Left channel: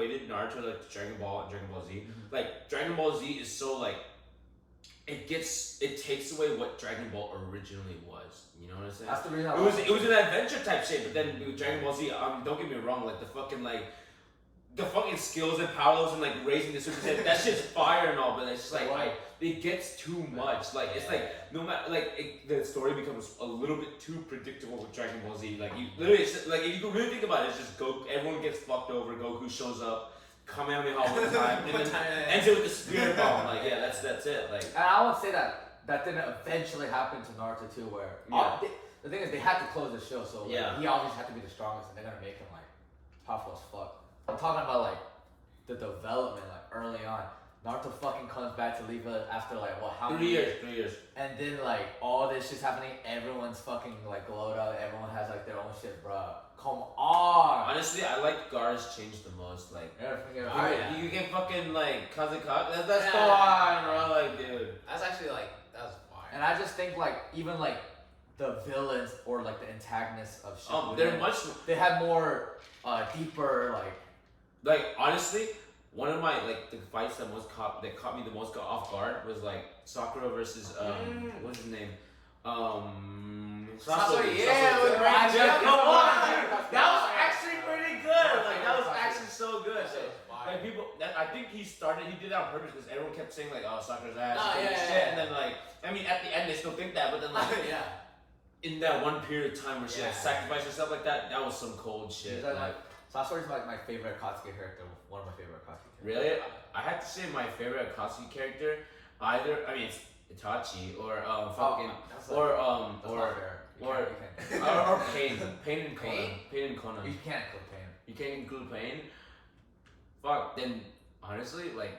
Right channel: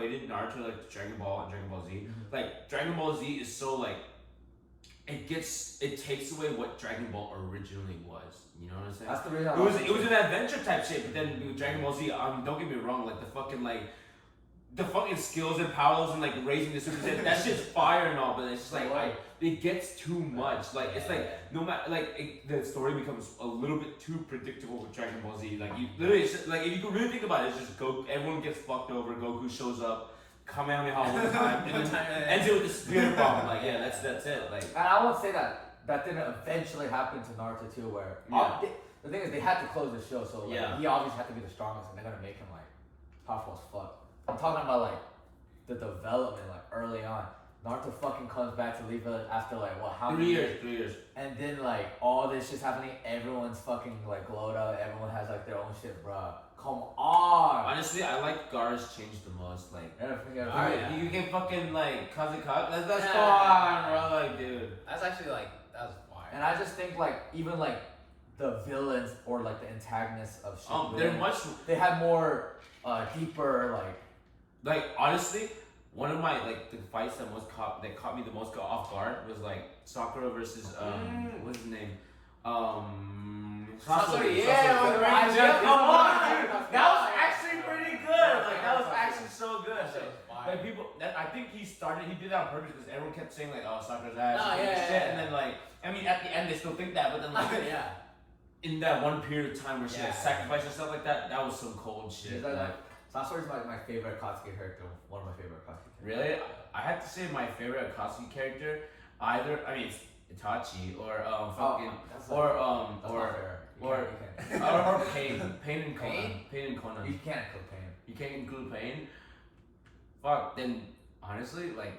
equated Naruto like Dragon Ball and Dragon Ball Z. Like Dragon Ball Z is so like it takes away what Dragon Ball originally was. You know what I'm saying? That's the reason. It was an adventure type shit, but then with Dragon Ball Z, don't get me wrong, like the fucking skills and powers and like raising the Super Saiyan, that shit's fire and all, but it's just like it gets too much. Like it's like no matter the story becomes a little bit too predictable with Dragon Ball Z. Like you literally, it's just, like if you can really think about it, it's just everyone gets fucked over. Goku shows up, Kamehameha one time, and then ends it with the spirit bomb. Like that's it. Like and I would say that didn't eventually happen to Naruto too, where the thing is they had to close the show, so like, he obviously had to be the strongest, and they're gonna make him like powerful as fuck. I'm talking about like the development, like early on. Naruto fucking comes back to leave it after like what? How many years? 3 years. And then like all this shit's happening. Everyone's fucking like glowed up. Everyone has like their own shit, bro. Come on. Honestly, I like Gar's change the most. Like, you can fucking like Kazekage. That's fine, bro. Like, dude. That's actually like that was fire. And I just think like even like the villains or like the antagonists of Shippuden, they have more deeper like honestly. One of my like the fights that caught me the most off guard was like Sakura versus what's his name? Sasori. Come on, dude. That was actually pretty good. Like that was actually so good. Like people, I think he did that on purpose because everyone kept saying like, oh, Sakura's ass, and then like, I mean, at the end they still think that, but then like, in that one period of time where she like sacrificed herself like that was some cold shit. Sasori's like my favorite Akatsuki character, one of my favorite Akatsuki characters. Really? I have to say my favorite Akatsuki character, it's Itachi or Pain. Pain and Conan. You can't include Pain. You can't include Pain? Fuck, then honestly, like,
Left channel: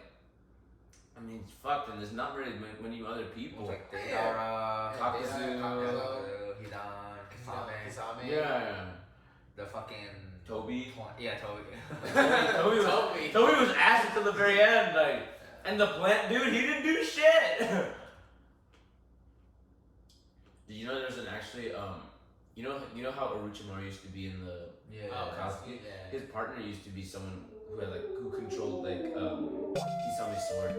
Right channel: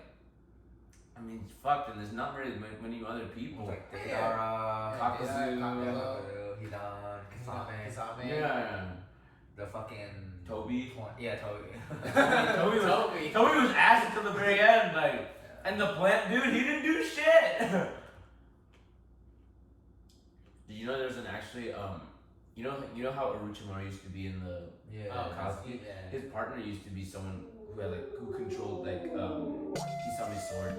I mean, fuck, then there's not really many other people. Like Deidara, Kakuzu, Hidan, Kisame. Yeah. The fucking Toby. Yeah, Toby. Toby was ass until the very end, like, and the plant dude, he didn't do shit. Did you know there's an actually you know how Orochimaru used to be in the Akatsuki? His partner used to be someone who controlled like Kisame's sword.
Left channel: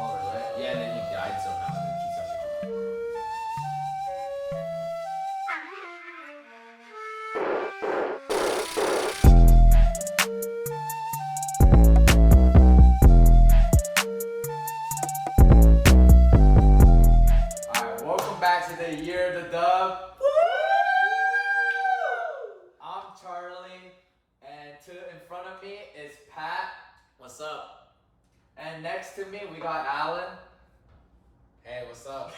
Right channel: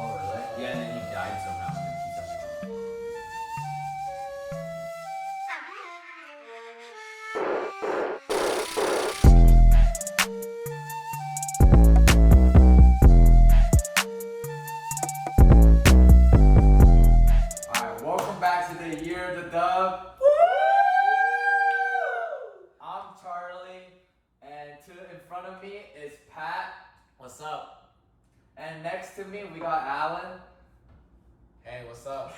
Oh really? Yeah, and then he died somehow. And then Kisame. The dub. Woo! I'm Charlie, and in front of me is Pat. What's up? And next to me we got Alan. Hey, what's up?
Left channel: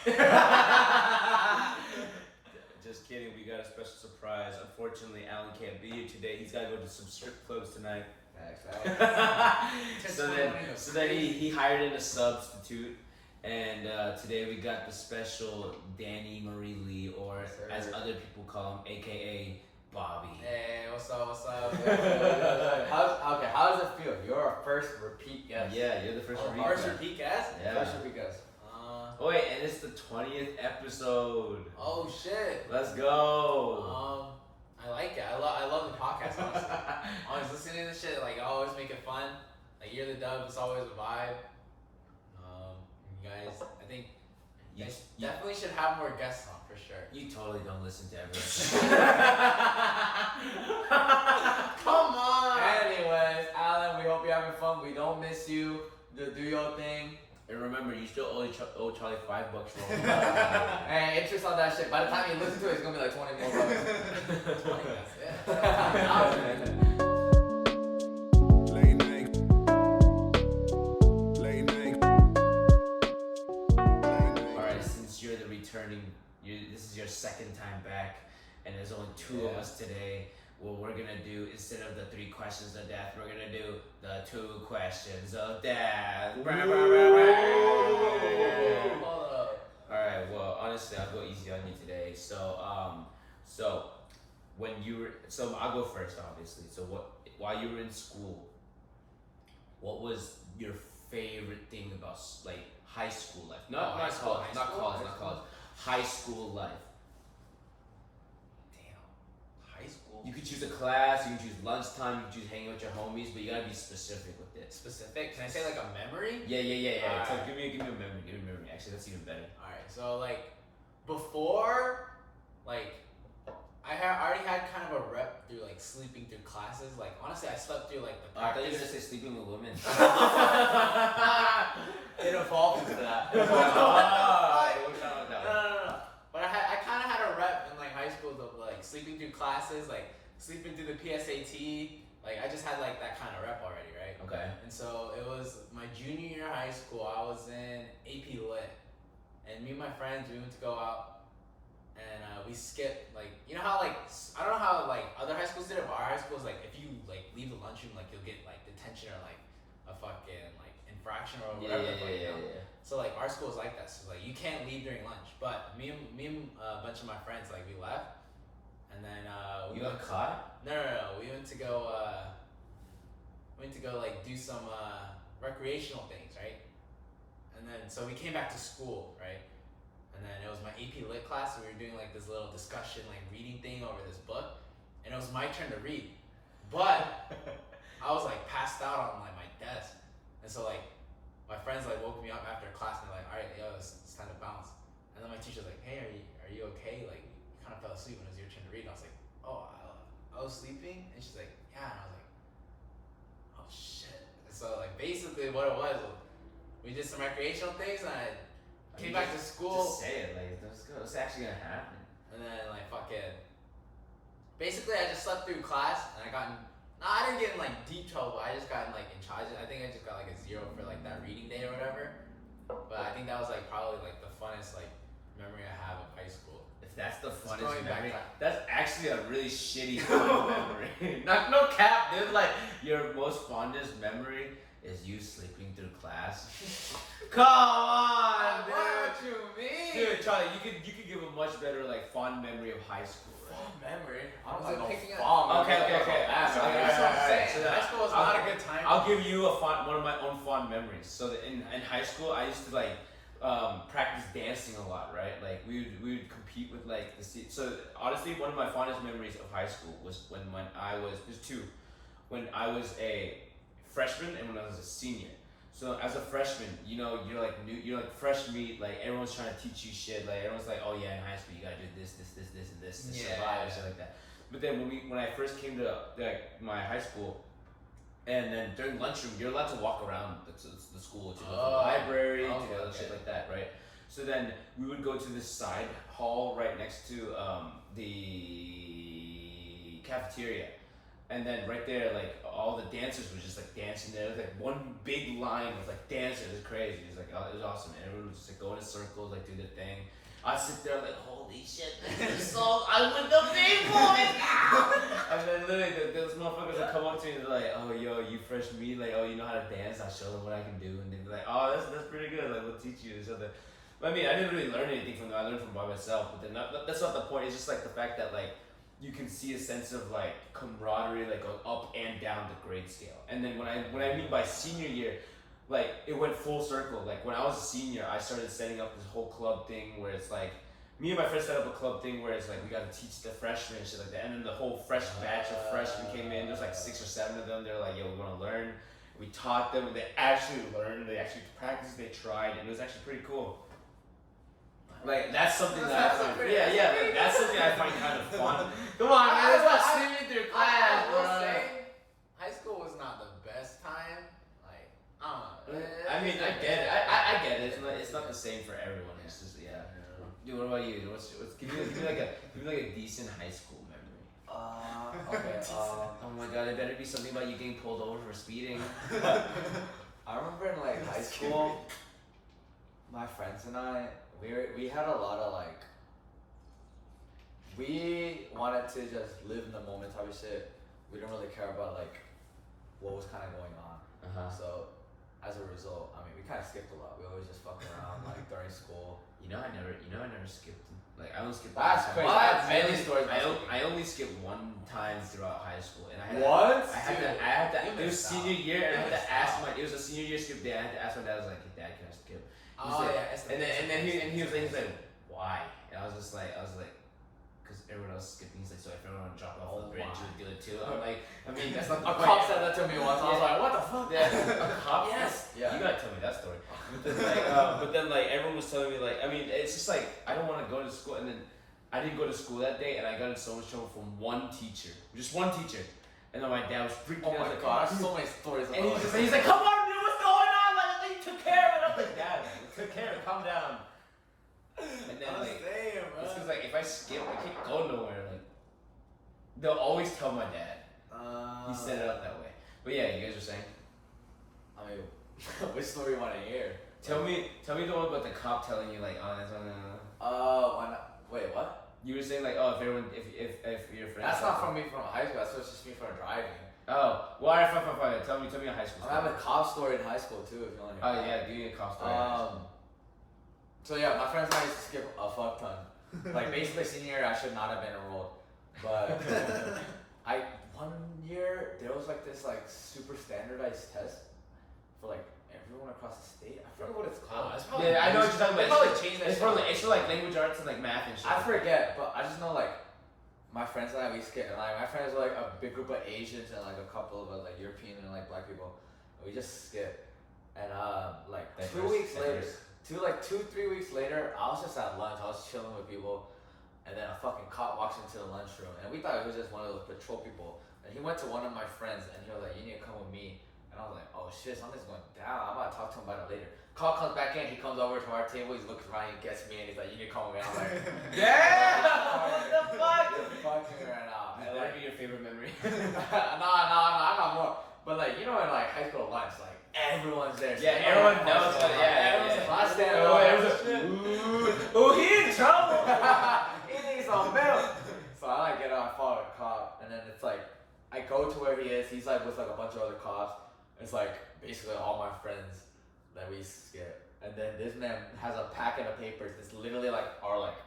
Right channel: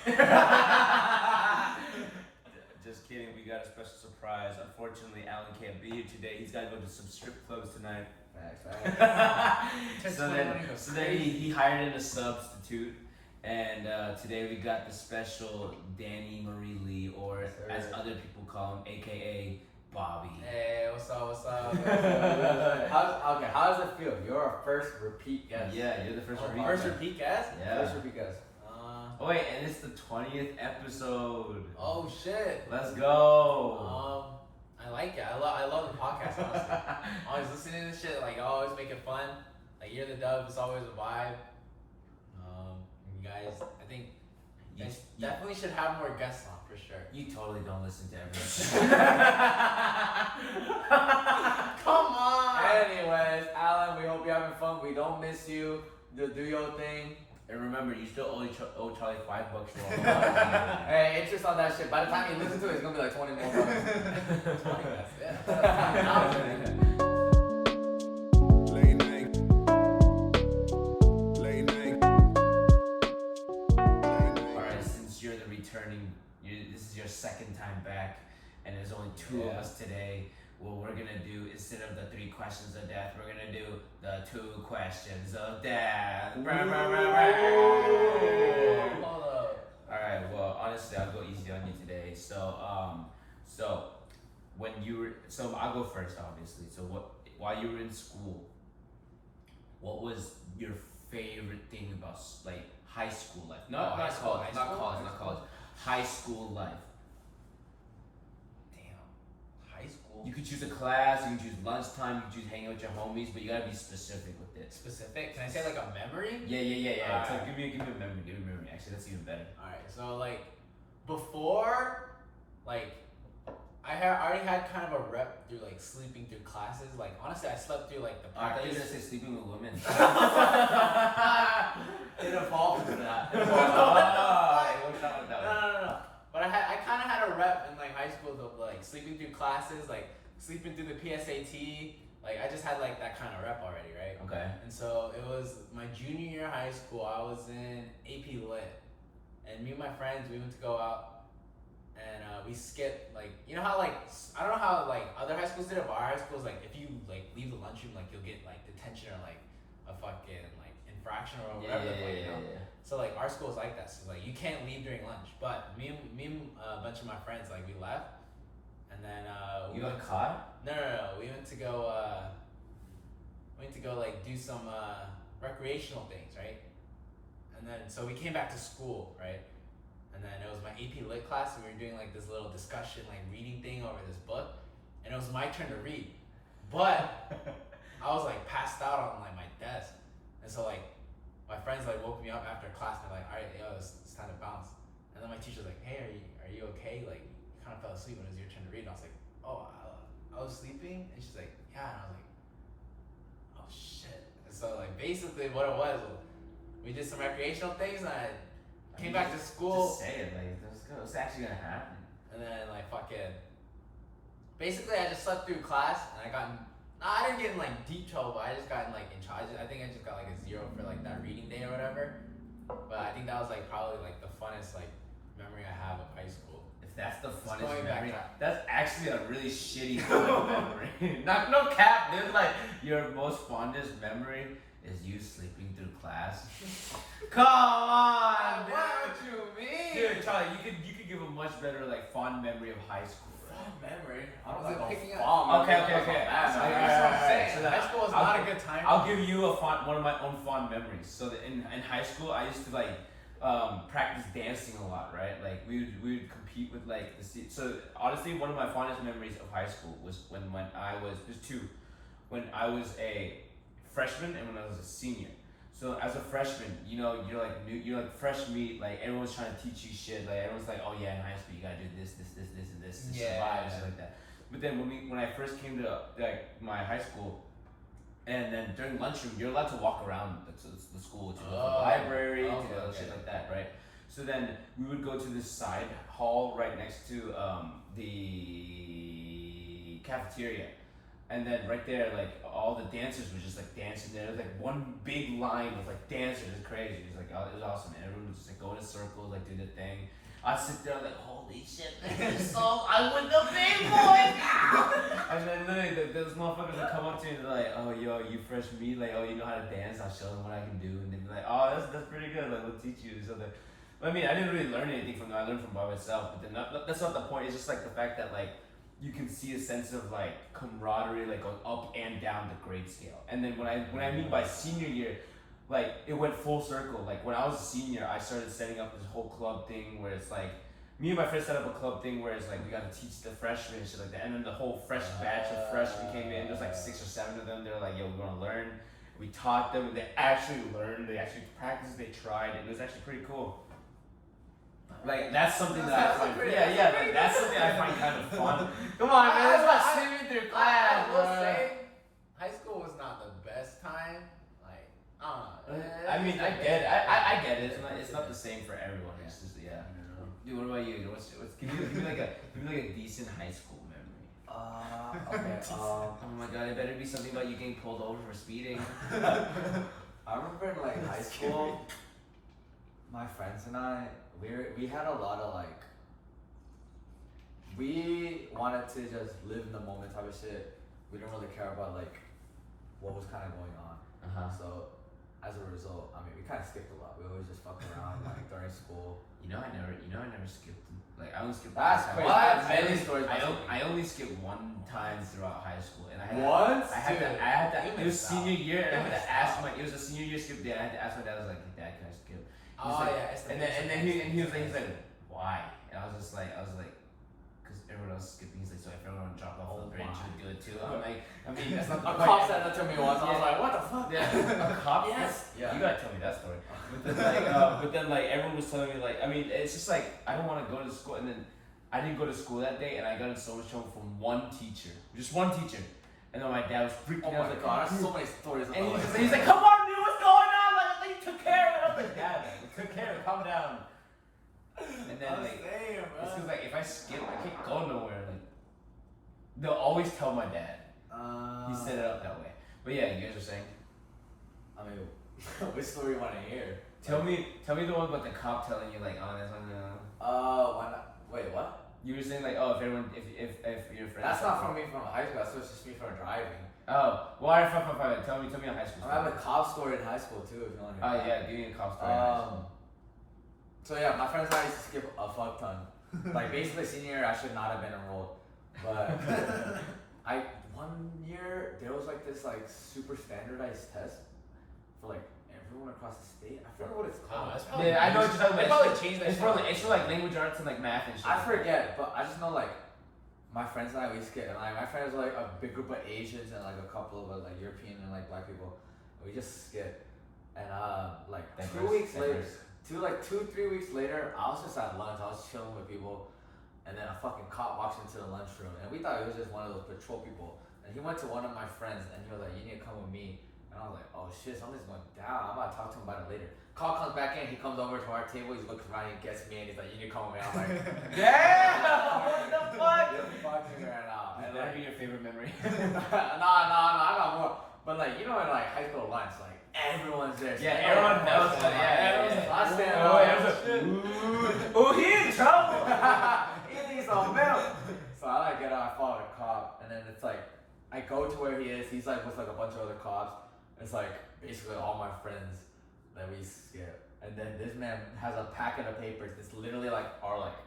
Just kidding, we got a special surprise. Unfortunately, Alan can't be here today. He's got to go to some strip clubs tonight. So then he hired in a substitute. And today we got the special Danny Marie Lee, or as other people call him, aka Bobby. Hey, what's up? How does it feel? You're our first repeat guest. Yeah, you're the first repeat guest. First repeat guest? Yeah. First repeat guest. Oh wait, and it's the 20th episode. Oh shit. Let's go. I like it. I love the podcast, honestly. I was listening to this shit, like, always make it fun. Like, You're the Dub, it's always a vibe. You guys, I think you definitely should have more guests on, for sure. You totally don't listen to everyone. Come on! Anyways, Alan, we hope you're having fun. We don't miss you. Do your thing. And remember, you still owe Charlie $5 for all Hey, interest on that shit. By the time you listen to it, it's gonna be like 20 more bucks. 20 bucks, yeah. This is your second time back, and there's only two of us today. What we're gonna do, instead of the 3 questions of death, we're gonna do the 2 questions of death. Alright, well, honestly, I'll go easy on you today. So I'll go first, obviously. So while you were in school, what was your favorite thing about like high school life? Not college. High school life. Damn. High school school? You could choose a class, you can choose lunchtime, you can choose hanging out with your homies, but you gotta be specific with it. Specific? Can I say like a memory? Yeah. So Alright. give me a memory. Actually, that's even better. Alright, so like before, like I already had kind of a rep through like sleeping through classes. Like honestly, I slept through like the Oh, I thought you were practice. gonna say sleeping with women. It evolved into that. Oh, it worked out like that. No. But I kind of had a rep in like high school of like sleeping through classes, like sleeping through the PSAT. Like I just had like that kind of rep already, right? Okay. And so it was my junior year of high school. I was in AP Lit, and me and my friends we went to go out, and we skipped like you know how like I don't know how like other high schools did it, but our high school is like if you like leave the lunchroom like you'll get like detention or like a fucking like infraction or whatever the fuck, you know? So like our school is like that. So like you can't leave during lunch. But me and a bunch of my friends like we left, and then You got caught? No. We went to go like do some recreational things, right? And then so we came back to school, right? And then it was my AP Lit class, and we were doing like this little discussion, like reading thing over this book, and it was my turn to read, but I was like passed out on like my desk, and so like my friends like woke me up after class, and they're like, all right, yo, it's time to bounce. And then my teacher's like, hey, are you okay? Like you kind of fell asleep when it was your turn to read. And I was like, oh, I was sleeping, and she's like, yeah, and I was like, oh shit. And so like basically what it was, we did some recreational things, and I came back to school. Just say it, like it's actually gonna happen. And then like fucking, basically I just slept through class, and I didn't get in like deep trouble, but I just got in like in charge. I think I just got like a 0 for like that reading day or whatever. But I think that was like probably like the funnest like memory I have of high school. If that's the going funnest back memory, to- that's actually a really shitty fun memory. No cap, dude. Like your most fondest memory is you sleeping through class. Come on, dude. What you mean? Dude, Charlie, you could give a much better like fond memory of high school, right? Memory. I don't Was it know. picking up? Okay. So, Alright, that's what I'm alright, saying. so that- High school was I'll- not a good time. I'll give you one of my own fond memories. So that in high school, I used to like practice dancing a lot, right? Like we would compete with like so honestly, one of my fondest memories of high school was when I was there's two, when I was a freshman and when I was a senior. So as a freshman, you know, you're like fresh meat, like everyone's trying to teach you shit, like everyone's like, oh yeah, in high school you gotta do this to survive and shit like that. But then when I first came to like my high school, and then during lunchroom, you're allowed to walk around the school to go to the library, to go shit like that, right? So then we would go to this side hall right next to the cafeteria. And then right there, like all the dancers were just like dancing there. It was like one big line of like dancers. It was crazy. It was like it was awesome. And everyone was just like go in circles, like do their thing. I'd sit there like, holy shit, this song, I'm with the big boys. And then literally those motherfuckers would come up to me and they're like, oh yo, you fresh meat, like oh you know how to dance, I'll show them what I can do. And they'd be like, oh that's pretty good, like we'll teach you this other. But I mean, I didn't really learn anything from them. I learned from by myself. But then that's not the point. It's just like the fact that like you can see a sense of like camaraderie, like going up and down the grade scale. And then when I mean by senior year, like it went full circle. Like when I was a senior, I started setting up this whole club thing where it's like me and my friends set up a club thing where it's like we got to teach the freshmen and shit like that. And then the whole fresh batch of freshmen came in. There's like 6 or 7 of them. They're like, yo, we want to learn. We taught them, and they actually learned. They actually practiced. They tried, and it was actually pretty cool. Like that's something that I find. Like, that's something I find kind of fun. Come on, man, it's not sleeping through class, I bro. will say, high school was not the best time. Like, I don't know. I mean, I get it. I get it. It's not the same for everyone. It's just Dude, what about you? Give me like a decent high school memory. Okay. Oh my god, it better be something about you getting pulled over for speeding. I remember in like high school, my friends and I, we had a lot of like, we wanted to just live in the moment type of shit. We didn't really care about like what was kind of going on. So as a result, I mean, we kind of skipped a lot. We always just fucked around like during school. I never skipped. Like I only skipped. That's one crazy. time. I have many stories. I only skipped one time throughout high school, and I had Once? I had to. You It was missed senior out. year, and I had You to missed ask out. my. It was a senior year skip day. I had to ask my dad. I was like, hey, Dad, can I skip? He was Oh like, yeah, it's the and then he was like, why? And I was like, because everyone else is skipping. He's like, so if everyone dropped off the bridge, you would do it too. I'm like, I mean, that's not the A point. cop said that to me once. I was Yeah. like, what the fuck? Yeah, a cop. Yes. Yeah. Yeah. You gotta tell me that story. But then like everyone was telling me like, I mean, it's just like I don't want to go to school, and then I didn't go to school that day, and I got in so much trouble from one teacher, just one teacher, and then my dad was freaking Oh out. my Like, god, I have so many stories about and this. he's like, come on, dude, what's going on? Like, I think you took care of it. I'm like, Dad, we took care of it. Calm down. And then like, it's because like if I skip, I can't go nowhere. Like, they'll always tell my dad. He set it up that way. But yeah, you guys are saying. I mean, which story you want to hear? Tell me the one about the cop telling you like, oh, that's Wait, what? You were saying like, oh, if your friend. That's not from me from high school. That's just me from driving. Oh, well, alright, fine. Tell me a high school I story. have a cop story in high school too, if you want to Oh hear. yeah, give me a cop story. So yeah, my friends and I used to skip a fuck ton. Like basically senior year, I should not have been enrolled, but one year there was like this like super standardized test for like everyone across the state. I forget what it's called. It's probably Yeah, I know what you're talking They about. probably changed that. It's for like language arts and like math and shit. I forget, but I just know like my friends and I we skip, and like my friends were like a big group of Asians and like a couple of like European and like black people. We just skip, and like 2 weeks later, 3 weeks later, I was just at lunch. I was chilling with people, and then a fucking cop walks into the lunchroom, and we thought it was just one of those patrol people. And he went to one of my friends, and he was like, "You need to come with me." And I was like, "Oh shit, something's going down. I'm about to talk to him about it later." Cop comes back in. He comes over to our table. He looks around. He gets me, and he's like, "You need to come with me." I'm like, Damn! What the fuck? "You're fucking right now." This And better like, be your favorite memory. no, I got more. But like, you know, in like high school lunch, like everyone's there. Yeah, So everyone knows that. that. Yeah, everyone's yeah. like, I stand Oh, up. oh, he's in trouble. He needs some milk. So I like get out, I follow a cop, and then it's like I go to where he is. He's like with like a bunch of other cops. It's like basically all my friends that we skip. And then this man has a packet of papers. It's literally like our like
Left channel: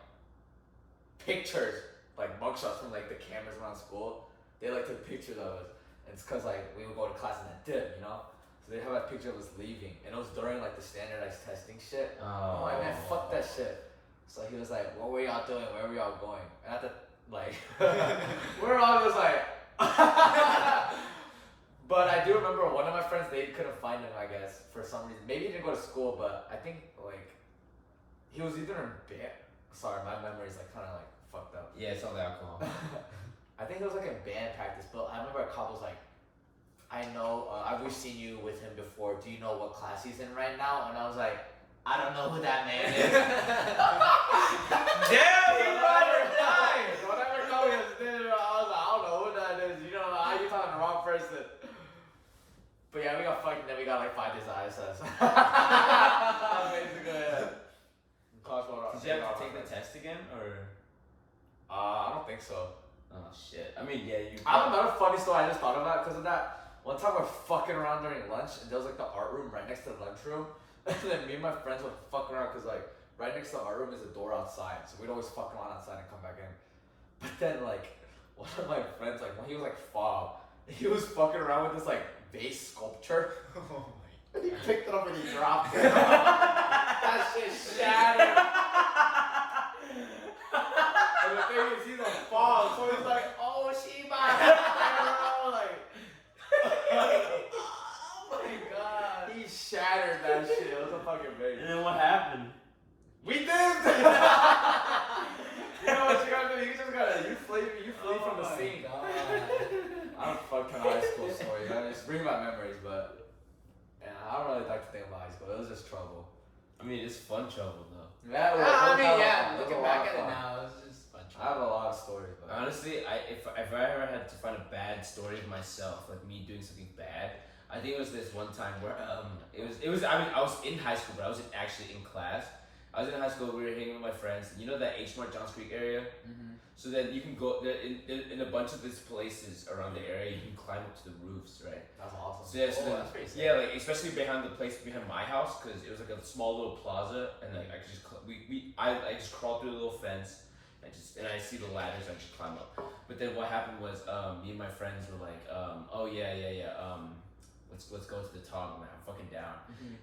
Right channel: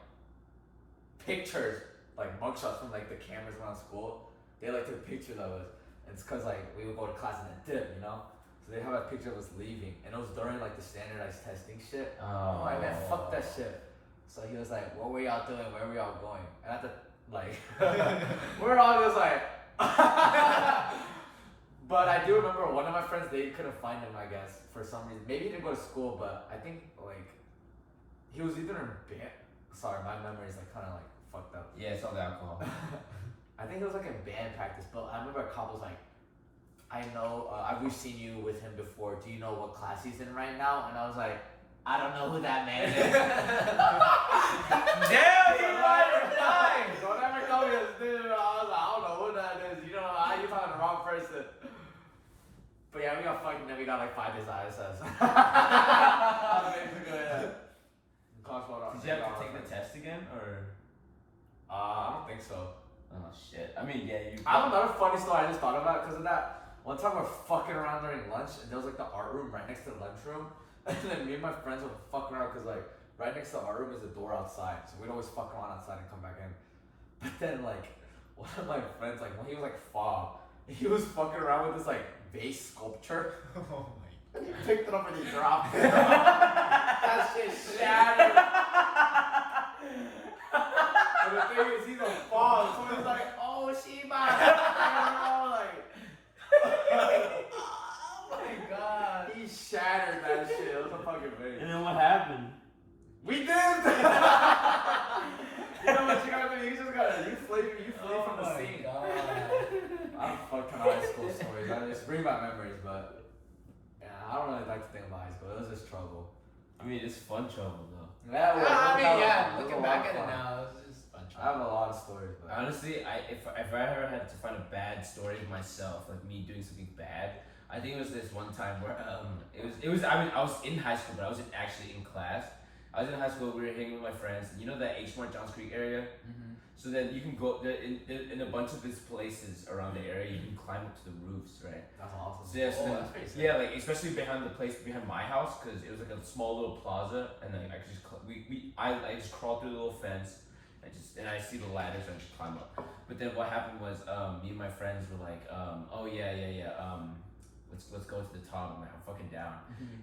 pictures, like mugshots from like the cameras around school. They like took pictures of us. And it's cause like we would go to class and then dip, you know. So they have a picture of us leaving, and it was during like the standardized testing shit. Oh, I'm like, man, fuck that shit. So he was like, what were y'all doing? Where were y'all going? And at the like, we're all just like. But I do remember one of my friends, they couldn't find him, I guess, for some reason. Maybe he didn't go to school, but I think, like, he was either in band. Sorry, my memory's, like, kind of, like, fucked up. Yeah, it's all the alcohol. I think it was, like, in band practice, but I remember a cop was like, I know, we've seen you with him before. Do you know what class he's in right now? And I was like, I don't know who that man is. Damn, he lied or died. Don't ever call me a snitch. I was like, I don't know who that is. You know, you talking to the wrong person. But yeah, we got fucked and then we got like 5 days ISS. Basically, yeah. Did you have to take the test again, or? I don't think so. Oh shit. I mean, yeah, you. I have another funny story I just thought about because of that. One time we're fucking around during lunch and there was like the art room right next to the lunchroom. And then me and my friends would fuck around because like right next to the art room is a door outside. So we'd always fuck around outside and come back in. But then like one of my friends, like when he was like 5, he was fucking around with this like vase sculpture. Oh my And he picked it up and he dropped it. That shit shattered. And the thing is, he's a fall, so he's like, oh, Sheba. Like, oh my god. He shattered that shit. It was a fucking big. And then what happened? We did! You know what you gotta do? You just gotta, you flee from the scene. I don't fucking high school stories. I mean, it's bring back memories, but yeah, I don't really like to think about high school. It was just trouble. I mean, it's fun trouble though. Yeah, I mean, yeah, it was a looking lot back of at it fun. now, it's just fun. I have a lot of stories, but Honestly, if I ever had to find a bad story of myself, like me doing something bad, I think it was this one time where it was I mean I was in high school, but I wasn't actually in class. I was in high school. We were hanging with my friends. You know that H Mart Johns Creek area. So then you can go there in a bunch of these places around the area. You can climb up to the roofs, right? that's awesome. So yeah, so then, that's pretty sick. yeah, like especially behind the place behind my house, because it was like a small little plaza, and like I could just I just crawled through the little fence, and I see the ladders, and I just climb up. But then what happened was me and my friends were like, oh yeah, let's go to the top. I'm fucking down.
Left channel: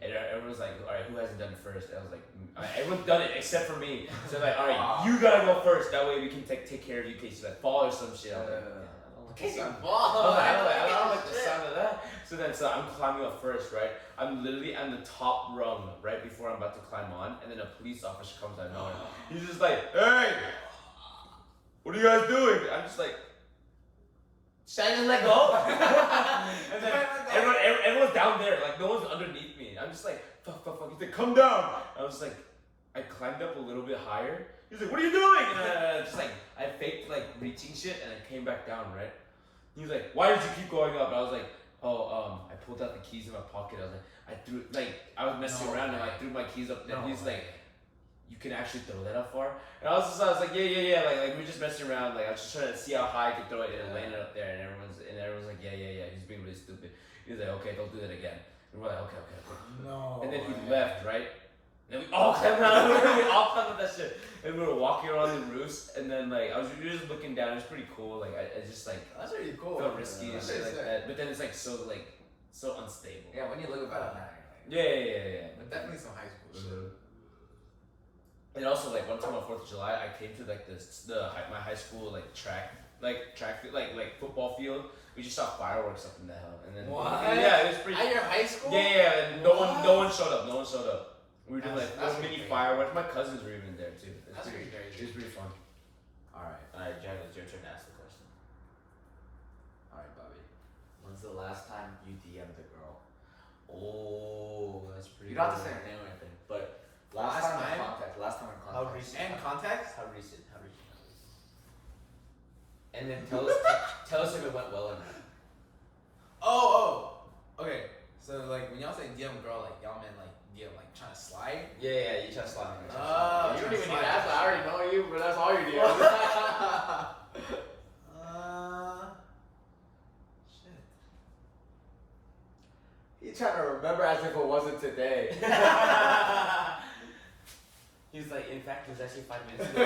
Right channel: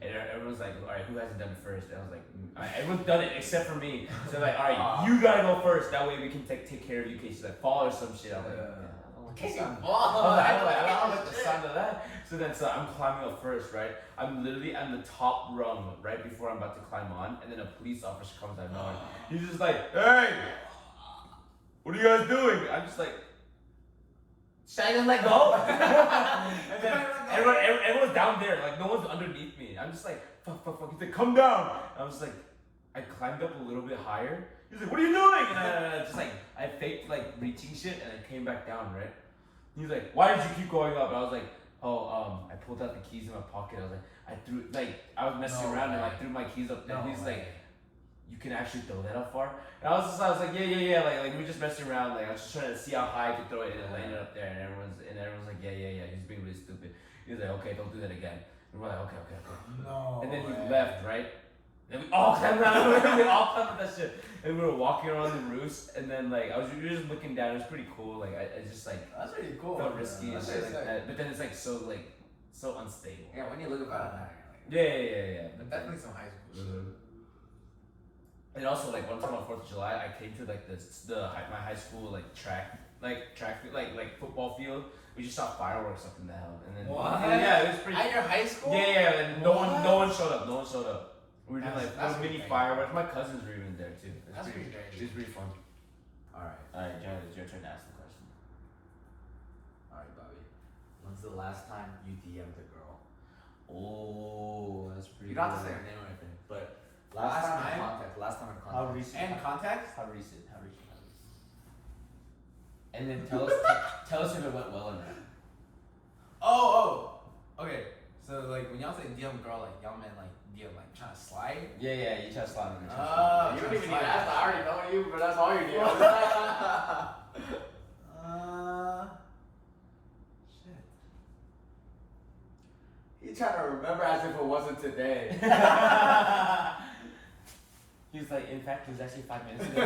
And everyone's like, all right, who hasn't done it first? And I was like, all right, everyone's done it except for me. So I'm like, all right, you gotta go first. That way we can take care of you in case you like fall or some shit. I was like, I don't like the sound of that. So I'm climbing up first, right? I'm literally on the top rung right before I'm about to climb on, and then a police officer comes out of nowhere. He's just like, hey, what are you guys doing? I'm just like, shine and let go. And then everyone's down there, like no one's underneath me. I'm just like, fuck. He's like, come down. I was like, I climbed up a little bit higher. He's like, what are you doing? And I just like, I faked like reaching shit, and I came back down, right? He was like, why did you keep going up? And I was like, I pulled out the keys in my pocket. I was like, I was messing around and I threw my keys up. And he's like, you can actually throw that up far? And I was like, yeah. Like we're just messing around. Like I was just trying to see how high I could throw it and land it up there. And everyone's like, yeah. He's being really stupid. He was like, okay, don't do that again. And we're like, okay. No. And then he left, right? And we all climbed around. We all climbed that shit. And we were walking around the roofs. And then like we were just looking down. It was pretty cool. Like I just like that's really cool. Felt risky and shit like sick. that. But then it's like so unstable. Yeah, when you look about it, Yeah. But definitely some high school shit. And also like one time on 4th of July, I came to like my high school like track football field. We just saw fireworks up in the hell, and then yeah, it was pretty. At your high school? Yeah, and no one showed up. We were doing like little mini fireworks. My cousins were even there too. It was pretty fun. Alright, Jared, it's your turn to ask the question. Alright, Bobby. When's the last time you DM'd a girl? Oh, that's pretty. You don't have to say her name or anything, but last time in contact. How recent? And context? How recent? And then tell us if it went well or not. Oh. Okay. So like when y'all say DM girl, like y'all meant like DM like trying to slide? Yeah, you try to slide me. You don't even need to ask. I already know you, but that's all you do. Shit. He's trying to remember as if it wasn't today. He's like, in fact, it was actually 5 minutes ago.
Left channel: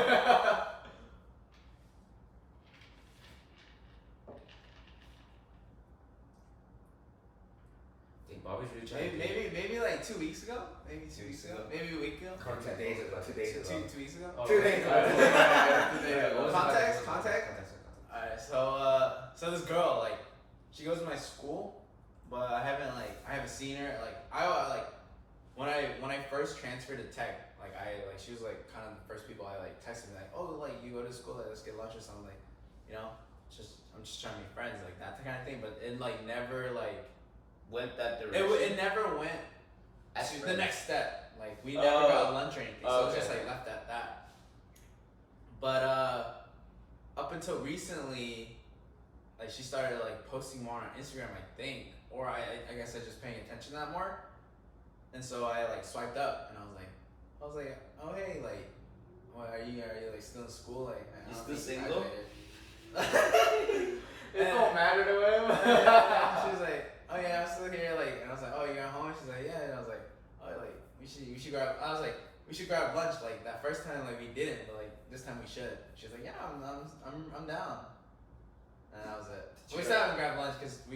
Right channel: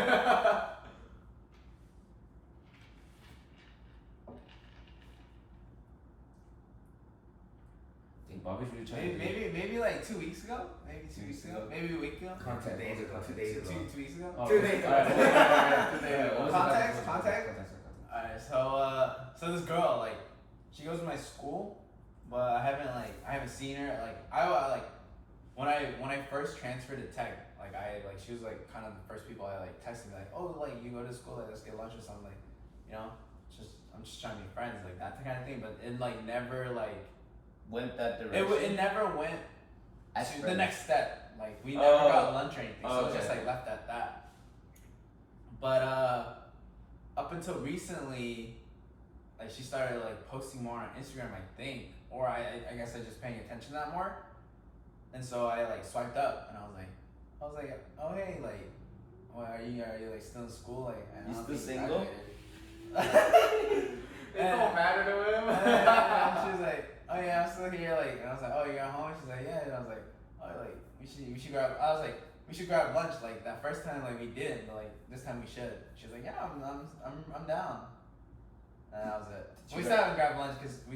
Bobby's really trying maybe like 2 weeks ago? Maybe 2 weeks ago? Maybe a week ago? Contact. 2 days ago. 2 weeks ago? Oh, 2 days ago. Context? Alright, so this girl, like, she goes to my school, but I haven't seen her. Like, when I first transferred to tech, she was like kind of the first people I like texted me like, oh, like you go to school, like let's get lunch or something, like, you know, I'm just trying to be friends, like that kind of thing. But it like never like went that direction. It never went to the next step. Like we never got lunch or anything, so it just like left at that. But up until recently, like she started like posting more on Instagram, I think, or I guess I was just paying attention to that more. And so I like swiped up, and I was like, oh hey, like, are you like still in school? Like, you still single? It don't matter to him. And she was like, oh yeah, I'm still here. Like, and I was like, oh, you got home? She's like, yeah. And I was like, oh, like we should grab. I was like, we should grab lunch. Like that first time, like we didn't, but like this time we should. She was like, yeah, I'm down. And that was it. We sat and grabbed lunch because we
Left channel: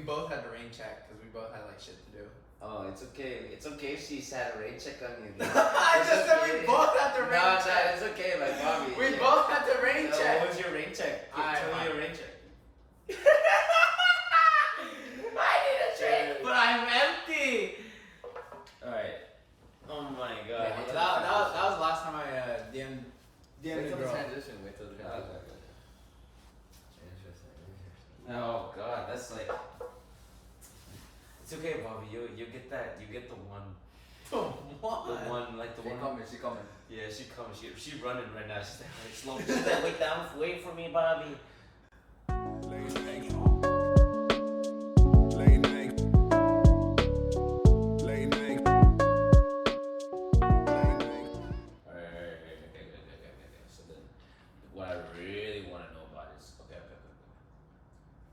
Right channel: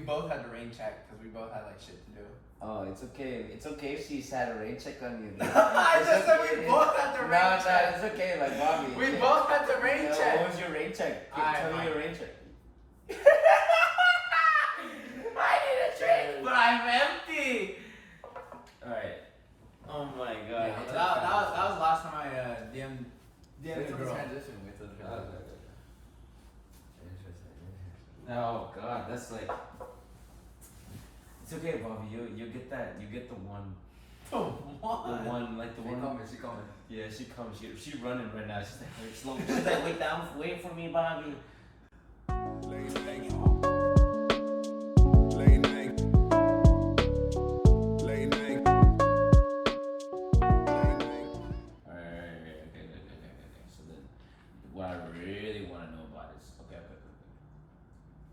both had the rain check because we both had like shit to do. Oh, it's okay. It's okay if she sat a rain check on you. I just said we both had the rain check. No, it's okay, like Bobby. We both had the rain check. What was your rain check? Tell me your rain check. I need a drink, but I'm empty. Alright. Oh my god. Yeah, that was the last time I DM'd Wait till the the girl. transition. Wait till the transition. Interesting. Oh god, that's like. It's okay, Bobby. You get that. You get the one. The one. Like the She one. coming. She coming. Yeah, she comes. She running right now. She's like very slow. She's like, wait for me, Bobby. Late night. Alright. Okay. So then, what I really want to know about is okay.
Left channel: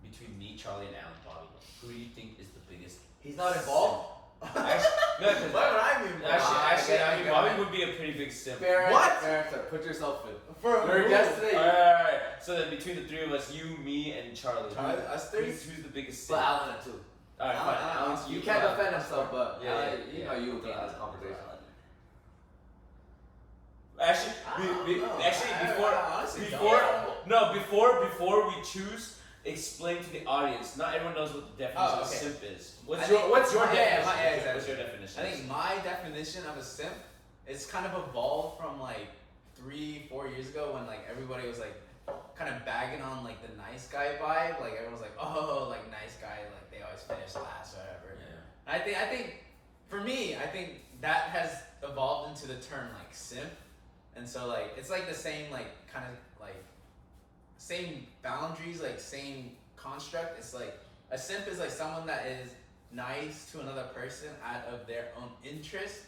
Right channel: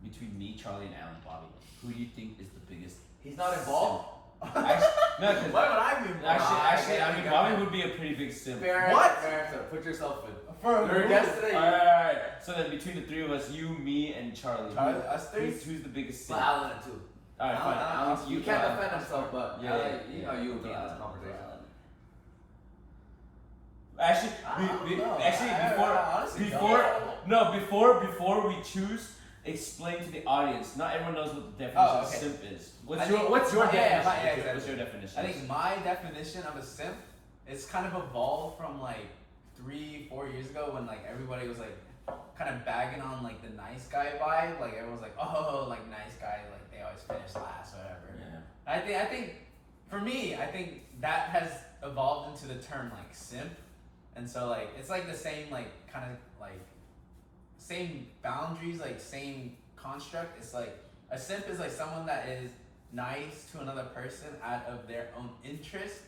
Between me, Charlie, and Alan, Bobby, who do you think is the biggest? He's not involved. Actually, no, because Why would I be involved? actually, I mean, Bobby would be a pretty big simp. What? Put yourself in. For You're a guest today. Alright. So then, between the three of us, you, me, and Charlie, Charlie, us three? who's the biggest But simp? Alan too. Alright, fine. You can't defend himself, but Yeah, you know you would be in this conversation. Actually, before we choose, explain to the audience. Not everyone knows what the definition of simp is. What's your definition? What's your definition? I think my definition of a simp is kind of evolved from like 3-4 years ago when like everybody was like kind of bagging on like the nice guy vibe. Like everyone was like, oh, like nice guy, like they always finish last or whatever. Yeah. I think for me, I think that has evolved into the term like simp. And so like it's like the same like kind of like same boundaries, like same construct. It's like a simp is like someone that is nice to another person out of their own interest,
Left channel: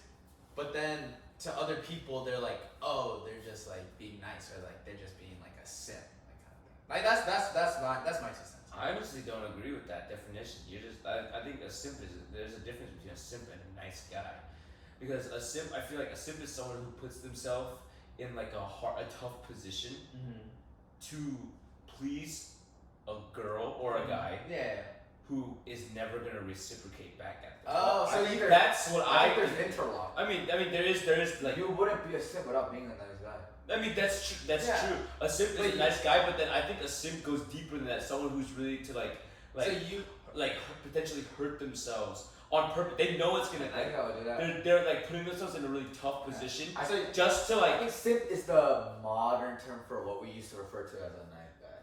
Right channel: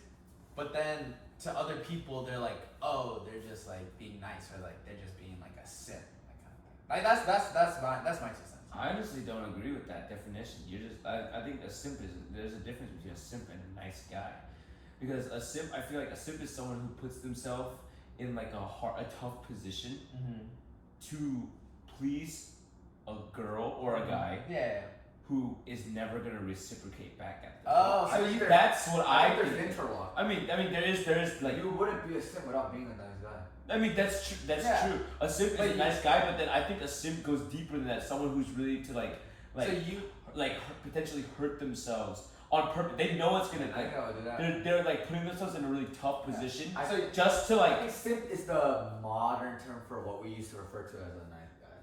but then to other people they're like, oh, they're just like being nice, or like they're just being like a simp, like kind of thing. Like that's my 2 cents. I honestly don't agree with that definition. I think a simp there's a difference between a simp and a nice guy, because a simp, I feel like a simp is someone who puts themselves in like a tough position to please a girl or a guy who is never gonna reciprocate back at them. Oh, so that's what I think think. there's interlock. I mean, there is like, you wouldn't be a simp without being a nice guy. I mean, that's true. That's true. A simp is a nice guy, but then I think a simp goes deeper than that. Someone who's really to potentially hurt themselves on purpose. They know it's gonna. I think I would do that. They're like putting themselves in a really tough position just to like. I think simp is the modern term for what we used to refer to as a nice guy.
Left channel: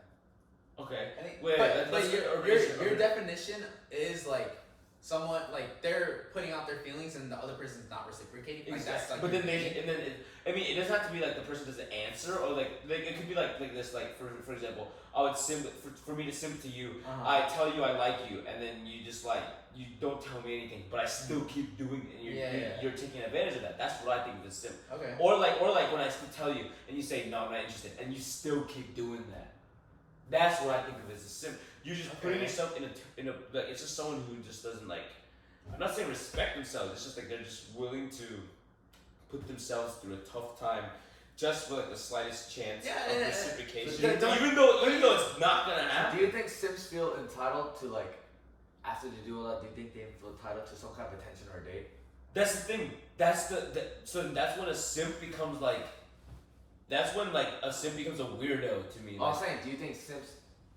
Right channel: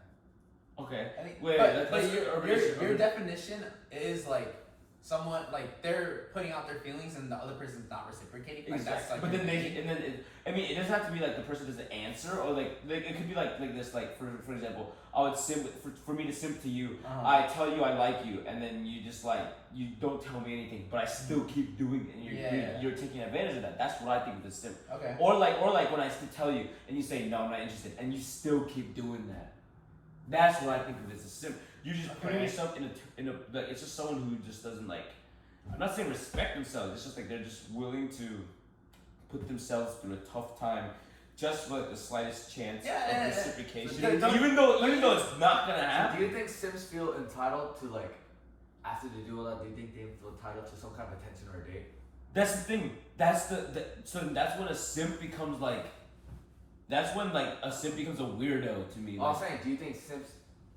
Okay. I think, Wait, but your definition is like someone like they're putting out their feelings and the other person's not reciprocating. Like exactly. that's like. But then it doesn't have to be like the person doesn't answer, or like it could be like this. Like for example, I would simp for me to simp to you. I tell you I like you, and then you just like you don't tell me anything, but I still keep doing it, and you're taking advantage of that. That's what I think of as simp. Okay. Or like when I still tell you and you say no, I'm not interested, and you still keep doing that. That's what I think of as a simp. You're just putting yourself in a like it's just someone who just doesn't like. I'm not saying respect themselves. It's just like they're just willing to put themselves through a tough time, just for like the slightest chance of reciprocation. Even though it's not gonna happen. Do you think simps feel entitled to like after they do all that? Do you think they feel entitled to some kind of attention or a date? That's the thing. So that's when a simp becomes like. That's when like a simp becomes a weirdo to me. I'm saying, do you think simps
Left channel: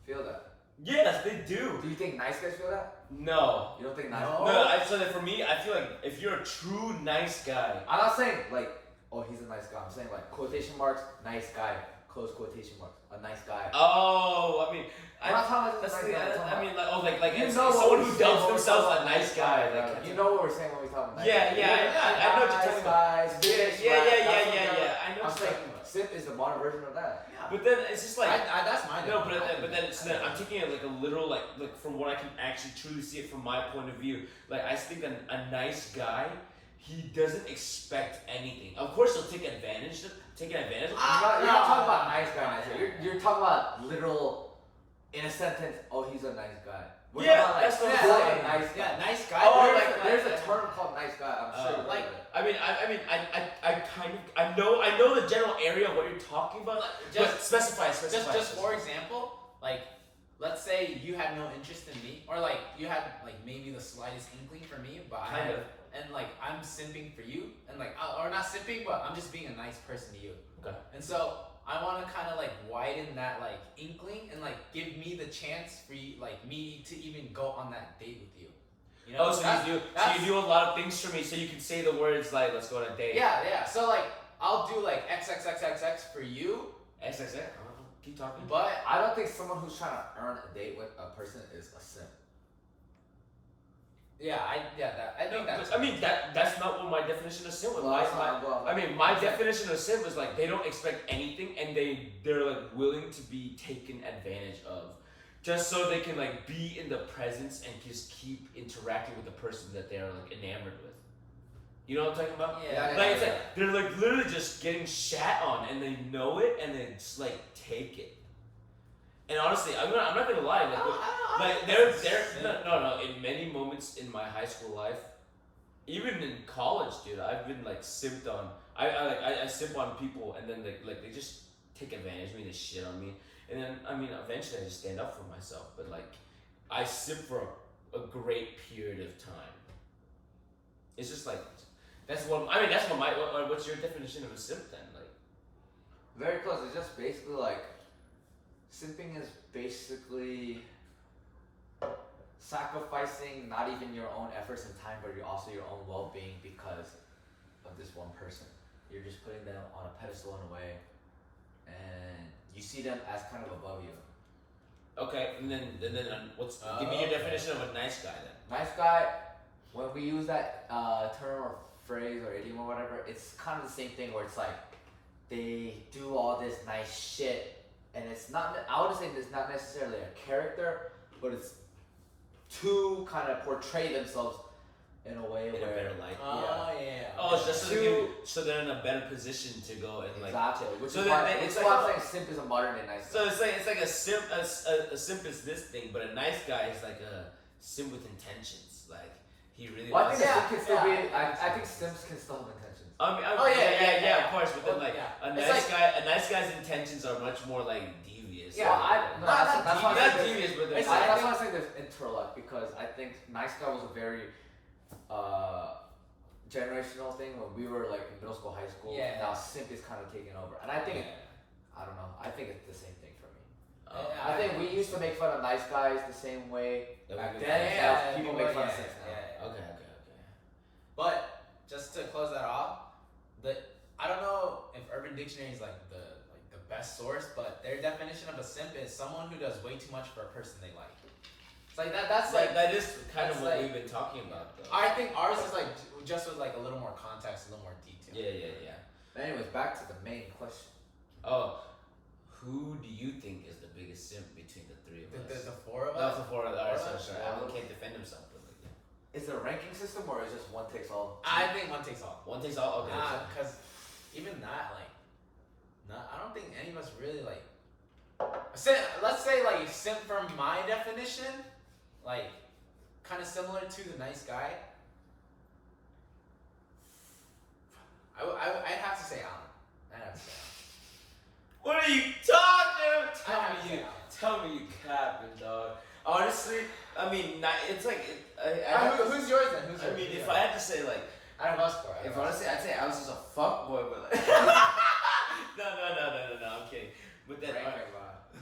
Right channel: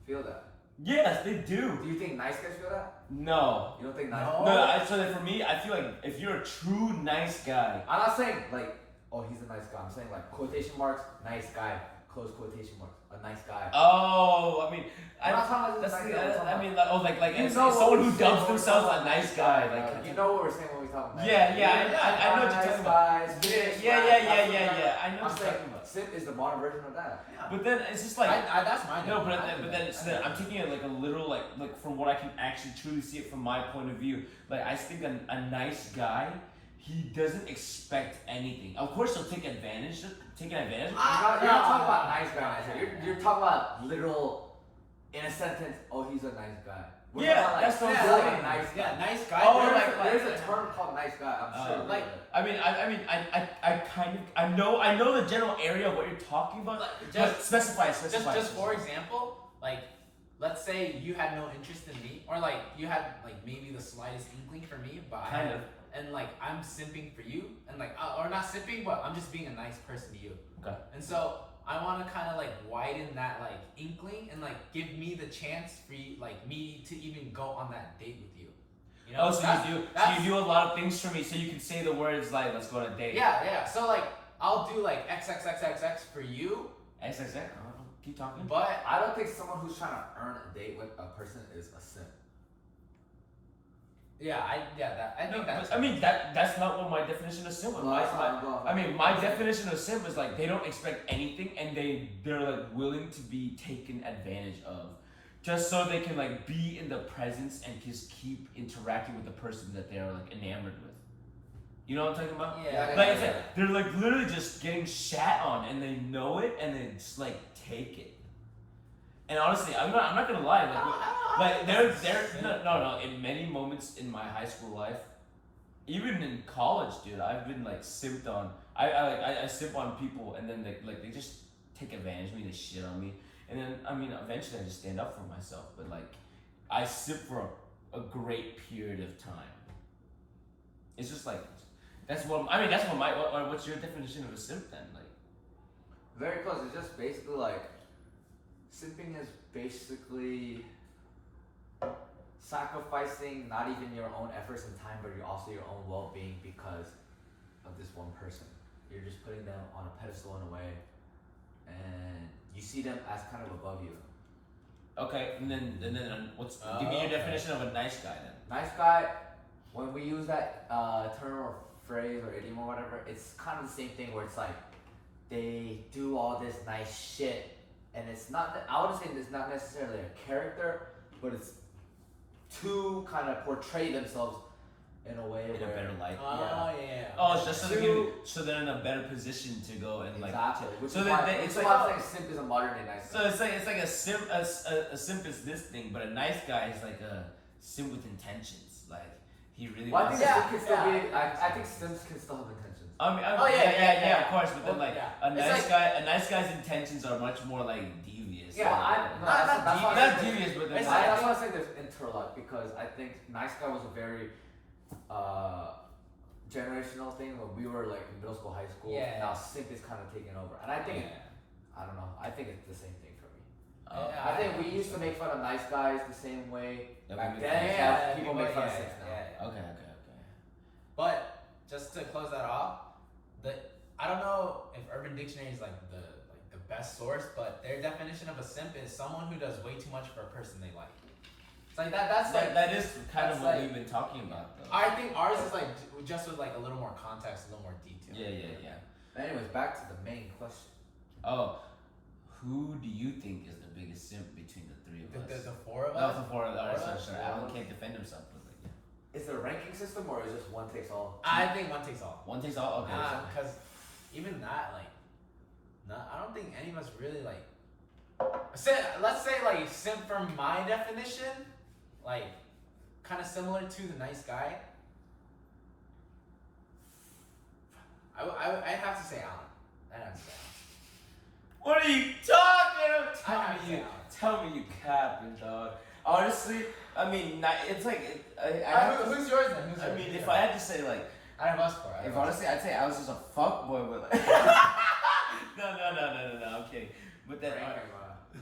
feel that? Yes, they do. Do you think nice guys feel that? No. You don't think nice? No. So that for me, I feel like if you're a true nice guy. I'm not saying like, oh, he's a nice guy. I'm saying like quotation marks, nice guy, close quotation marks, a nice guy. Oh, I mean, I'm not talking about that's nice guy. I mean, like You know someone who what dubs we're themselves talking a nice guy. Like you know what we're saying when we talk about nice yeah, guys. I know what you're talking about. Yeah. I know I'm what you're saying talking about. simp is the modern version of that. Yeah. But then it's just like that's my no, but then I'm taking it like a literal like from what I can actually truly see it from my point of view. Like I think a nice guy, he doesn't expect anything. Of course, he'll take advantage. You're not talking about nice guy. You're talking about literal, in a sentence. Oh, he's a nice guy. That's what I'm saying. Nice guy. Yeah, nice guy. Oh, there's a term called nice guy. I'm sure. Like, I kind of I know the general area of what you're talking about. But specify. Just for example, like let's say you had no interest in me, or like you had like maybe the slightest inkling for me, but and like I'm simping for you, and like or not simping, but I'm just being a nice person to you. Okay. And so I want to kind of like widen that like inkling and like give me the chance for you, like me to even go on that date with you. You know? So you do a lot of things for me, so you can say the words like "let's go on a date." Yeah. So like I'll do like XXXXX for you. XXX. Keep talking. But I don't think someone who's trying to earn a date with a person is a simp. I think that's. I mean that's not what my definition of simp was. My definition of simp is like they don't expect anything and they're like willing to be taken advantage of, just so they can like be in the presence and just keep interacting with the person that they're like enamored with. You know what I'm talking about? Yeah. They're like literally just getting shat on and they know it and they just like take it. And honestly, I'm not gonna lie. No. In many moments in my high school life, even in college, dude, I've been like simped on. I simp on people, and then they just take advantage of me. They shit on me, and then I mean, eventually I just stand up for myself. But like, I simp for a great period of time. It's just like that's what I mean. That's what what's your definition of a simp then? Like Very close. It's just basically like simping is basically sacrificing not even your own efforts and time, but you're also your own well-being because of this one person. You're just putting them on a pedestal in a way, and you see them as kind of above you. okay, and then what's give me your definition of a nice guy then? Nice guy. When we use that term or phrase or idiom or whatever, it's kind of the same thing where it's like they do all this nice shit, and it's not. I would say it's not necessarily a character, but it's to kind of portray themselves in a way In where a better light. Oh yeah. Oh, it's just so, To- so they're in a better position to go and like. exactly. Which so is then why, they- which it's is like- why I'm saying simp is a modern day nice guy. So it's like a simp. A simp is this thing, but a nice guy is like a simp with intentions. Like he really. Well, I wants think to- simp can still yeah, be. I think simps can still have intentions. I mean, Oh, yeah, of course. But then, Well, like yeah. a It's nice guy's intentions are much more like devious. Yeah, like, that's why I not think devious, but It's that's like- why I think there's interlock because I think nice guy was a very generational thing when we were like in middle school, high school. Yeah. Now simp is kind of taking over, and I think Yeah. I don't know. I think it's the same thing for me. Yeah, I think we used to make fun of nice guys the same way That we back make then. fun Yeah, as people make fun of simps now. yeah. Okay. But just to close that off, I don't know if Urban Dictionary is like the best source, but their definition of a simp is someone who does way too much for a person they like. It's like that. That's like that is kind of that's what like- we've been talking about, though. I think ours is like just with like a little more context, a little more detail. Yeah. But anyways, back to the main question. Oh, who do you think is the biggest simp between the three of us? The four of That us. was before. Alright, sorry. Four Alan of us. can't defend himself, but like, yeah. Is it a ranking system or is it just one takes all? I think one takes all. One takes all. Okay. Because even that, like, I don't think any of us really like. Let's say like simp from my definition, like, kind of similar to the nice guy. I'd have to say Alan. I'd have to say Alan. What are you talking about? I have to say Alan. Tell me you capping, dog. Honestly, I mean, it's like I have to- Who's yours then? Who's I yours? mean, Who's if yours? I had to say like, out of us four. if honestly, I'd say I was just a fuck boy, but like, no, I'm kidding. But then, Rank alright,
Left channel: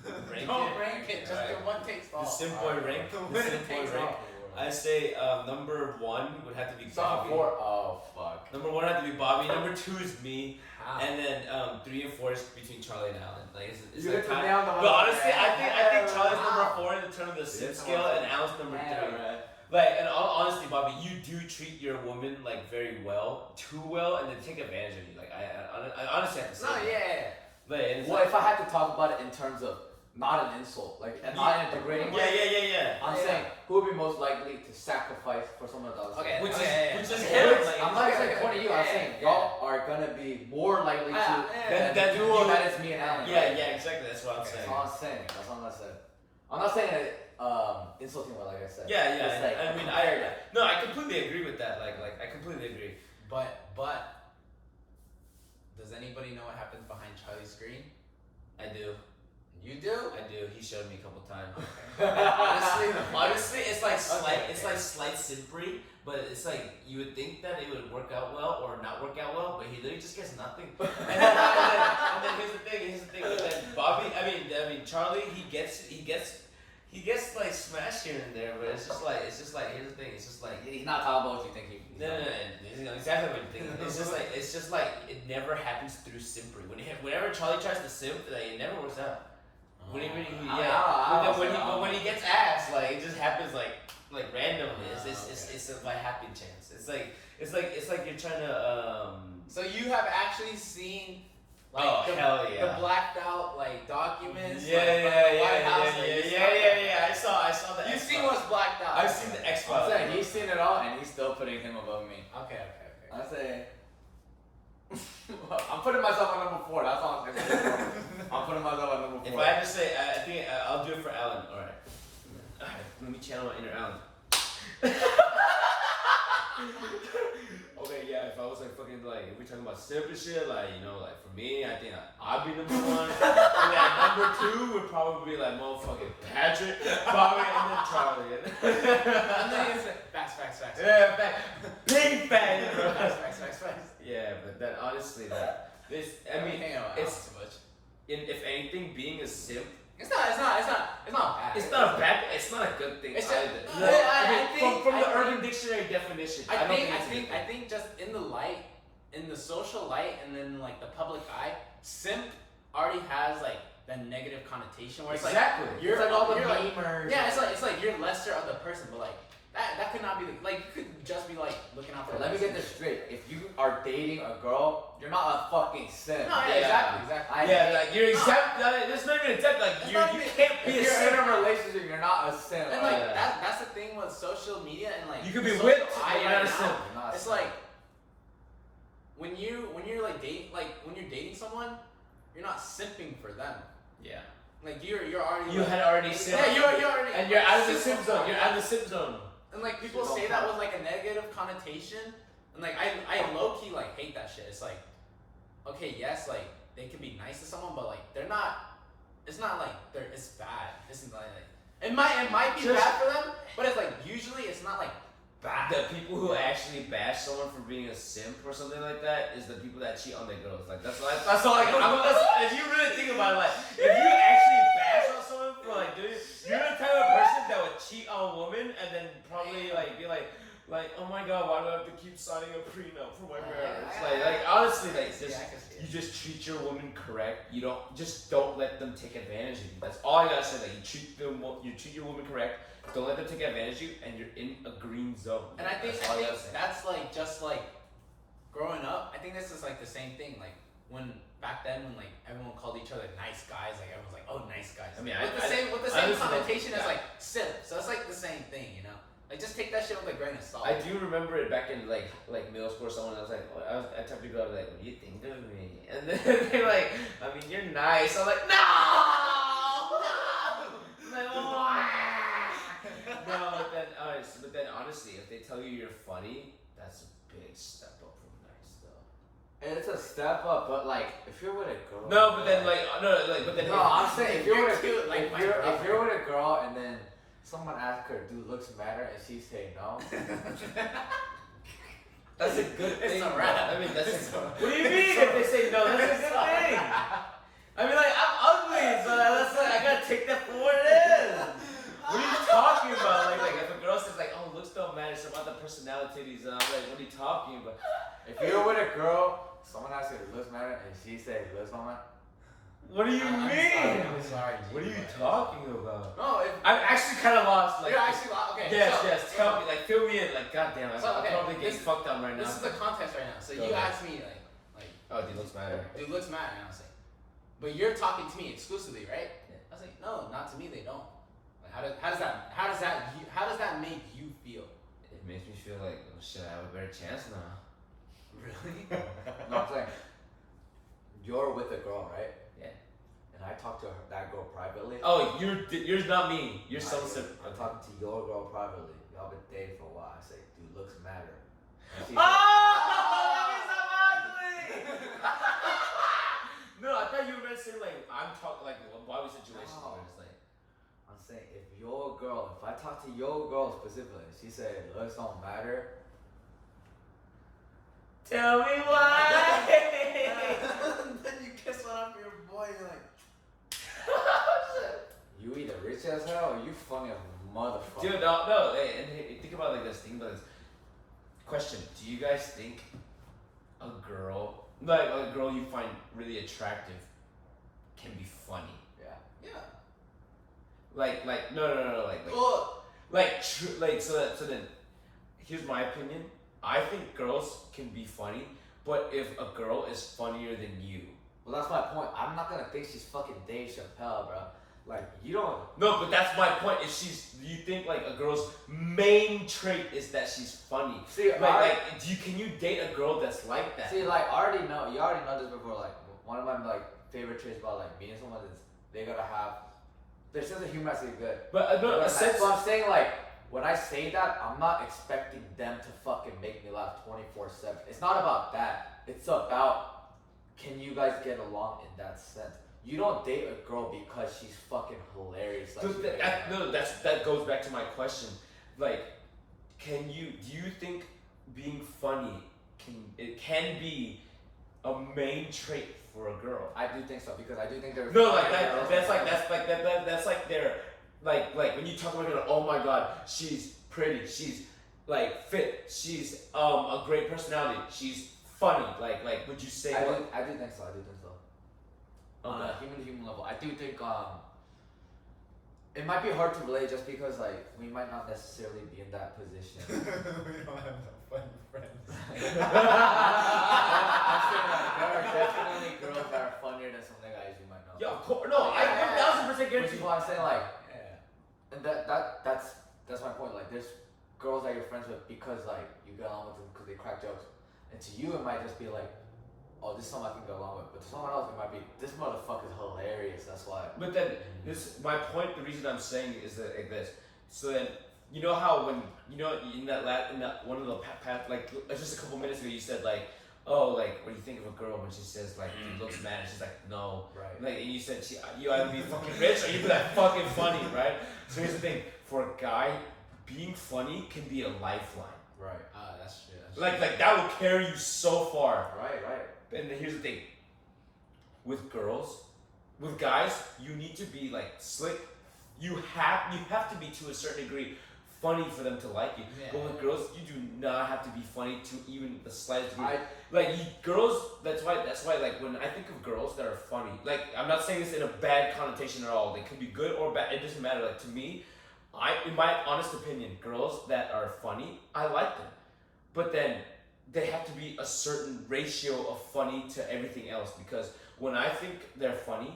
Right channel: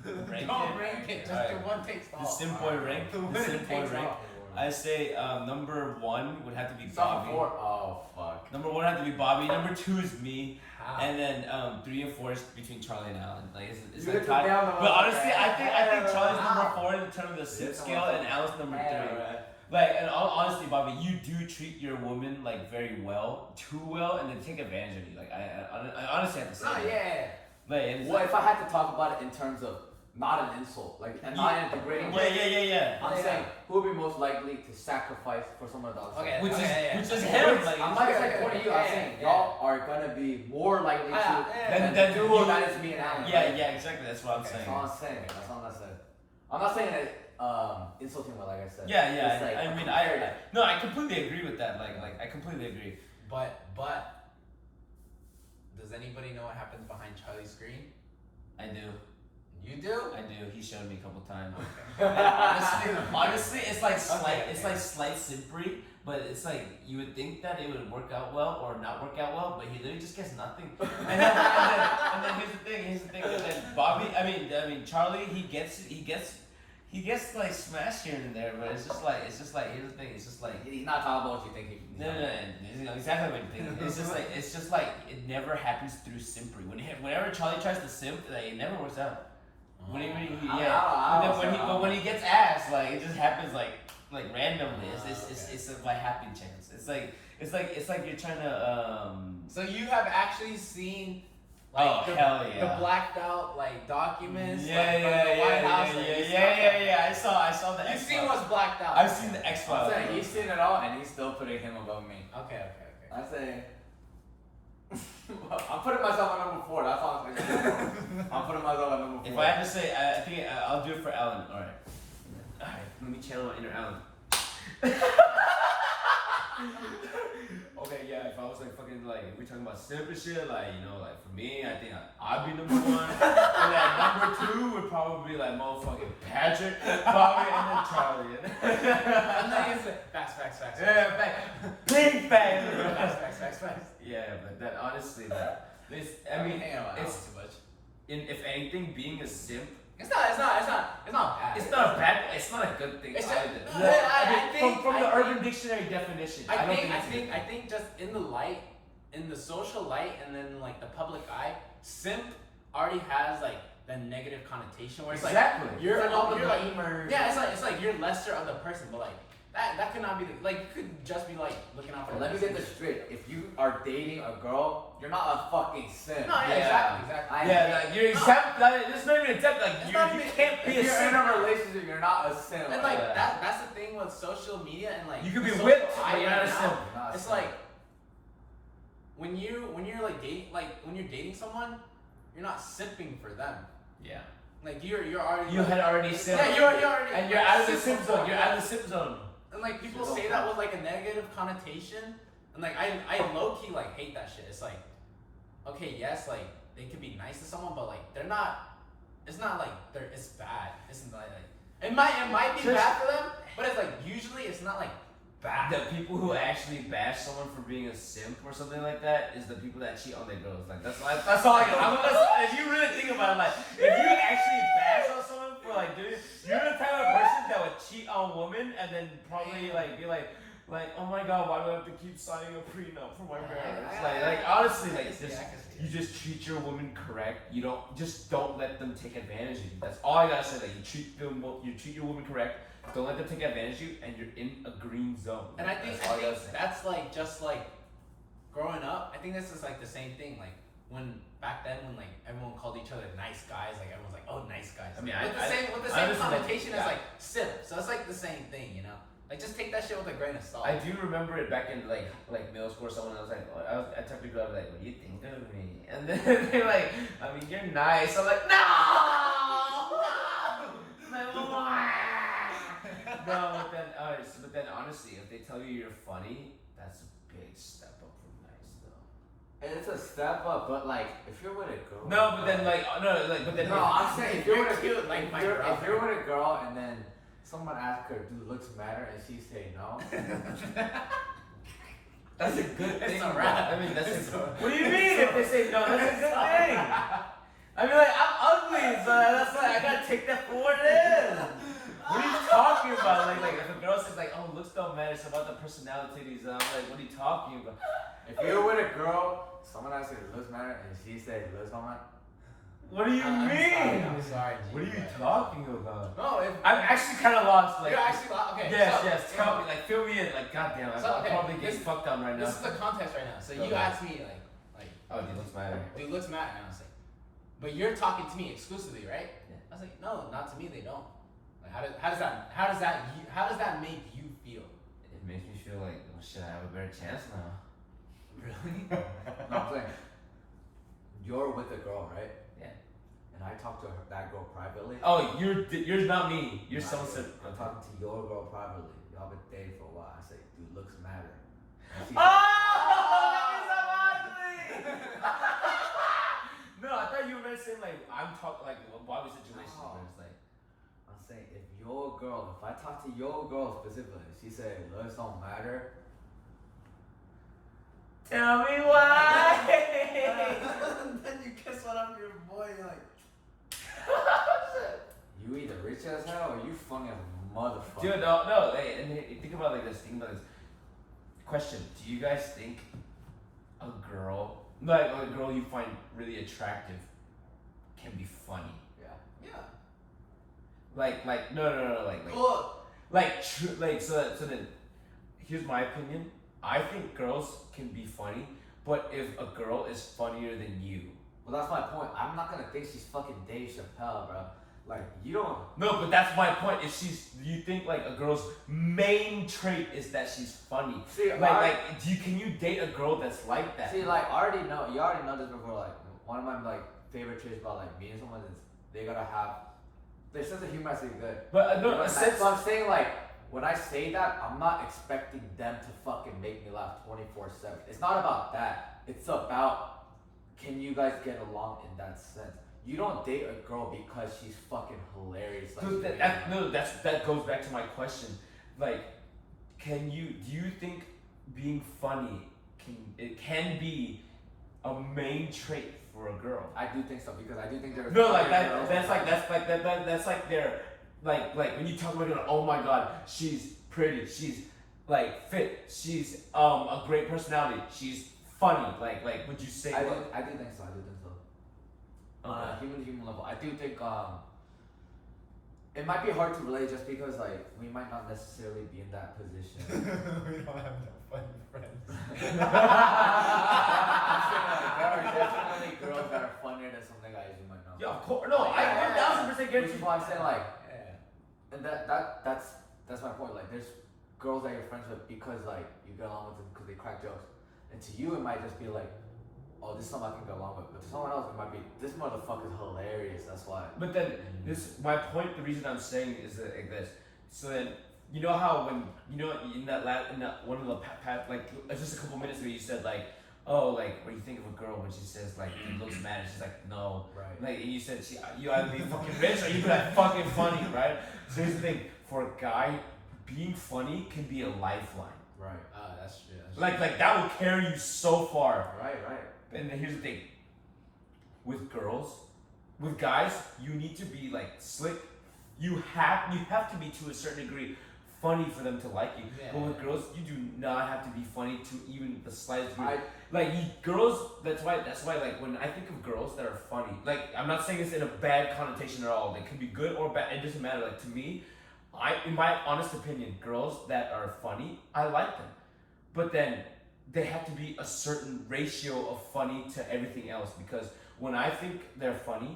it, rank Don't it. rank it. Just Alright. the one takes all. The simp boy rank. The The winner simp boy takes rank. all. I say number one would have to be Stop Bobby. four. Oh fuck. Number one would have to be Bobby. Number two is me. How? And then 3 and 4 is between Charlie and Alan. Like it's You like hit the tied. nail on the But head. honestly, I think Charlie's Wow. number 4 in the terms of the simp Yes, scale, I'm and Alan's number 3. Yeah. Like, and honestly, Bobby, you do treat your woman like very well, too well, and then take advantage of you. Like I honestly have to say. No, that. yeah. Like, and it's Well, like, if I had to talk about it in terms of not an insult, like and not in a degrading way, yeah. I'm Yeah. saying who would be most likely to sacrifice for someone else? Okay. Which okay, is yeah. him. Like, I'm not Okay, saying okay, pointing you. okay, I'm saying yeah. y'all are gonna be more likely to Yeah, then do you- what that is me and Alan. Yeah, right? yeah, exactly. That's what I'm Okay, saying. That's all I'm saying. That's all I'm saying. I'm not saying it insulting way, like I said. Yeah. It's like I mean, no, I completely agree with that. Like I completely agree. But does anybody know what happens behind Charlie's screen? I do. You do? I do. He showed me a couple times. Okay. Honestly, it's like slight. Okay, It's okay. like slight simpery, but it's like you would think that it would work out well or not work out well, but he literally just gets nothing. And then here's the thing. And then Bobby, I mean Charlie, he gets like smashed here and there, but it's just like here's the thing. It's just like. He's not talking about what you think he. No, you know exactly what you think. It's just like it never happens through simpery. Whenever Charlie tries to simp, like it never works out. When he but when he gets ass, like it just happens like randomly. It's a by happy chance. It's like you're trying to So you have actually seen like Oh, hell yeah. the blacked out like documents yeah, like, yeah, from the White yeah, House. yeah, like, yeah, you yeah, saw yeah. I saw the that. You've X seen Files. what's blacked out. I've seen the X I'm Files. saying he's seen it all, and he's still putting him above me. Okay. I say. I'm putting myself on number 4. That's all I'm saying. I'm putting myself on number 4. If I had to say, I think I'll do it for Alan. All right. Let me channel my inner Alan. Okay, yeah. If I was like fucking like, if we talking about simp and shit, like, you know, like for me, I think I'd be number one. And then number two would probably be like motherfucking Patrick, Bobby, and then Charlie. And then it's like, facts. Yeah, fact. Big fact. Facts. Yeah, but then honestly, like, this, I mean, hang on, it's, too much. if anything, being a simp, It's not bad. it's not a bad, it's not a good thing It's either. just- No, I think- from the I Urban think- Dictionary definition, I don't think it's a good I thing. think just in the light, in the social light, and then like the public eye, simp already has like the negative connotation where it's Exactly. like you're It's like all the you're like memers. yeah, it's like you're lesser of the person, but like that could not be the, like you could just be like looking out for. Let me get this straight. If you are dating a girl, you're not a fucking simp. No, yeah, Yeah. exactly. I Yeah, hate- like you're exempt. Like, this not even exempt. Like It's you not you even- can't be If a you're in simp. a relationship, you're not a simp. And like Yeah. that's the thing with social media and like You could the be social whipped, eye but you're right not a now, simp. You're not a It's simp. like when you're like dating, like when you're dating someone, you're not simping for them. Yeah. Like you're already You like, had already simped. yeah you're already And you're like, out of the simp simp zone. You're yeah. out of the simp zone. And like people Shit say don't that count. with like a negative connotation, and like I low key like hate that shit. It's like, okay, yes, like they could be nice to someone, but like they're not. It's not like it's bad. It's not like it might be Just- bad for them, but it's like usually it's not like bad. The people who actually bash someone for being a simp or something like that is the people that cheat on their girls. Like that's all I can. If you really think about it, like if you actually bash on someone for like doing, you're the type of person that would cheat on women and then probably like be like, oh my god, why do I have to keep signing a prenup for my marriage? Like honestly, like I just can see it. you just treat your woman correct. You don't let them take advantage of you. That's all I gotta say. Like you treat your woman correct. Don't let them take advantage of you, and you're in a green zone. And I think That's all gotta say. that's like just like growing up. I think this is like the same thing. Like when back then when like everyone called each other nice guys, like everyone's like, oh, nice guys. I mean, with the I same honestly don't- connotation as yeah. like simp. So it's like the same thing, you know. Like just take that shit with a grain of salt. I do remember it back in like middle school or someone. I was like, I talked to a girl. I was like, what do you think of me? And then they're like, I mean, you're nice. I'm like, no. I'm like, why? No, but then honestly, if they tell you you're funny, that's a big step up from nice though. And it's a step up, but like if you're with a girl. No, but then but then No, I'm saying if you're with a cute, like my if brother. you're with a girl and then someone asks her, "Do looks matter?" and she say no. that's a good It's thing. a wrap. I mean, that's It's a, a- what do you mean if they say no? That's a good thing. I mean, like I'm ugly, so that's like I gotta take that for what it is. What are you talking about? Like if a girl says like, oh, looks don't matter, it's about the personalities. And I'm like, what are you talking about? If you're with a girl, someone asks her, "Do looks matter?" and she say looks don't matter. What do you mean? I'm sorry. G, What are you but- talking about? No, if I'm actually kind of lost. Like, you're actually okay. yes, so, yes. Tell me, like, fill me in. Like, goddamn, So, I'm okay, probably getting this- fucked on right now. This is the context right now. So Go you ahead. asked me like, Oh, dude, looks matter. do looks matter? And I was like, but you're talking to me exclusively, right? Yeah. I was like, no, not to me. They don't. Like, how does that make you feel? It makes me feel like, oh shit, I have a better chance now. Really? No, I'm saying you're with a girl, right? Yeah. And I talk to that girl privately. Oh, you're not me. You're Not some you. sort. I'm talking to your girl privately. Y'all been dating for a while. I say, "Do looks matter?" And she Oh, that means I'm ugly. No, I thought you were gonna say like I'm talking like a Bobby situation No. where it's like. I'm saying if your girl, if I talk to your girl specifically, she say looks don't matter. Tell me why. Then you kiss one up your boy. You're like, You either rich as hell or you funny as a motherfucker. Dude, no. Hey, and hey, think about it like this. Think about this. Question: do you guys think a girl you find really attractive can be funny? Yeah. yeah. Like no, Well, so then here's my opinion. I think girls can be funny, but if a girl is funnier than you, Well, that's my point. I'm not gonna think she's fucking Dave Chappelle, bro. Like you don't. no, but that's my point. If you think like a girl's main trait is that she's funny, See, can you date a girl that's like that? See, like, I already know. You already know this before. Like, one of my like favorite traits about like me and someone is they gotta have their sense of humor has to be good. But no, But a sense. so I'm saying like when I say that, I'm not expecting them to fucking fucking make me laugh 24/7. It's not about that. It's about, can you guys get along in that sense? You don't date a girl because she's fucking hilarious. Like, Dude, that goes back to my question. Like, do you think being funny can be a main trait for a girl? I do think so, because I do think there's No, like that's like their like when you talk about it, oh my god, she's pretty, she's like fit, she's a great personality, she's funny. Like would you say? I do think so. On a Okay. human to human level, I do think it might be hard to relate just because like we might not necessarily be in that position. We don't have no funny friends. I'm saying, like, there are definitely girls that are funnier than some guys you might know. Yeah, of course. No, I 1000% Which guarantee. is why I'm saying like, Yeah. and that's my point. Like, there's girls that you're friends with because like you get along with them because they crack jokes, and to you it might just be like, oh, this is something I can get along with. But to someone else, it might be, this motherfucker's hilarious. That's why. But then my point. The reason I'm saying is that like this. So then you know how when in that one of the like just a couple minutes ago you said like, oh, like what do you think of a girl when she says like she looks mad and she's like no, Right. like and you said you either be fucking rich or you be like fucking funny, right? So here's the thing: for a guy, being funny can be a lifeline. Right. That's true. Like that will carry you so far. Right. And then here's the thing: with guys, you need to be like slick. You have to be to a certain degree funny for them to like you. Yeah. But with girls, you do not have to be funny to even the slightest degree. I Girls. That's why like when I think of girls that are funny, like I'm not saying this in a bad connotation at all. They could be good or bad. It doesn't matter. Like to me, in my honest opinion, girls that are funny, I like them. But then they have to be a certain ratio of funny to everything else, because when I think they're funny,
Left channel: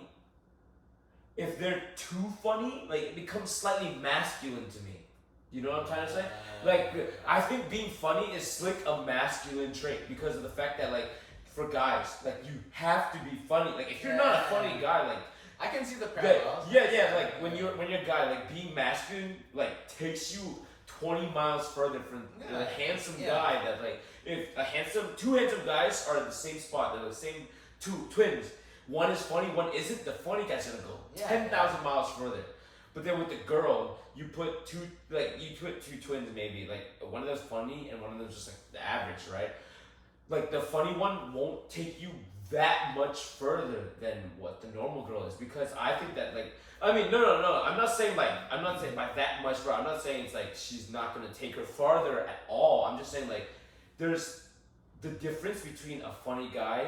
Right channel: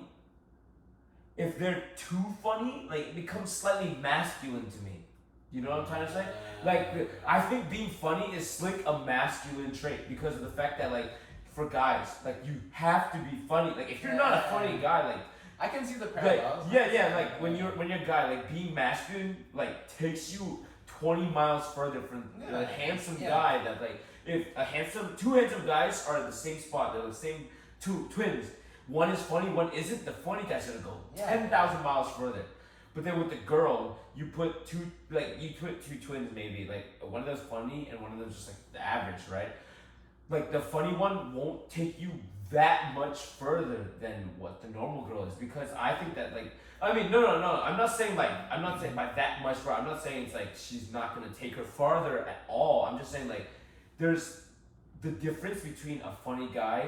if they're too funny, like it becomes slightly masculine to me. You know what I'm trying to say? Like I think being funny is like a masculine trait because of the fact that like for guys, like you have to be funny. Like if you're not a funny guy, like I can see the like, parallels. yeah, like when you're a guy, like being masculine like takes you 20 miles further from a handsome guy that like if two handsome guys are in the same spot, they're the same two twins. One is funny, one isn't. The funny guy's gonna go 10,000 miles further. But then with the girl, you put two twins maybe, like one of them's funny and one of them's just like the average, right? Like the funny one won't take you that much further than what the normal girl is, because I think that like no. I'm not saying by that much further. I'm not saying it's like she's not gonna take her farther at all. I'm just saying like there's the difference between a funny guy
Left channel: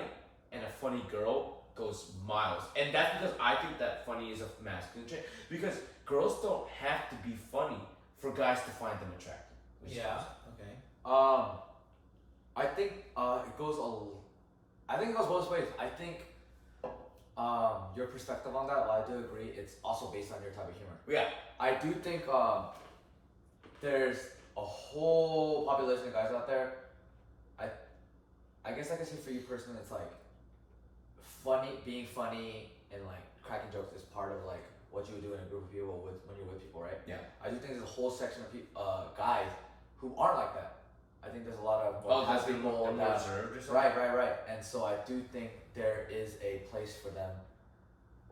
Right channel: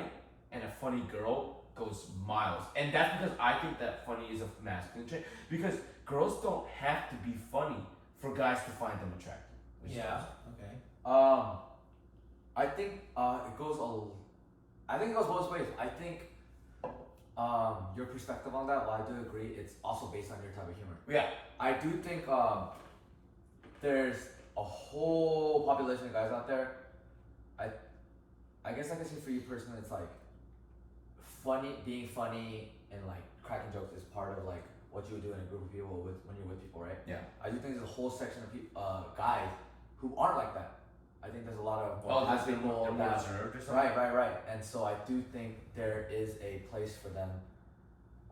and a funny girl goes miles, and that's because I think that funny is a masculine trait. Because girls don't have to be funny for guys to find them attractive. Yeah. Okay. I think it goes both ways. I think your perspective on that, while I do agree, it's also based on your type of humor. Yeah. I do think there's a whole population of guys out there. I guess I can say for you personally, it's like being funny and like cracking jokes is part of like what you would do in a group of people when you're with people, right? Yeah. I do think there's a whole section of guys who aren't like that. I think there's a lot of more they're more reserved or something. Right. And so I do think there is a place for them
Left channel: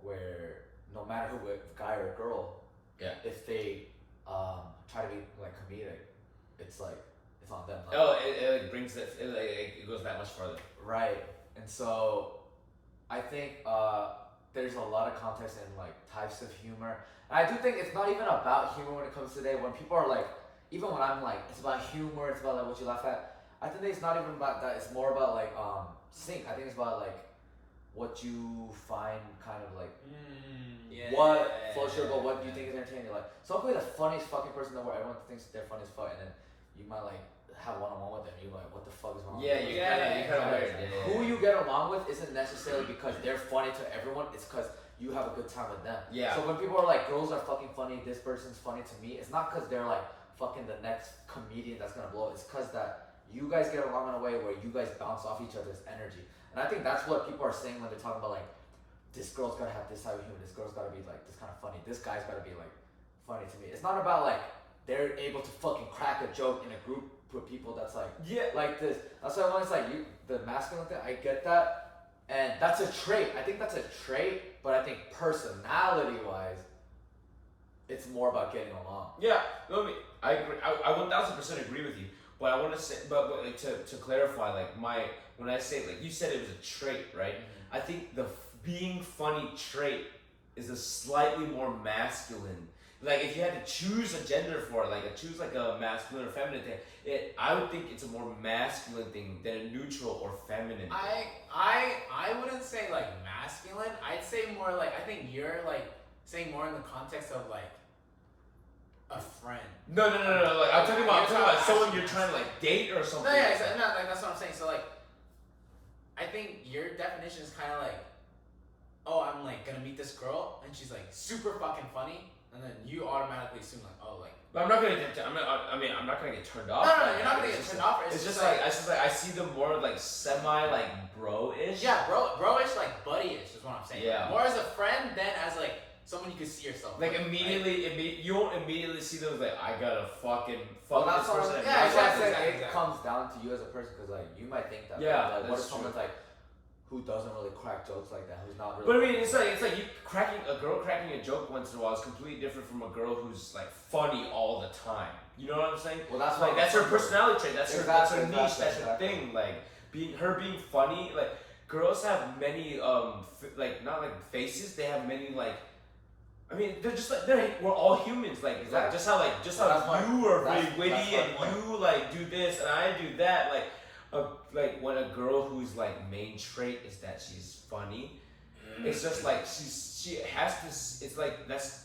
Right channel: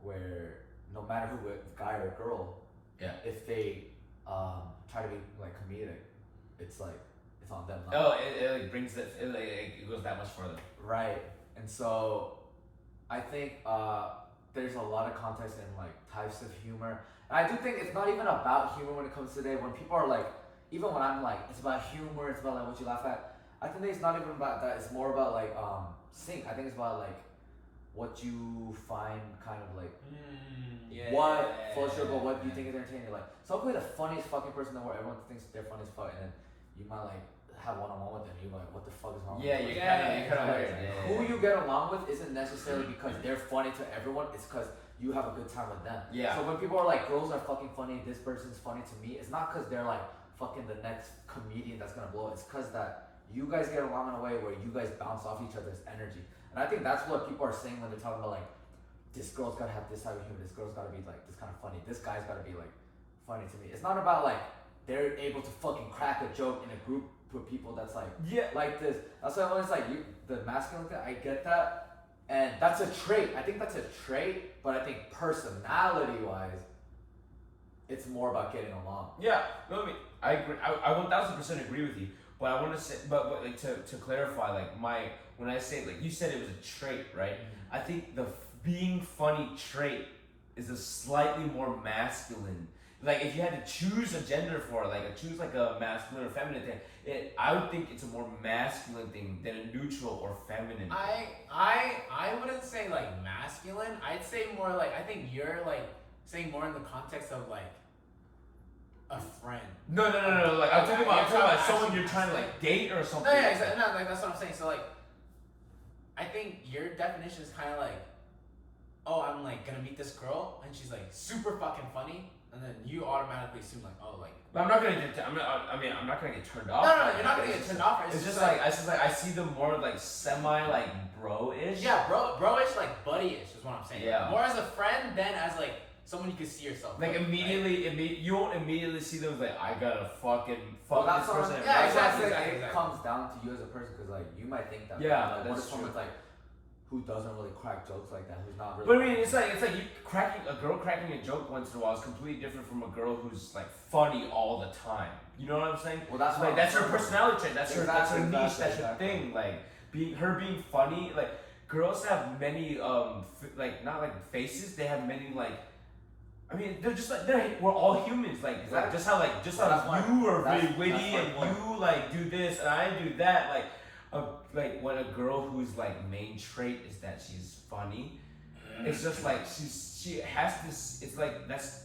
where no matter who, guy or girl, if they try to be like comedic, it's like it's on them. It brings it goes that much further. Right, and so I think there's a lot of context in like types of humor. And I do think it's not even about humor when it comes to today. When people are like, even when I'm like, it's about humor, it's about like what you laugh at. I think it's not even about that. It's more about like sync. I think it's about like what you find kind of like what floats your boat, what you think is entertaining. You're like, so I'll be the funniest fucking person in the world. Everyone thinks they're funny as fuck, and then you might like have one-on-one with them. You're like, what the fuck is wrong? Yeah, with you them? kind of weird. Who you get along with isn't necessarily because they're funny to everyone. It's because you have a good time with them. Yeah. So when people are like, girls are fucking funny, this person's funny to me, it's not because they're like fucking the next comedian that's gonna blow. It's because that you guys get along in a way where you guys bounce off each other's energy. And I think that's what people are saying when they're talking about like, this girl's gotta have this type of humor, this girl's gotta be like this kind of funny, this guy's gotta be like funny to me. It's not about like they're able to fucking crack a joke in a group with people that's like Yeah. like this. That's why when it's like the masculine thing, I get that, and that's a trait. I think that's a trait, but I think personality wise, it's more about getting along. Yeah, no, I agree. I 1000% agree with you. But I want to say, but like to clarify, like when I say, like you said, it was a trait, right? I think the being funny trait is a slightly more masculine. Like if you had to choose a gender for it, like choose like a masculine or feminine thing, I would think it's a more masculine thing than a neutral or feminine thing. I wouldn't say like masculine. I'd say more like, I think you're like saying more in the context of like a friend. No. Like I'm talking about someone actually you're trying to like date or something. No, yeah, exactly. No, like that's what I'm saying. So like, I think your definition is kind of like, oh, I'm like gonna meet this girl and she's like super fucking funny, and then you automatically assume like, oh, like. But I'm not gonna get. I'm not gonna get turned off. No, you're not gonna get turned off. It's just like I see them more like semi like bro-ish. Yeah, bro-ish, like buddy-ish is what I'm saying. Yeah. More as a friend than as like someone you could see yourself. Like with, immediately, you won't immediately see them as like I gotta fucking fuck Well, this that's person. what, and yeah, marry that's them. why I say exactly. it comes down to you as a person, because like you might think that. Yeah, but, like, what that's if someone's true. like who doesn't really crack jokes like that, who's not really. But I mean, it's like you a girl cracking a joke once in a while is completely different from a girl who's like funny all the time. You know what I'm saying? Well, that's like what that's I'm her saying. personality trait. That's her niche. That's her Exactly. thing. Like being funny. Like girls have many like not like faces. They have many like. I mean, they're just like we're all humans. Like Exactly. just how That's you are that's- really witty that's my and point. you like do this and I do that. Like when a girl whose like main trait is that she's funny, it's just like she has this. It's like that's.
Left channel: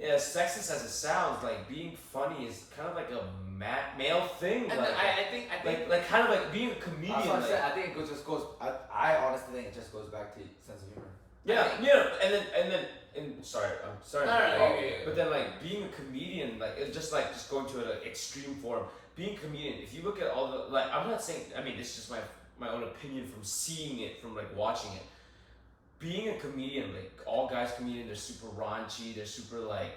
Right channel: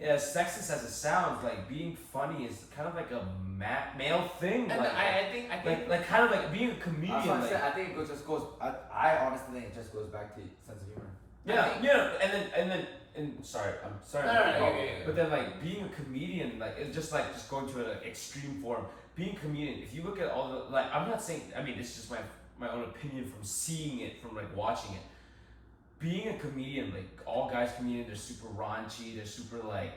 As sexist as it sounds, like being funny is kind of like a male thing. And like, I think like kind of like being a comedian. That's what I'm Like, saying. I think it just goes. I honestly think it just goes back to sense of humor. and sorry, I'm sorry. No, yeah. But then like being a comedian, like it's just going to an extreme form. Being a comedian, if you look at all the like, I'm not saying. I mean, it's just my own opinion from seeing it, from like watching it. Being a comedian, like all guys comedians, they're super raunchy, they're super like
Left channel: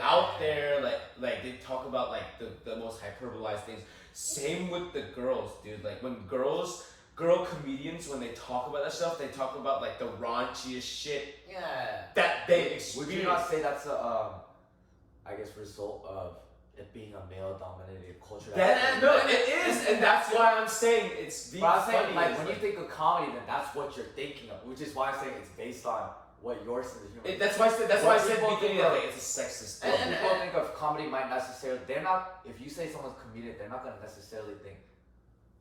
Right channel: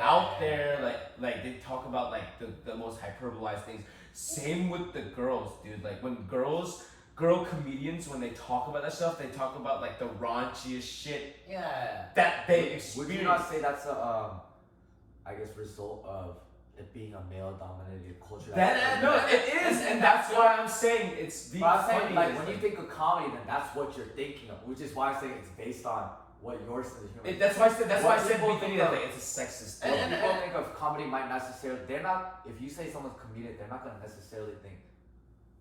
out there, like they talk about like the most hyperbolized things. Same with the girls, dude. Like when girl comedians, when they talk about that stuff, they talk about like the raunchiest shit Yeah. that they experience. Would you not say that's a, I guess, result of it being a male-dominated culture? It is, and that's why I'm saying it's being But I'm funny. saying, like, is, when you think of comedy, then that's what you're thinking of, which is why I'm saying it's based on what your sense of humor is. that's why I said people beginning think of of- it, it's a sexist What thing. people think of comedy might not necessarily, they're not, if you say someone's comedic, they're not going to necessarily think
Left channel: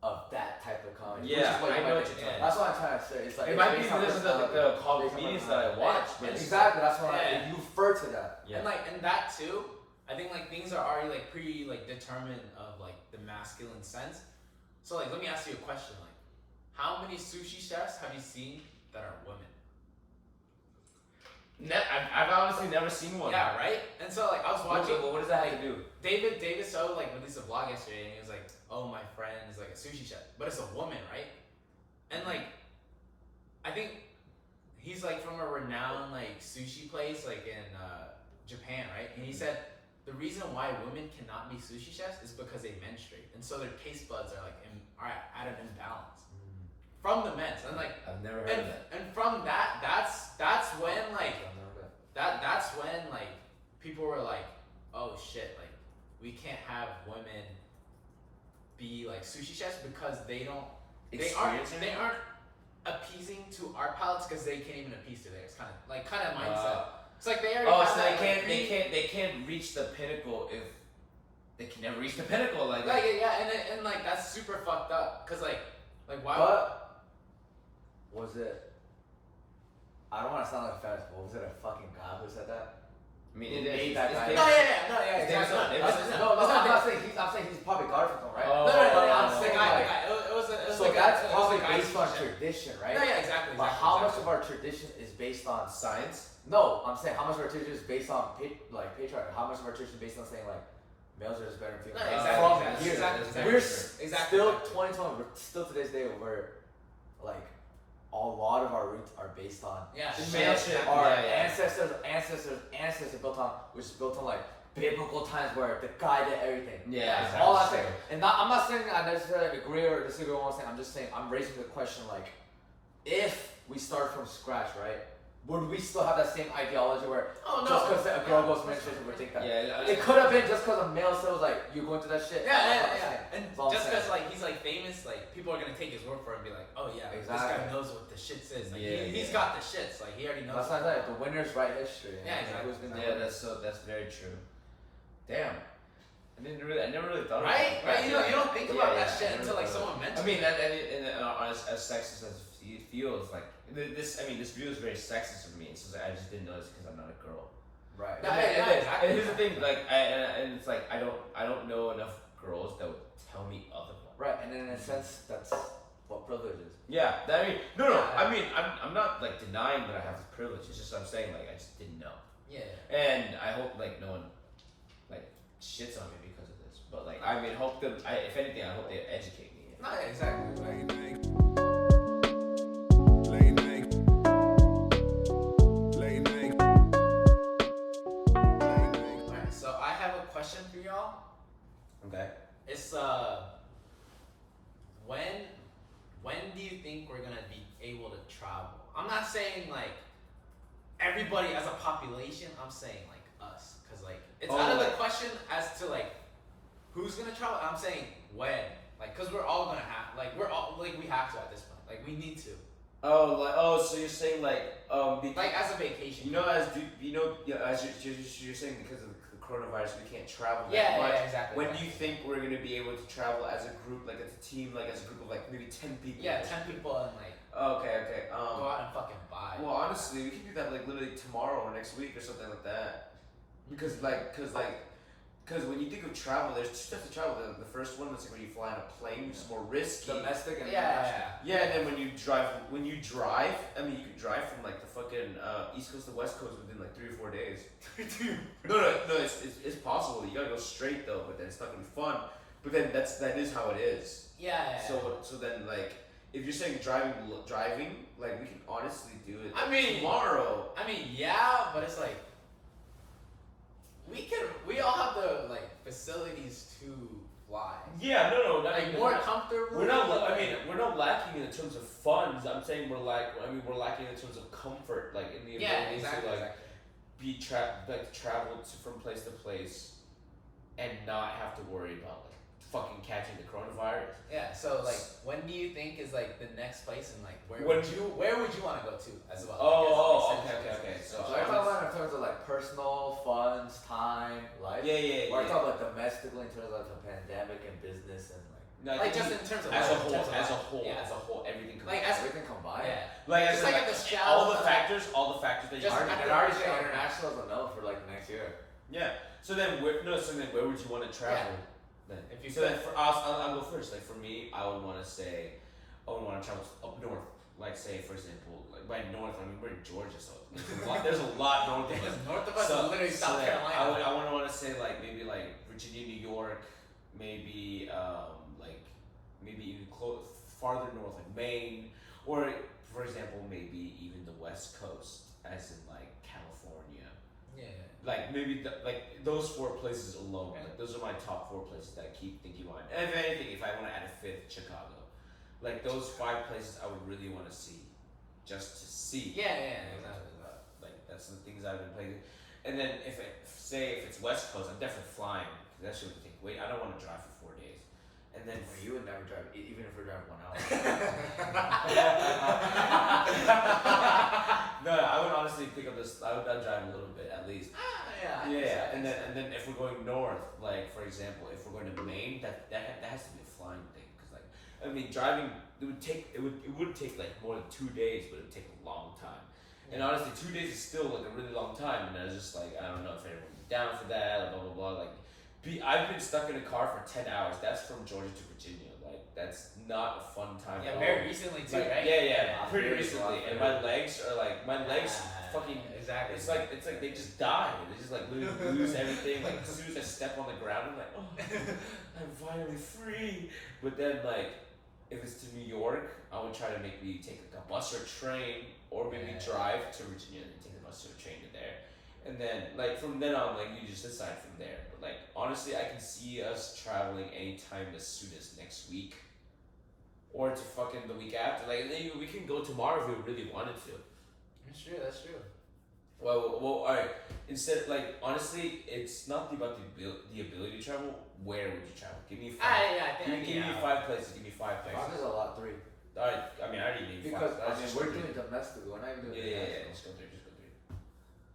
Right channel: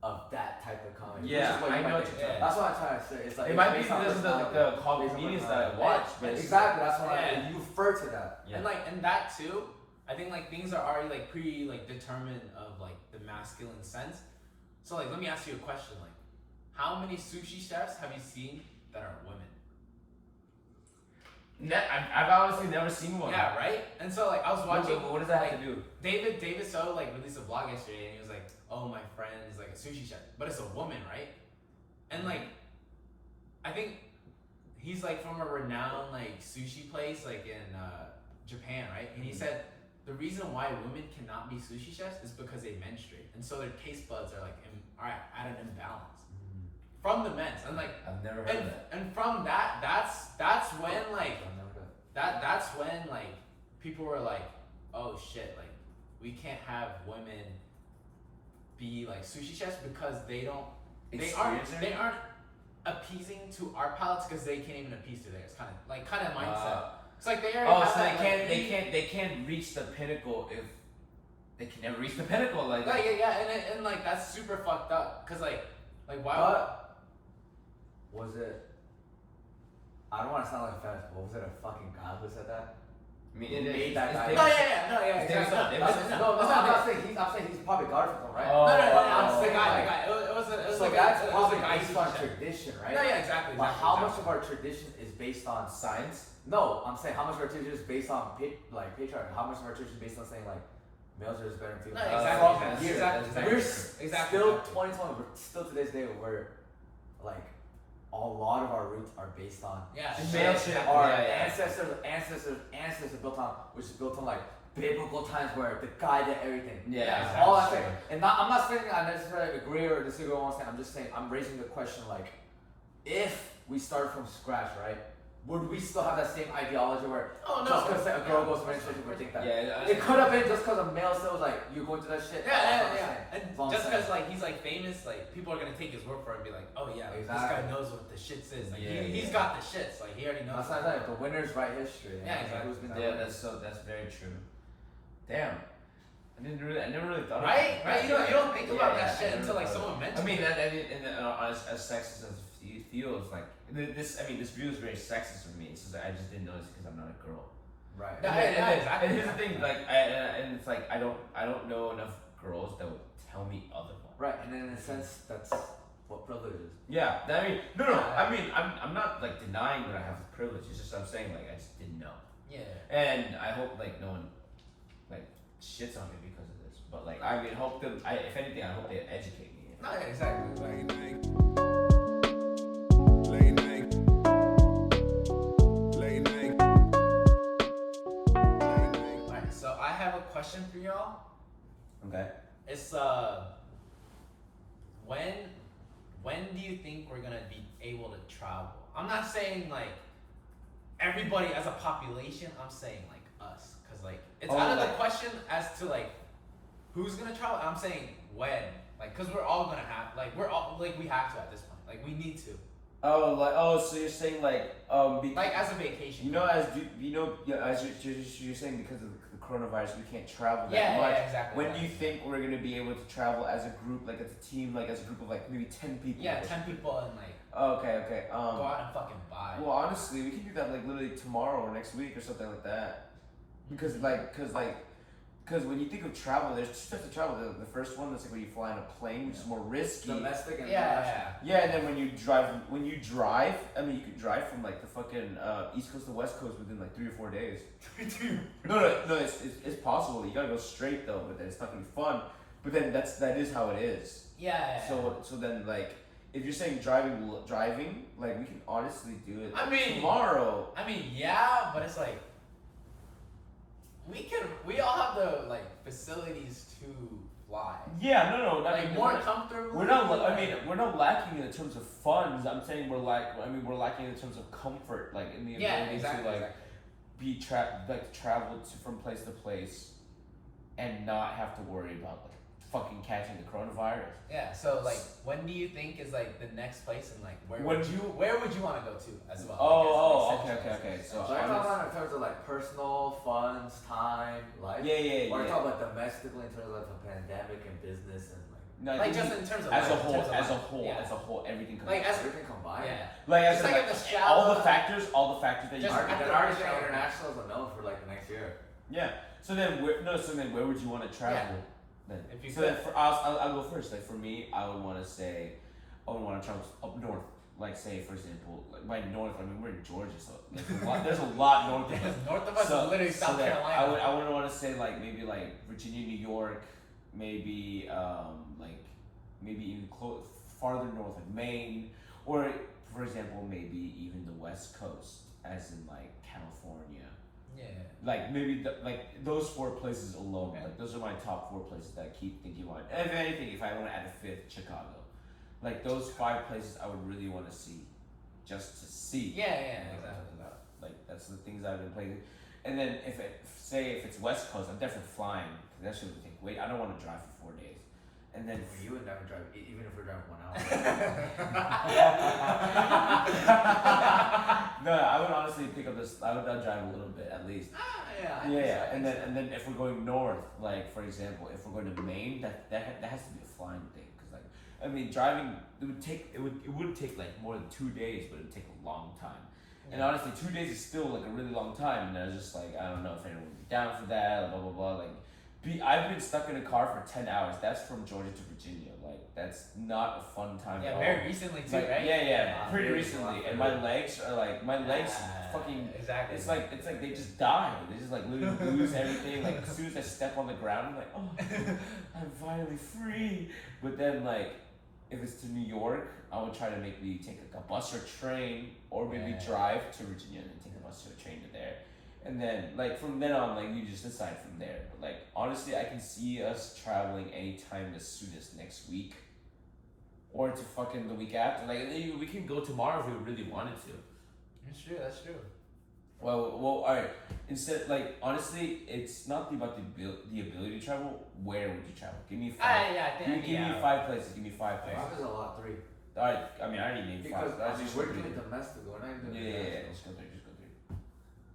of that type of comedy. Yeah, which is what I you know might what think. you're talking That's what I'm trying to say. It's like, It it's might be based on because of the personality, call based on comedians that I personality. watch. But Exactly, that's what Yeah. you refer to that. Yeah. And that too, I think like things are already like pretty like determined of like the masculine sense. So like let me ask you a question, like how many sushi chefs have you seen that are women? I've honestly never seen one. Yeah, right? And so like I was watching What does that have to do? David So like released a vlog yesterday and he was like, oh, my friend is like a sushi chef, but it's a woman, right? And like I think he's like from a renowned like sushi place like in Japan, right? And he said the reason why women cannot be sushi chefs is because they menstruate, and so their taste buds are like are at an imbalance from the men's, and like I've never heard of that. and from that's when like that's when like people were like, oh shit, like we can't have women be like sushi chefs because they aren't appeasing to our palates because they can't even appease to theirs. Kind of mindset. It's like they already have so that, they can't reach the pinnacle if they can never reach the pinnacle like that. and like that's super fucked up because like why But was it? I don't want to sound like a feminist, but was it a fucking guy who said that? I mean, Who it made is. that guy? It's exactly. I'm saying he's probably got it from them, right? Oh. No, the the guy. guy. It was So like that's it was probably a guy based sushi on chef. tradition, right? Yeah, exactly. But how much of our tradition is based on Science? No, I'm saying how much of our tradition is based on patriarchy. How much of our tradition is based on saying like males are just better than No, females. exactly. From years. We're still 2020. We're still to this day where like a lot of our roots are based on Yeah, Male shit. our Yeah. ancestors built on, which is built on like biblical times where the guy did everything. Yeah, Like, all that exactly. thing. And not, I'm not saying I necessarily agree or disagree with what I'm saying. I'm just saying I'm raising the question like, if we start from scratch, right? Would we still have that same ideology where just because a girl goes to menstruation, we think that? Yeah, It could have been just because a male still was like, you're going through that shit. Yeah. And That's all I'm just saying. because like he's like famous, like people are gonna take his word for it and be like, oh yeah, this guy Exactly. knows what the shits is. Like Yeah, he's yeah. got the shits. Like he already knows. That's not like the winners write history. Yeah, Like, exactly. who's gonna Yeah, win? that's very true. Damn. I never really thought Right? about it. Right? You don't think Yeah, about yeah, that I shit never until like thought someone of it. mentions I mean, it. as sexist as it feels, like this view is very sexist of me. It's just like, I just didn't notice because I'm not a girl. Right. Yeah, And here's the exactly. thing, like and it's like I don't know enough girls that would tell me otherwise. Right, and in a sense, that's what privilege is. Yeah, I mean, no. Yeah. I mean, I'm not like denying that I have this privilege. It's just I'm saying like I just didn't know, Yeah. and I hope like no one like shits on me because of this. But like I mean, hope them. If anything, I hope they educate me. No, yeah, exactly. Lane Nang. Lane Nang. Lane Nang. Lane Nang. Alright, so I have a question for y'all. Okay. It's when do you think we're gonna be able to travel? I'm not saying like everybody as a population. I'm saying like us, cause like it's Oh, out of the like- question as to like who's gonna travel. I'm saying when, like, cause we're all gonna have like we have to at this point. Like we need to. So you're saying like Like as a vacation. you know as you're saying because of the coronavirus we can't travel that Yeah, much. yeah, exactly. When do you think we're gonna be able to travel as a group, like as a team, like as a group of like maybe 10 people? Yeah, or 10 people and like Okay. go out and fucking buy. Well, honestly, we can do that like literally tomorrow or next week or something like that. Because when you think of travel, there's two types of travel. The first one that's like when you fly on a plane, which is more risky. Domestic and Yeah, international. yeah. Yeah, and then when you drive, I mean, you can drive from like the fucking East Coast to West Coast within like 3 or 4 days. No, it's possible. You gotta go straight though, but then it's not gonna be fun. But then that is how it is. Yeah. So then like if you're saying driving, like we can honestly do it. I mean- tomorrow. I mean, yeah, but it's like we all have the like facilities to fly. Yeah, no, not Like more comfortable. We're not. I mean, we're not lacking in terms of funds. I'm saying we're lacking in terms of comfort, like in the yeah, ability exactly, to like exactly. travel from place to place, and not have to worry about like fucking catching the coronavirus. Yeah. So like, when do you think is like the next place and like where When- would you want to go to as well? Okay. So So I'm talking about in terms of like personal, funds, time, life. yeah. Or I'm talking about domestically in terms of like the pandemic and business and like No, I Like think just in terms of as life, a in terms of whole, life. Yeah. as a whole, everything comes. Like as everything combined. yeah. like as Just in, like at the all the shallow- factors that you Just are. at They're the already shallow- saying international is a no for like the next year. Yeah. So then where would you want to travel? Then? If you so could. then for us, I'll go first. Like for me, I would want to travel up north. Like say for example, like by north, I mean we're in Georgia, so there's a lot north of us. North of us is literally South then Carolina. I would want to say like maybe like Virginia, New York, maybe maybe even farther north like Maine, or for example maybe even the West Coast, as in like California. Yeah. Like maybe like those 4 places alone, like those are my top 4 places that I keep thinking about. And if anything, if I want to add a 5th, Chicago. Like those 5 places I would really want to see, just to see. Yeah, exactly. Like that's the things I've been playing. And then if it's West Coast, I'm definitely flying. Cause that shit would take. Wait, I don't want to drive for 4 days. And then You would never drive, even if we're driving 1 hour. no, I would honestly pick up this. I'd drive a little bit at least. Yeah. And then if we're going north, like for example, if we're going to Maine, that has to be a flying thing. Cause like I mean, driving it would take like more than 2 days, but it would take a long time. And honestly, 2 days is still like a really long time. And I was just like, I don't know if anyone would be down for that. Blah blah blah. Like, I've been stuck in a car for 10 hours. That's from Georgia to Virginia. Like, that's not a fun time at Yeah, all. very recently too, Like, right? Yeah, pretty Very recently. long. And my legs are like, fucking. Exactly. It's like they just die. They just like lose everything. Like as soon as I step on the ground, I'm like, oh, I'm finally free. But then like, if it's to New York, I would try to maybe take like a bus or train, or maybe Yeah. drive to Virginia and take a bus or a train to there. And then, like, from then on, like, you just decide from there. But, like, honestly, I can see us traveling anytime as soon as next week. Or to fucking the week after. Like, we can go tomorrow if we really wanted to. That's true. That's true. Well, alright. Instead, like, honestly, it's not about the ability to travel. Where would you travel? Give me 5. I Give me 5 places. Give me 5 Five places. is a lot. 3. Alright, I mean, I already named 5. Because That's I mean, just we're three. doing domestic. We're not even doing Yeah, international. just go 3. Just go 3.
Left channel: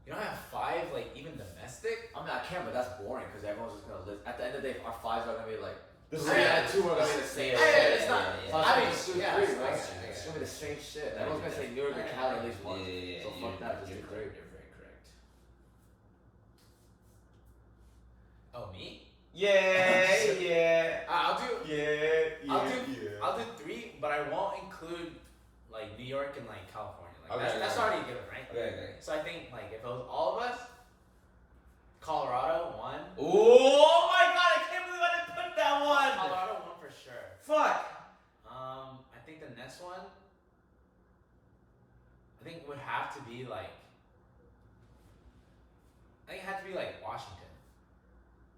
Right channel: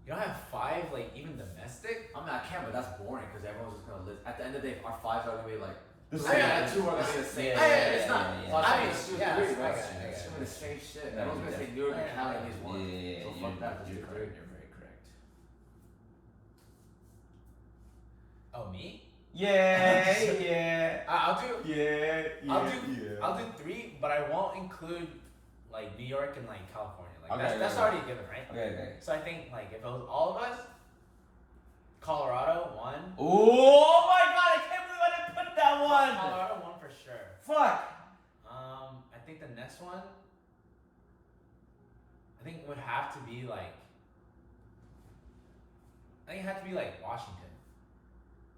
You don't have 5, like even domestic. I mean, I can, but that's boring because everyone's just gonna list. At the end of the day, our 5s are gonna be like. This I mean, 2 are gonna be the same. It's not. yeah. So I mean, it's yeah, 3, I right? got it. It's gonna be the same shit. Yeah, Everyone's gonna say New York and Cali at least Yeah, once. yeah, So fuck that. Just you're do 3. correct. You're very correct. Oh, me? Yeah, yeah. I'll do. Yeah, I'll do 3, but I won't include like New York and like California. Like Okay, that's okay. already a given, right? Okay. So I think like if it was all of us, Colorado 1. Oh my god, I can't believe I didn't put that one. Colorado 1 for sure. Fuck. I think the next one. I think would have to be like. I think it had to be like Washington.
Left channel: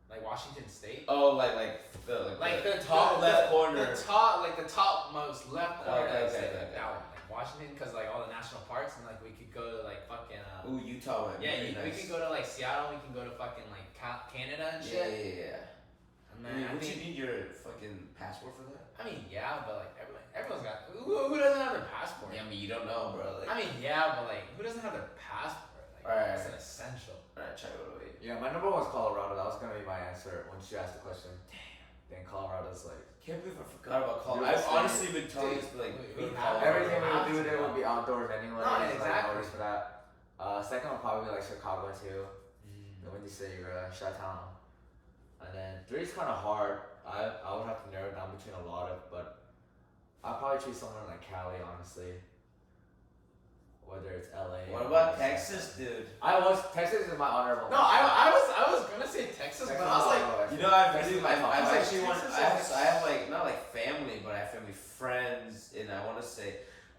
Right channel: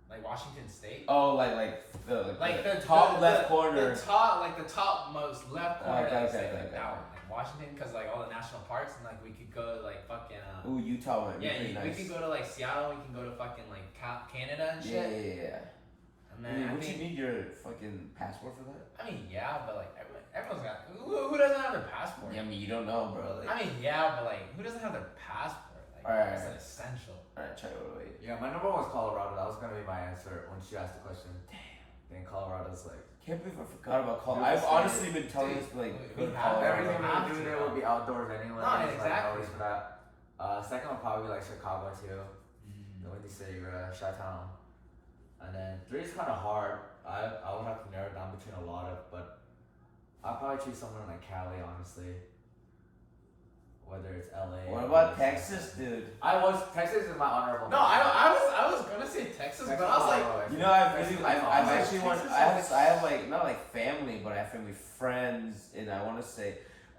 Like Washington State. Oh, like the top left corner. The topmost left corner. Okay, of the state, okay, like okay. that one, like Washington, because like all the national parks, and like we could go to like fucking. Ooh, Utah might be Yeah, pretty we nice. could go to like Seattle. We can go to fucking like Canada and Yeah, shit. yeah. And I then mean, I would think. you need your fucking passport for that? I mean, yeah, but like everyone's got. Who doesn't have their passport? Yeah, I mean, you don't know, bro. Like, I mean, yeah, but like who doesn't have their passport? Like Alright, that's an alright. essential. alright, try to wait. Yeah, my number 1's Colorado. That was gonna be my answer once you asked the question. Damn. Then Colorado's like. Can't believe I forgot about Colorado. You're I've saying- honestly been telling Dude, this to like we go to have Colorado. Everything have we do to there go. will be outdoors anyway. No, Like, exactly. no reason for that. Second one probably like Chicago too. The Windy City, Chi-Town. And then 3 is kind of hard. I would have to narrow it down between a lot of, but I'd probably choose somewhere like Cali, honestly. Whether it's LA. What or about something. Texas, dude? Texas is my honorable. No, I was gonna say Texas, but I was like. You know, I've Texas I've is actually Texas want. is I have like not like family, but I have family friends, and I want to say,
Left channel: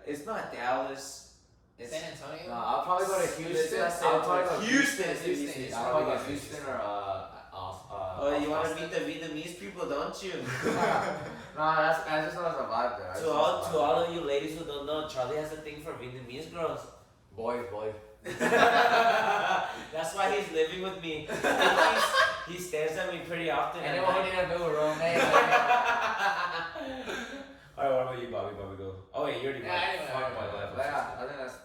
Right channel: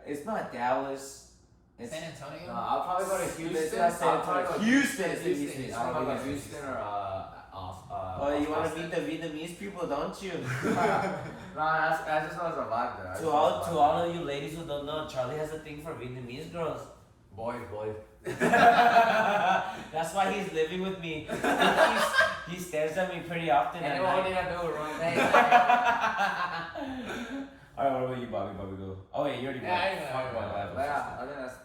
it's not Dallas. It's San Antonio. No, I'll probably go to Houston. That's I'll probably go to Houston. Houston. I'll probably go to Houston or Oh, you want to meet the Vietnamese people, don't you? Nah, I just know there's a vibe there. I just To know all there's a to vibe all there. of you ladies who don't know, Charlie has a thing for Vietnamese girls. Boys. That's why he's living with me. He stares at me pretty often. at Anyone night. need a new roommate? All right, what about you, Bobby? Bobby, go. Oh yeah, you already Yeah, went. anyway, Fuck anyway, my life. But yeah, I think that's.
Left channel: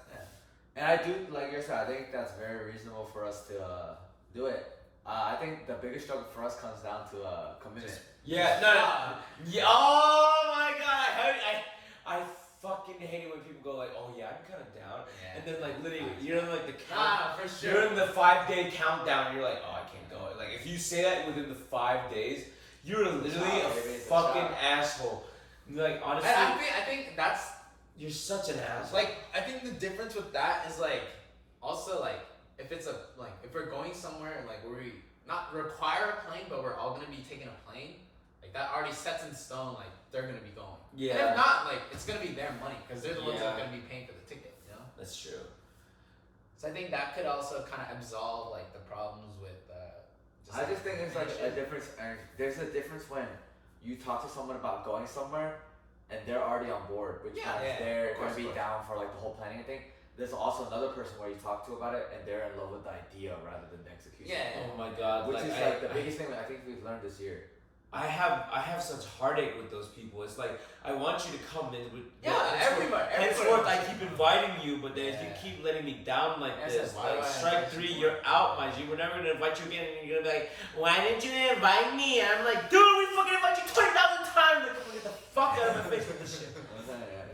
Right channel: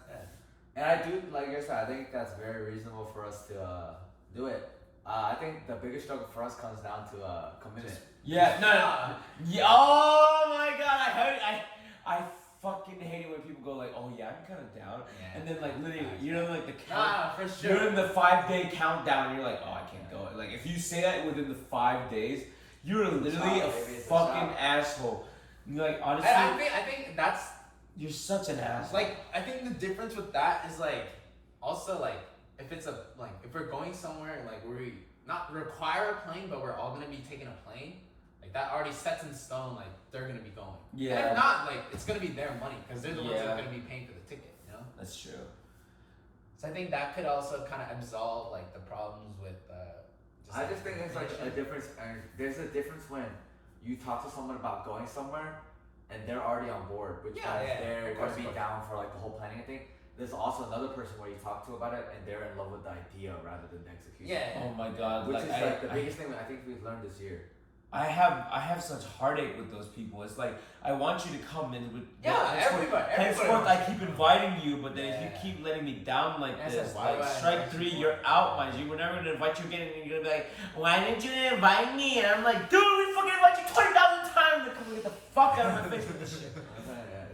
And I do, like you said, I think that's very reasonable for us to do it. I think the biggest struggle for us comes down to commitment. Yeah, no. Yeah, oh my god, I fucking hate it when people go like, oh yeah, I'm kind of down, and then like literally, you know, like the count. Nah, for sure. You're in the 5-day countdown, and you're like, oh, I can't go. Like if you say that within the 5 days, you're literally a It's a fucking shot. asshole. You're like honestly, And I think that's you're such an asshole. like I think the difference with that is like also like if it's if we're going somewhere like where we not require a plane but we're all gonna be taking a plane, like that already sets in stone like they're gonna be going. And Yeah. if not, like it's gonna be their money because they're the ones that Yeah. are gonna be paying for the ticket, you know. That's true. So I think that could also kind of absolve like the problems with. I just think it's like a difference, and there's a difference when you talk to someone about going somewhere, and they're already on board, which Yeah, means yeah, they're of going course, to be of course. down for like the whole planning thing. There's also another person where you talk to about it, and they're in love with the idea rather than the execution. Yeah. Oh my god. Which is I- like the I- biggest thing I think we've learned this year. I have such heartache with those people. It's like I want you to come in with Yeah, everybody. Henceforth, I wants keep to. inviting you, but then if Yeah. you keep letting me down like Yeah, I this, said, why like do I strike invite 3, you you're more? out, man. We're never gonna invite you again, and you're gonna be like, why didn't you invite me? And I'm like, dude, we fucking invite you 20,000 times. Like, get the fuck out of my face with this shit.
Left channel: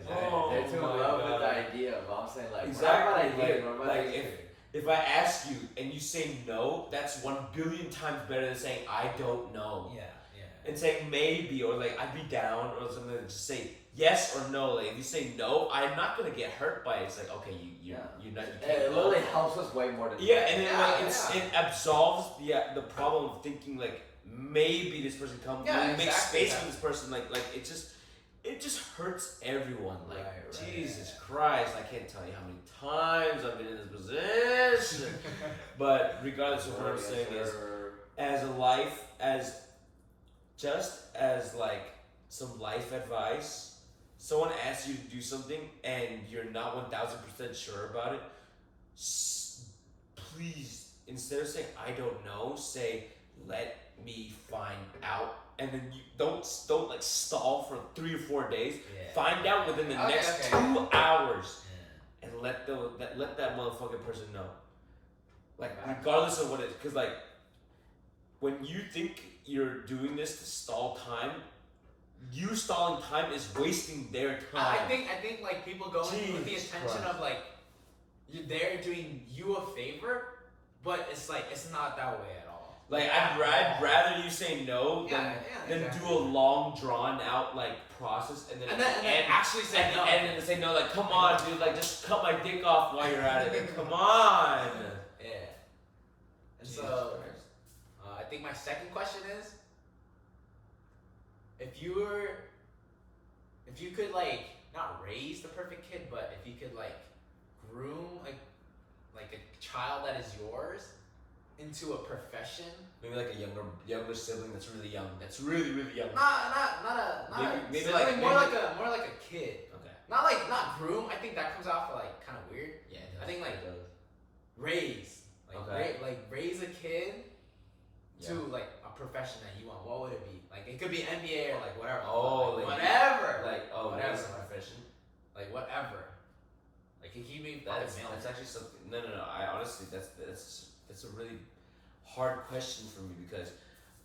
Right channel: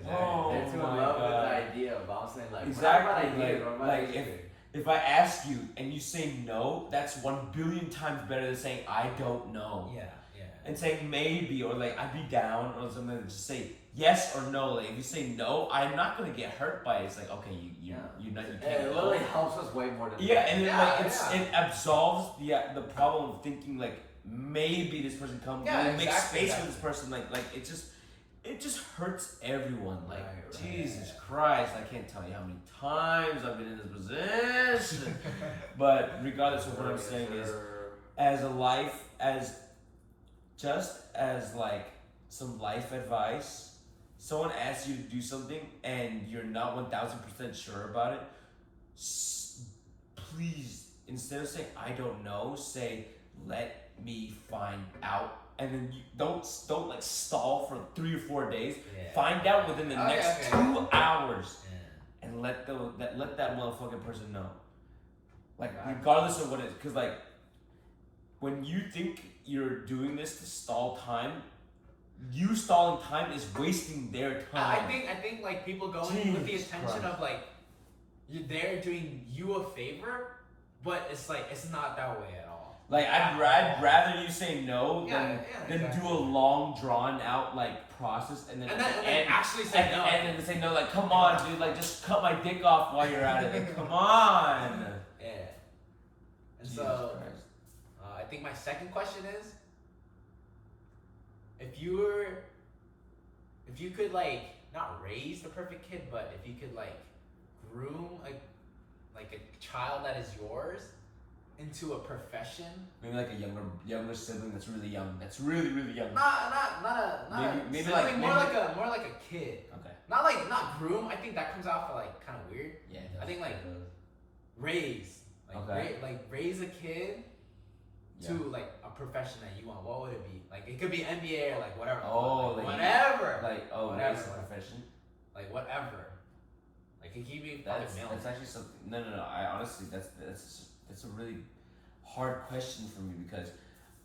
Oh They're too in my love with the God. idea, but I'm saying like Exactly, we're not about ideas, like- we're about like executing. If I ask you and you say no, that's 1 billion times better than saying I don't know. Yeah. And saying maybe or like I'd be down or something. Just say yes or no. Like if you say no, I'm not gonna get hurt by it. It's like okay, you're not you And can't it go. literally helps us way more than Yeah, and then Yeah, like it absolves the problem of thinking like maybe this person comes. Yeah, We'll make exactly, space for this person. Like it just it just hurts everyone. Like, Right, Jesus Christ, I can't tell you how many times I've been in this position. But regardless of what I'm saying is, as a life, just as like some life advice, someone asks you to do something and you're not 1000% sure about it, please, instead of saying I don't know, say let me find out, and then you don't like stall for 3 or 4 days. Yeah. Find out within the next 2 hours, Yeah. and let that motherfucking person know. Like, Right. regardless of what it is, because like when you think you're doing this to stall time, you stalling time is wasting their time. I think like people go in with the Jesus intention Christ. of like they're doing you a favor, but it's like it's not that way at all. Like, I'd rather you say no Yeah, than exactly. do a long drawn out like process and then actually say no. and then say no, like, come on, dude, like just cut my dick off while you're at it. Like, come on. Yeah. And Jesus so Christ. I think my second question is, if you could like not raise the perfect kid, but if you could like groom like a child that is yours into a profession. Maybe like a younger sibling that's really young. That's really young. Not Maybe sibling, like- more maybe- like a kid. Okay. Not groom. I think that comes out for like kind of weird. Yeah. I think like raise Okay. raise a kid Yeah. to like a profession that you want. What would it be? Like it could be NBA or like whatever. Oh, like, like- whatever. Like, oh, Whatever. raise a profession. Like whatever. Like it could be fucking That's male. actually something. No. I honestly, that's a really hard question for me, because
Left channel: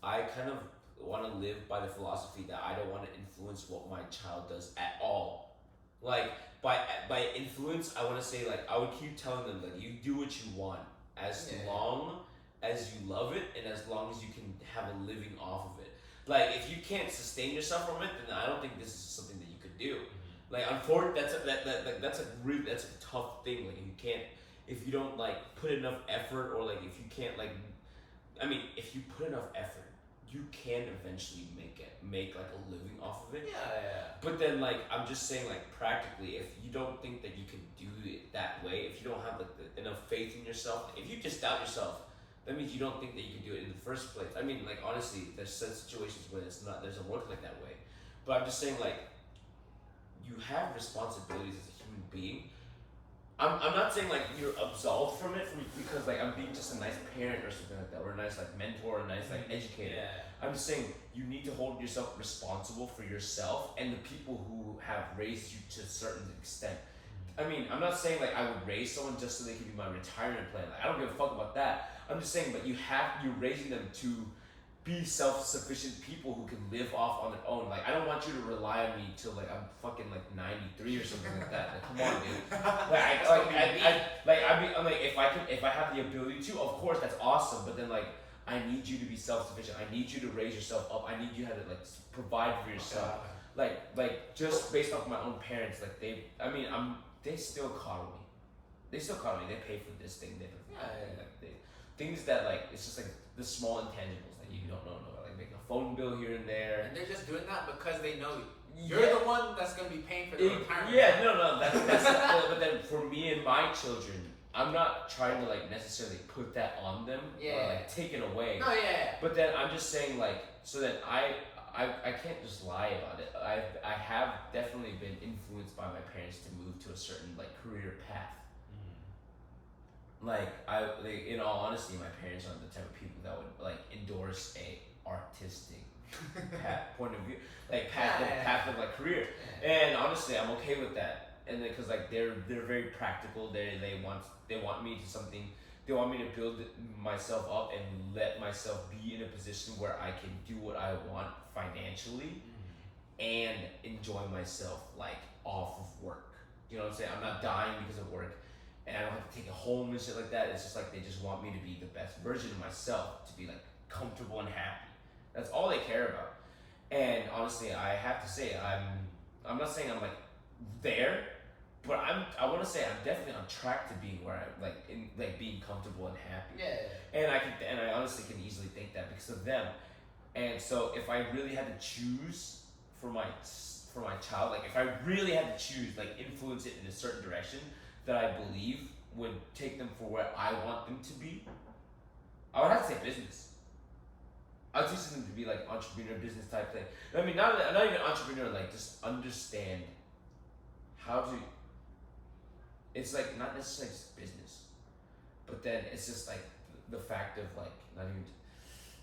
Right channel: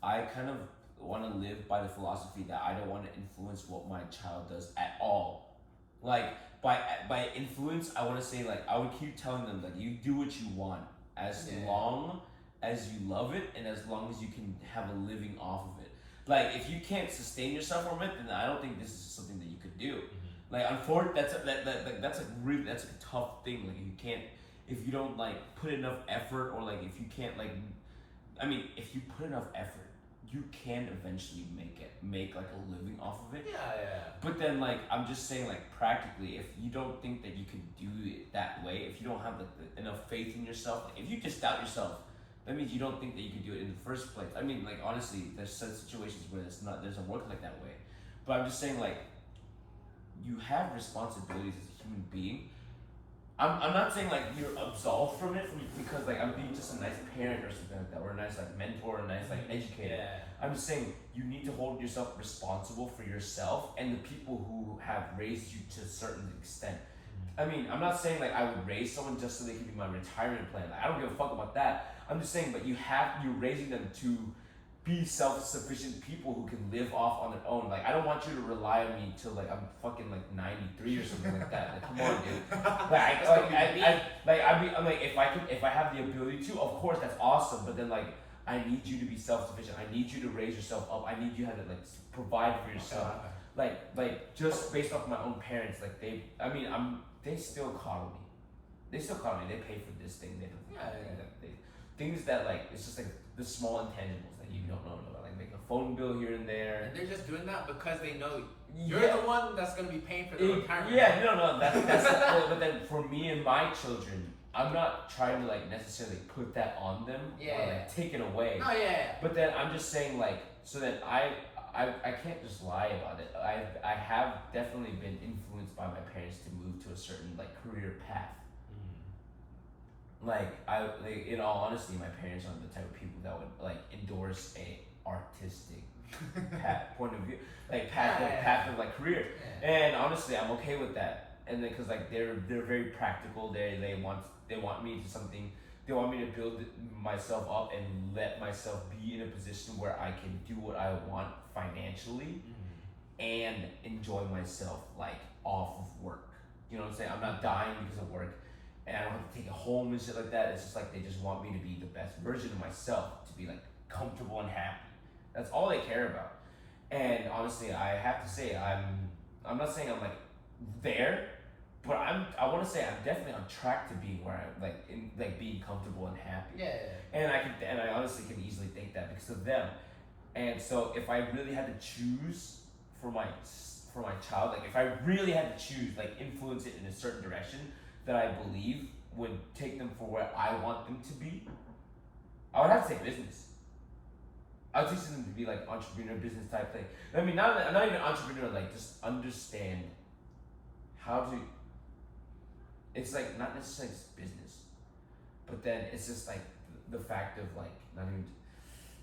I kind of want to live by the philosophy that I don't want to influence what my child does at all. Like, by influence, I want to say, like, I would keep telling them, like, you do what you want as Yeah. long as you love it and as long as you can have a living off of it. Like, if you can't sustain yourself from it, then I don't think this is something that you could do. Like, unfortunately, that's a tough thing. Like, if you don't like put enough effort, or like if you can't like, I mean, if you put enough effort, you can eventually make like a living off of it. Yeah. But then, like, I'm just saying, like, practically, if you don't think that you can do it that way, if you don't have like enough faith in yourself, like, if you just doubt yourself, that means you don't think that you can do it in the first place. I mean, like, honestly, there's some situations where doesn't work like that way. But I'm just saying, like, you have responsibilities as a human being. I'm not saying like you're absolved from it because like I'm being just a nice parent or something like that, or a nice like mentor, or a nice like educator. Yeah. I'm just saying you need to hold yourself responsible for yourself and the people who have raised you to a certain extent. I mean, I'm not saying like I would raise someone just so they could be my retirement plan. Like, I don't give a fuck about that. I'm just saying, but you're raising them to be self-sufficient people who can live off on their own. Like, I don't want you to rely on me till like I'm fucking like 93 or something like that. Like, come on, dude. I'm like, if I have the ability to, of course that's awesome. But then like, I need you to be self-sufficient. I need you to raise yourself up. I need you to like provide for yourself. Like just based off my own parents, like they still coddle me. They still coddle me. They pay for this thing. They pay for that thing. Like, things that like it's just like the small intangibles that you don't know about, like making a phone bill here and there. And they're just doing that because they know you're the one that's gonna be paying for the retirement. Yeah, no, that's but then for me and my children, I'm not trying to like necessarily put that on them or like take it away. No, yeah. But then I'm just saying, like, so that I can't just lie about it. I have definitely been influenced by my parents to move to a certain like career path. Like in all honesty, my parents are the type of people that would like endorse a artistic point of view, like path of like career. And honestly, I'm okay with that. And because like they're very practical. They want me to something. They want me to build myself up and let myself be in a position where I can do what I want financially and enjoy myself like off of work. You know what I'm saying? I'm not dying because of work, and I don't have to take it home and shit like that. It's just like they just want me to be the best version of myself, to be like comfortable and happy. That's all they care about. And honestly, I have to say, I'm not saying I'm like there, but I want to say I'm definitely on track to being where I'm like being comfortable and happy. Yeah. And I honestly can easily think that because of them. And so if I really had to choose for for my child, like if I really had to choose, like influence it in a certain direction that I believe would take them for where I want them to be, I would have to say business. I would teach them to be like entrepreneur, business type thing. I mean, not even entrepreneur, like just understand how to. It's like not necessarily just business, but then it's just like the fact of like not even.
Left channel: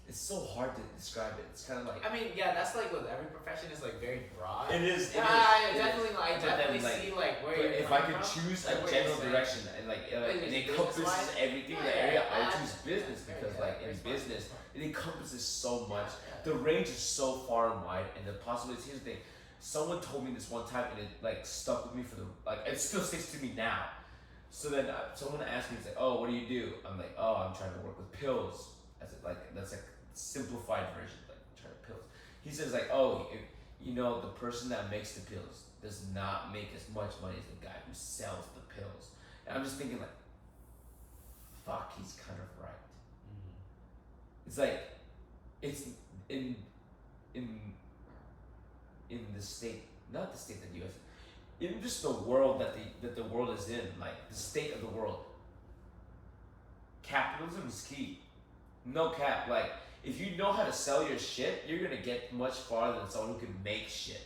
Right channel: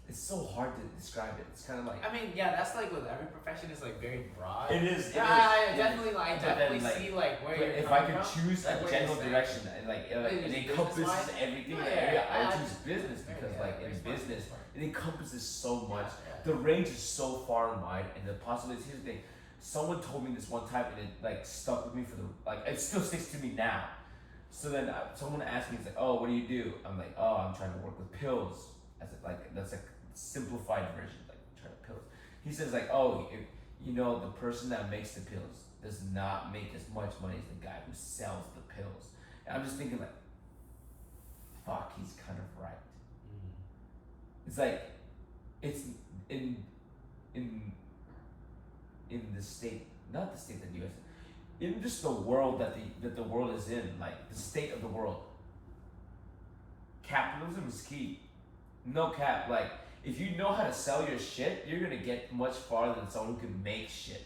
It's so hard to describe it. It's kind of like. I mean, yeah, that's like with every profession is like very broad. It is. Yeah, I definitely But see like where But you're if I coming could from, choose like a what general you're saying. direction, and like it encompasses business-wise? everything in Yeah, the area, I would yeah, choose business yeah, because yeah, like in very smart, business, smart. it encompasses so much. Yeah. The range is so far and wide, and the possibilities. Here's the thing: someone told me this one time, and it like stuck with me for the like. It still sticks to me now. So then someone asked me, "It's like, oh, what do you do?" I'm like, "Oh, I'm trying to work with pills." As it, like that's a simplified version, like trying to pills. He says like, "Oh, you know, the person that makes the pills does not make as much money as the guy who sells the pills." And I'm just thinking like, "Fuck, he's kind of right." It's like, it's in the state, not the state that you guys, in just the world that the world is in, like the state of the world. Capitalism is key. No cap. Like if you know how to sell your shit, you're gonna get much farther than someone who can make shit.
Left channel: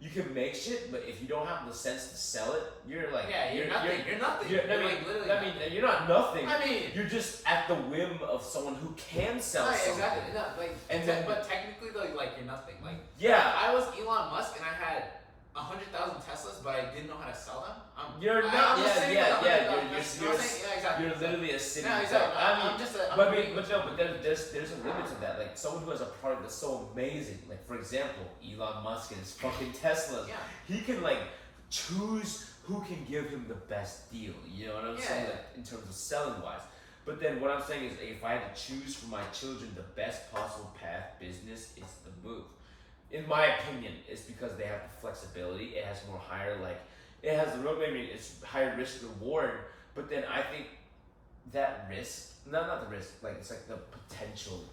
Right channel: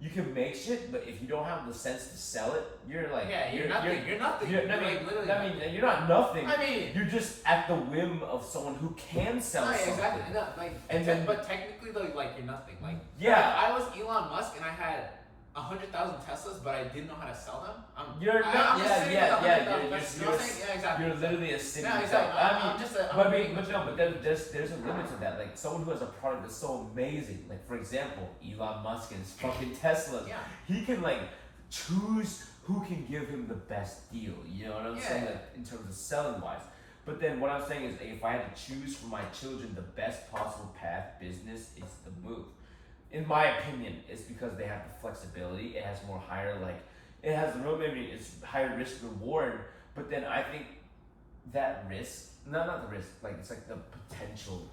You can make shit, but if you don't have the sense to sell it, you're like You're nothing. You're nothing. You're, You're like literally. I mean, you're not nothing. I mean. You're just at the whim of someone who can sell No, something. exactly. No, like, And then- but technically, though, like you're nothing. Like, Yeah. if I was Elon Musk and I had 100,000 Teslas, but I didn't know how to sell them. You're not. I'm just Yeah, saying yeah, with yeah. 100,000 You're, Teslas, you know what I'm saying? Yeah, exactly. you're literally a city. No, exactly. I mean, I'm just a. but agreeing with you. there's a limit to that. Like someone who has a product that's so amazing, like for example, Elon Musk and his fucking Teslas. Yeah. He can like choose who can give him the best deal. You know what I'm saying? Yeah. Like in terms of selling wise. But then what I'm saying is, if I had to choose for my children the best possible path, business is the move. In my opinion, it's because they have the flexibility. It has more higher it has the road. Maybe it's higher risk reward. But then I think that risk, not the risk, like it's like the potential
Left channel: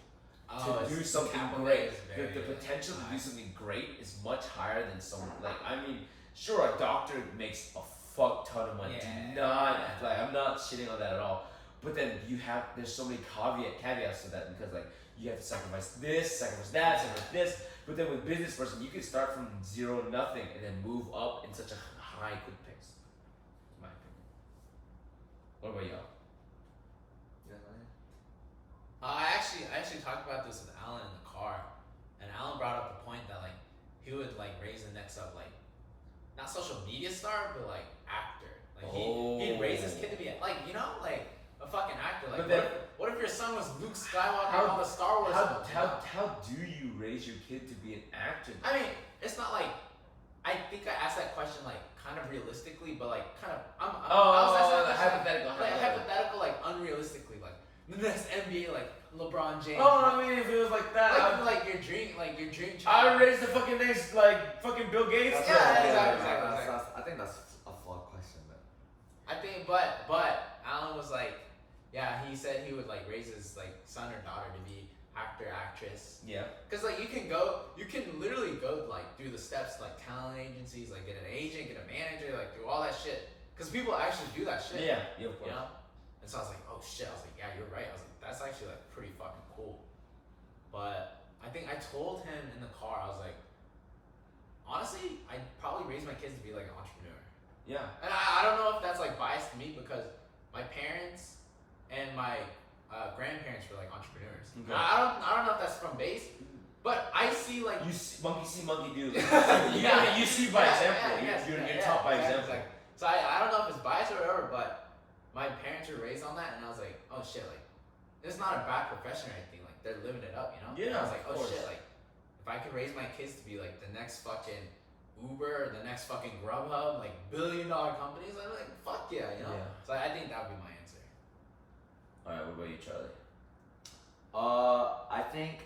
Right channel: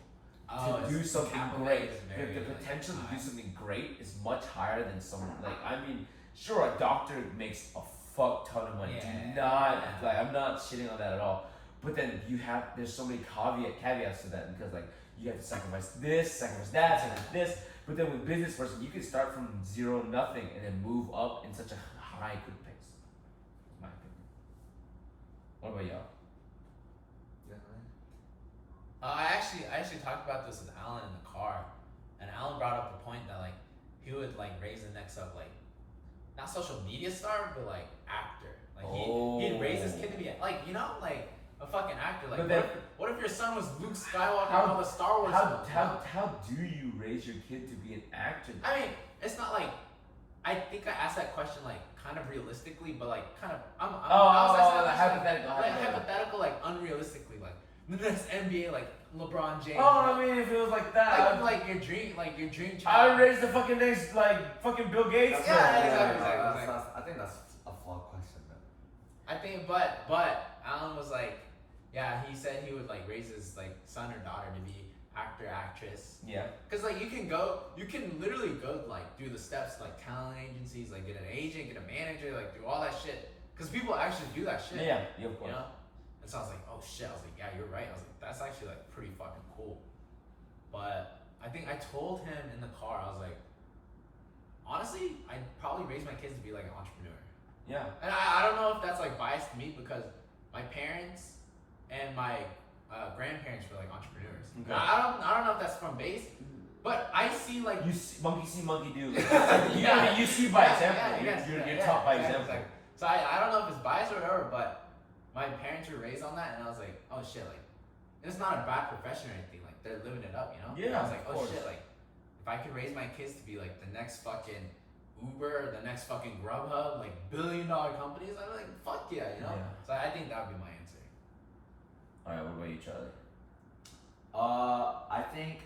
to do something great. The potential to do something great is much higher than someone I mean, sure, a doctor makes a fuck ton of money. Yeah. Do not I'm not shitting on that at all. But then there's so many caveats to that because you have to sacrifice this, sacrifice that, sacrifice this. But then with business person, you can start from zero, nothing, and then move up in such a high, quick pace. That's my opinion. What about y'all? I actually talked about this with Alan in the car, and Alan brought up the point that he would raise the next up not social media star, but actor. He'd raise his kid to be a fucking actor. But then- What if your son was Luke Skywalker and all the Star Wars films? How do you raise your kid to be an actor? I mean, it's not I think I asked that question kind of realistically, but kind of I was asking that question, hypothetical, unrealistically, the next NBA LeBron James. Oh, I mean, if it was like that, your dream child. I would raise the fucking next fucking Bill Gates. Exactly. I think that's a flawed question, man. I think, but Alan was yeah, he said he would raise his son or daughter to be actor, actress. Yeah. Cause you can literally go do the steps talent agencies, get an agent, get a manager, do all that shit. Cause people actually do that shit. Yeah, of course. You know? And so I was oh shit. I was yeah, you're right. I was that's actually pretty fucking cool. But I think I told him in the car, I was honestly, I'd probably raise my kids to be an entrepreneur. Yeah. And I don't know if that's biased to me because my parents and my grandparents were entrepreneurs. Okay. Now, I don't know if that's from base, but I see You see monkey do. Yeah. You see by Yeah, example. yeah, yes, You're yeah, taught by exactly, example. exactly. So I don't know if it's biased or whatever, but my parents were raised on that, and I was oh shit, it's not a bad profession or anything. They're living it up, you know. Yeah, I was of oh course. shit, if I could raise my kids to be the next fucking Uber, or the next fucking Grubhub, $1 billion companies, I'd be fuck yeah, you know. Yeah. So I think that would be my answer. Alright, what about you, Charlie? I think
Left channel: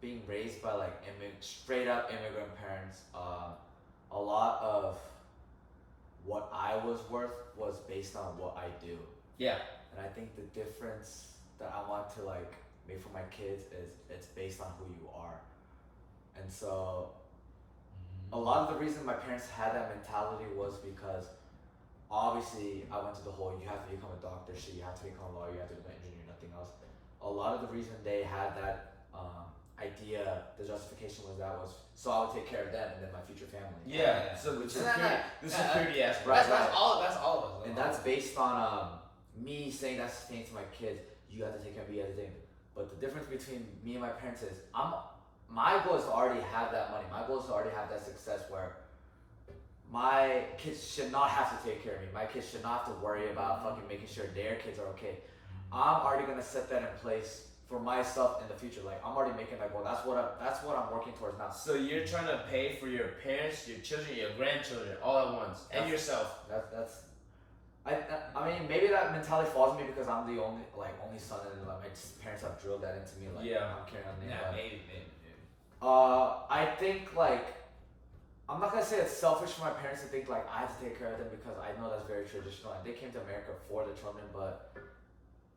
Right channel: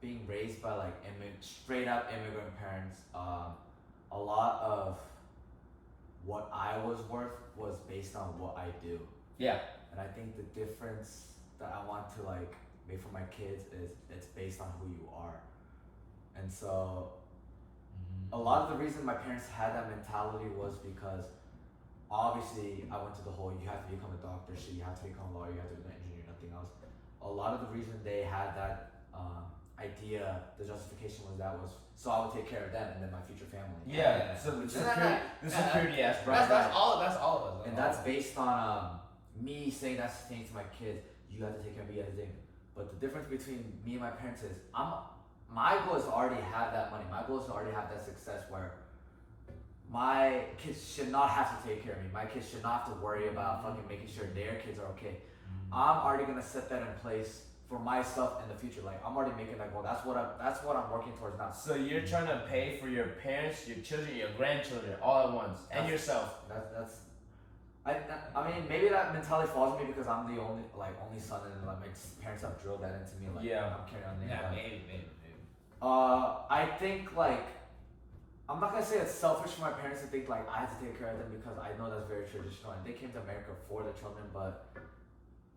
being raised by straight up immigrant parents, a lot of what I was worth was based on what I do. Yeah. And I think the difference that I want to make for my kids is it's based on who you are. And so a lot of the reason my parents had that mentality was because obviously I went to the whole you have to become a doctor shit, you have to become a lawyer, you have to become an engineer, nothing else. A lot of the reason they had that idea, the justification was so I would take care of them and then my future family. Yeah. So the security aspect. That's all of us. And that's based on me saying that's the thing to my kids. You have to take care of me, you have to take care of me. But the difference between me and my parents is my goal is to already have that money. My goal is to already have that success where my kids should not have to take care of me. My kids should not have to worry about fucking making sure their kids are okay. I'm already gonna set that in place for myself in the future. Like I'm already making that goal. That's what I'm working towards now. So you're trying to pay for your parents, your children, your grandchildren, all at once, and yourself. I mean, maybe that mentality falls on me because I'm the only son, and like my parents have drilled that into me. Like, Yeah. I'm carrying on. Yeah, maybe. I think like I'm not gonna say it's selfish for my parents to think like I have to take care of them because I know that's very traditional and they came to America for the children, but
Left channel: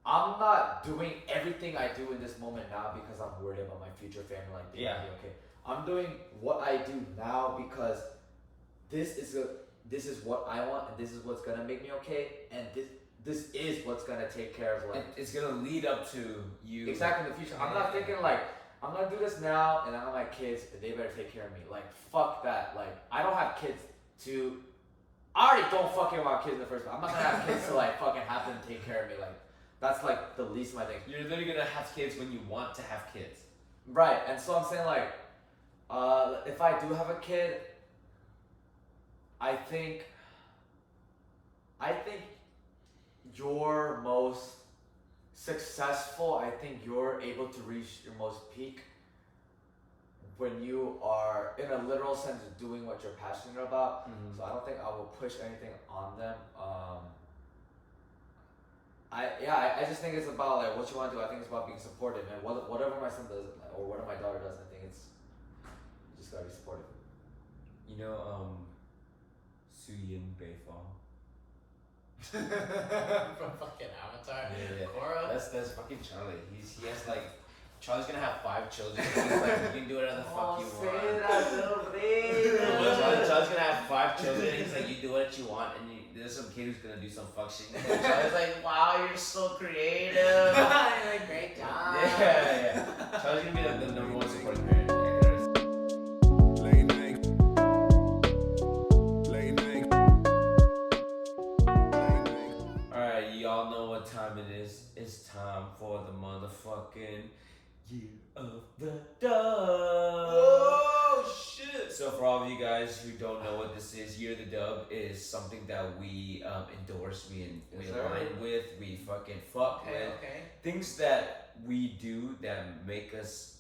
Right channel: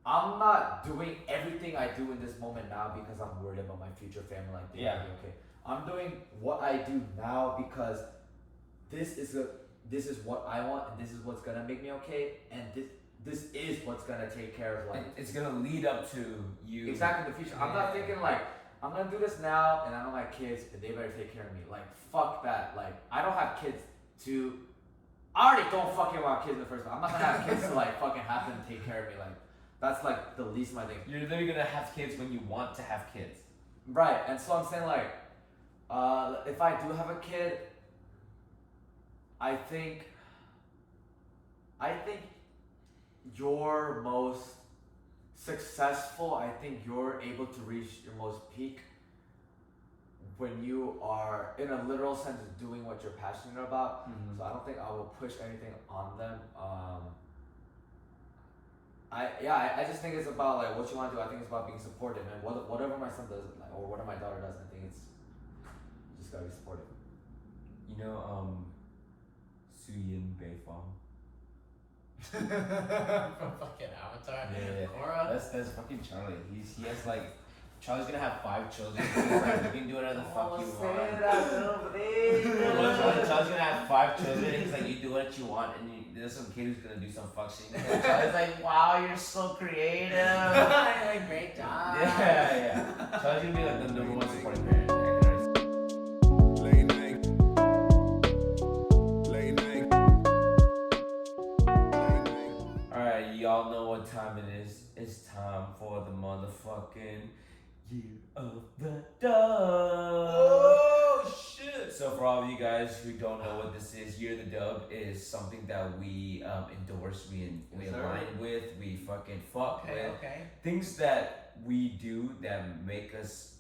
I'm not doing everything I do in this moment now because I'm worried about my future family. Like, Yeah. Okay. I'm doing what I do now because this is what I want and this is what's gonna make me okay and this is what's gonna take care of like It's gonna lead up to you. exactly in the future. I'm not thinking like I'm gonna do this now and I know my kids and they better take care of me. Like fuck that. Like I don't have kids to I already don't fucking want kids in the first place. I'm not gonna have kids to like fucking have them take care of me. Like that's like the least of my things. You're literally gonna have kids when you want to have kids. Right, and so I'm saying like if I do have a kid, I think you're most successful. I think you're able to reach your most peak when you are in a literal sense doing what you're passionate about. Mm-hmm. So I don't think I will push anything on them. I just think it's about like what you want to do. I think it's about being supportive, and whatever my son does or whatever my daughter does, I think it's you just gotta be supportive. You know, Suyin Beifong. From fucking Avatar. Yeah. Korra. That's fucking Charlie. He has like Charlie's gonna have 5 children. He's like, you can do whatever the fuck you want. Charlie's gonna have 5 children. He's like, you do what you want, and there's some kid who's gonna do some fuck shit. And Charlie's like, wow, you're so creative. Great job. Yeah. Charlie's gonna be the number 1 supporting parent. Late night. Late night. Alright, y'all know what time it is. It's time for the motherfucking Year of the Dub. Oh shit. So for all of you guys who don't know what this is, Year of the Dub is something that we endorse, we align with, we fucking fuck with. Okay. Things that we do that make us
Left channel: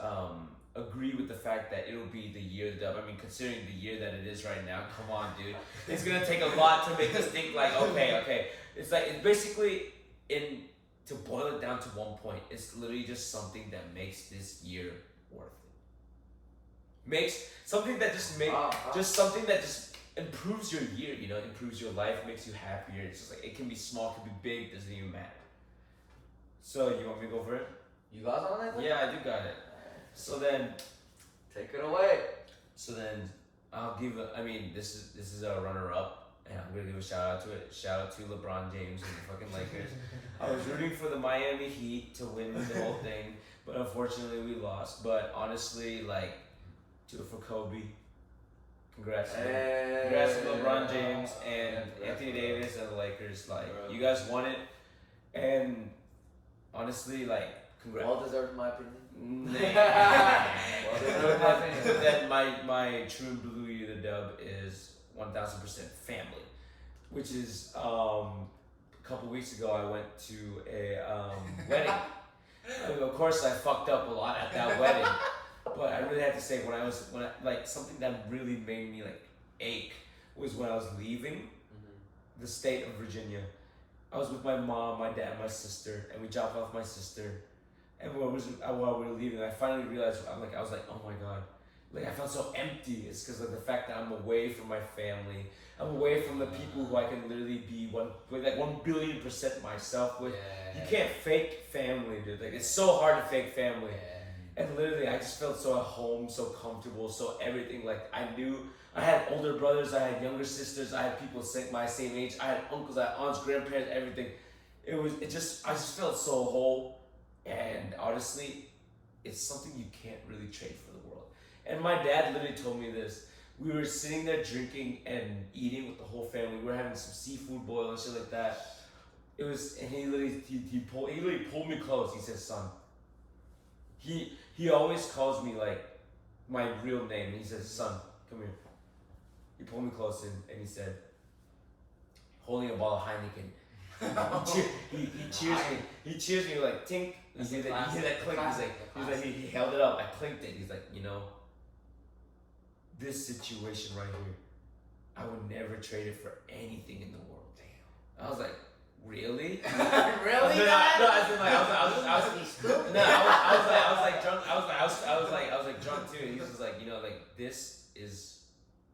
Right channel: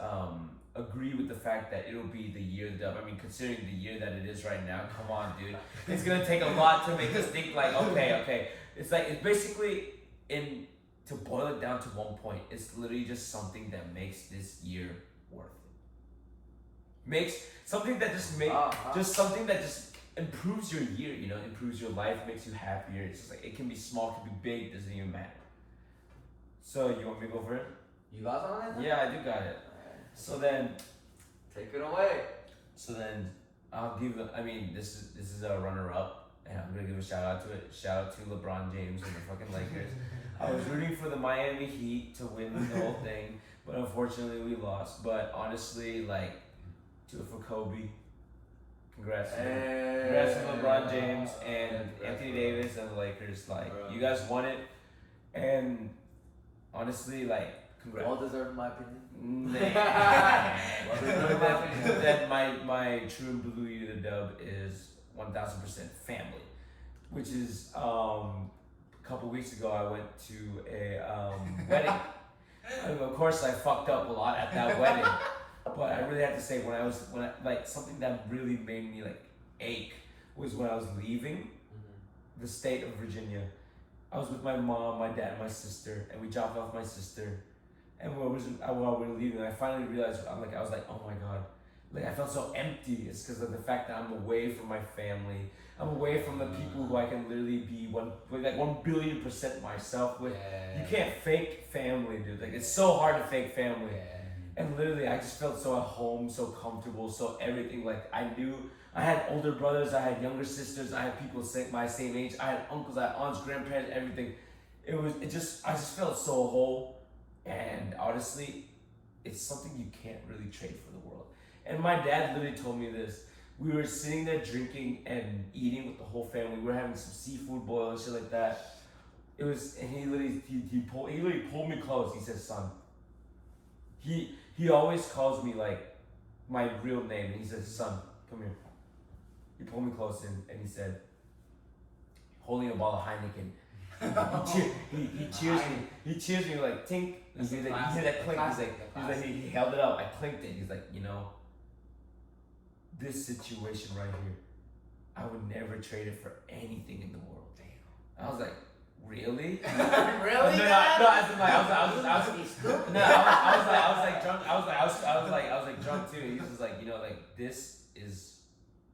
agree with the fact that it'll be the year of the dub. I mean, considering the year that it is right now, come on, dude. It's gonna take a lot to make us think like, okay. It's like, it's basically, to boil it down to one point, it's literally just something that makes this year worth it. Makes something that just something that just improves your year, you know, improves your life, makes you happier. It's just like, it can be small, it can be big, doesn't even matter. So you want me to go for it? You got something like that? Yeah, I do got it. So then, Take it away. so then I'll give. This is a runner-up, and I'm gonna give a shout out to it. Shout out to LeBron James and the fucking Lakers. I was rooting for the Miami Heat to win the whole thing, but unfortunately we lost. But honestly, like, do it for Kobe. Congrats to LeBron James and Anthony Davis and the Lakers. Like, you guys won it, and honestly, like, congrats. Well deserved, in my opinion. That my true and blue year of the dub is 1000% family, which is a couple weeks ago I went to a wedding. Of course I fucked up a lot at that wedding, but I really have to say when I like something that really made me like ache was when I was leaving the state of Virginia. I was with my mom, my dad, and my sister, and we dropped off my sister. And while we were leaving, I finally realized, I was like, oh my God. Like, I felt so empty. It's because of the fact that I'm away from my family. I'm away from the people who I can literally be 1,000,000,000% myself with. Yeah. You can't fake family, dude. Like, it's so hard to fake family. And literally, I just felt so at home, so comfortable, so everything. Like I knew I had older brothers, I had younger sisters, I had people my same age, I had uncles, I had aunts, grandparents, everything. I just felt so whole. And honestly, it's something you can't really trade for the world. And my dad literally told me this. We were sitting there drinking and eating with the whole family. We were having some seafood boil and shit like that. And he literally pulled me close. He said, "Son." He always calls me like my real name. And he says, "Son, come here." He pulled me close and he said, holding a bottle of Heineken. he cheers me. He cheers me like tink. He hear that clink. He held it up. I clinked it. He's like, this situation right here, I would never trade it for anything in the world. Damn. I was like, really? Really? No, I was like drunk too. He was just like, this is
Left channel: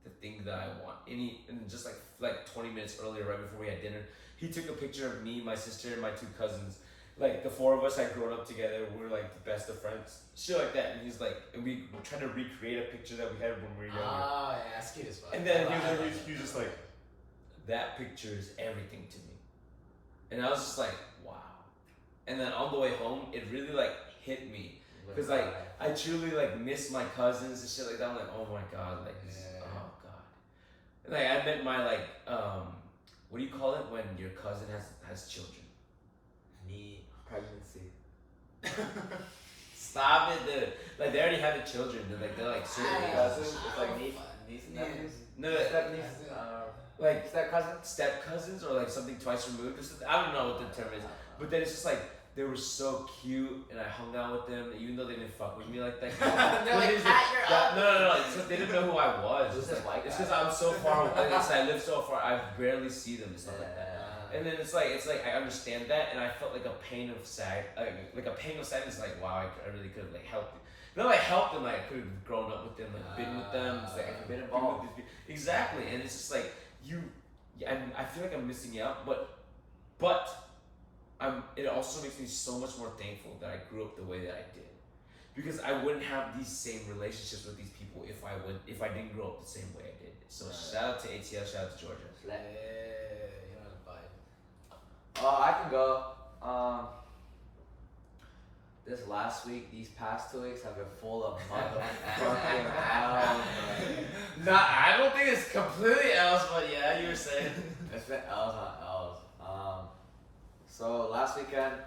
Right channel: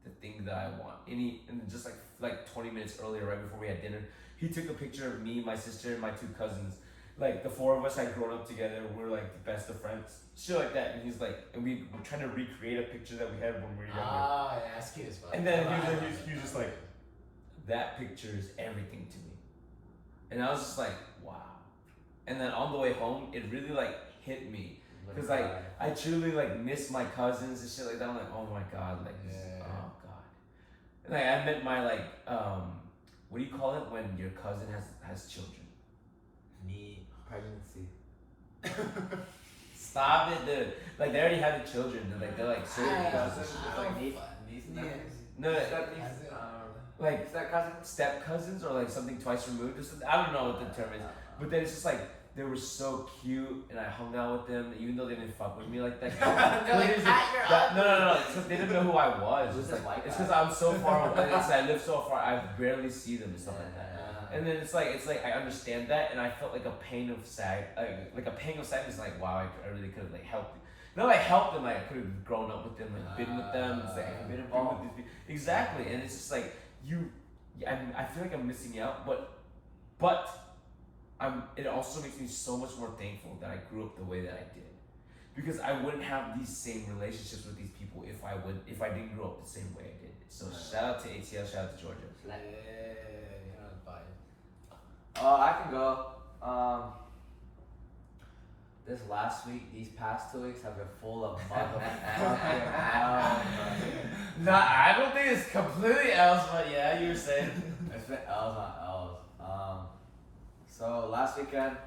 the thing that I want. And just like 20 minutes earlier, right before we had dinner, he took a picture of me, my sister, and my two cousins. Like the four of us had grown up together. We're like the best of friends, shit like that. And he's like, and we were trying to recreate a picture that we had when we were younger. Oh, yeah, that's cute as fuck. And then he was just like, that picture is everything to me. And I was just like, wow. And then on the way home, it really like hit me. Because like, I truly like miss my cousins and shit like that. I'm like, oh my God, like, oh God. And like, I met my like, what do you call it when your cousin has children? Pregnancy. Stop it, dude. Like, they already have the children. They're like certain Cousins, like niece, nephews. No, Step niece, like step cousin. step cousins or like something twice removed. I don't know what the term is, but then it's just like they were so cute, and I hung out with them, even though they didn't fuck with me like that. They're like, "Pat, you're up." No. It's because they didn't know who I was. It's It's because I'm so far away. I live so far. I barely see them and stuff like that. And then it's like I understand that, and I felt like a pain of like a pang of sadness. Like, wow, I really could have like helped. Like helped them. Like I could have grown up with them, like been with them. It's like I could have been involved with these people. Exactly, and it's just like I feel like I'm missing out, but it also makes me so much more thankful that I grew up the way that I did, because I wouldn't have these same relationships with these people if I didn't grow up the same way I did. So shout out to ATL, shout out to Georgia. I can go. This last week, these past 2 weeks have been full of motherfucking L's. No, I don't think it's completely else, but yeah, you were saying. It's been L's on L's. So last weekend,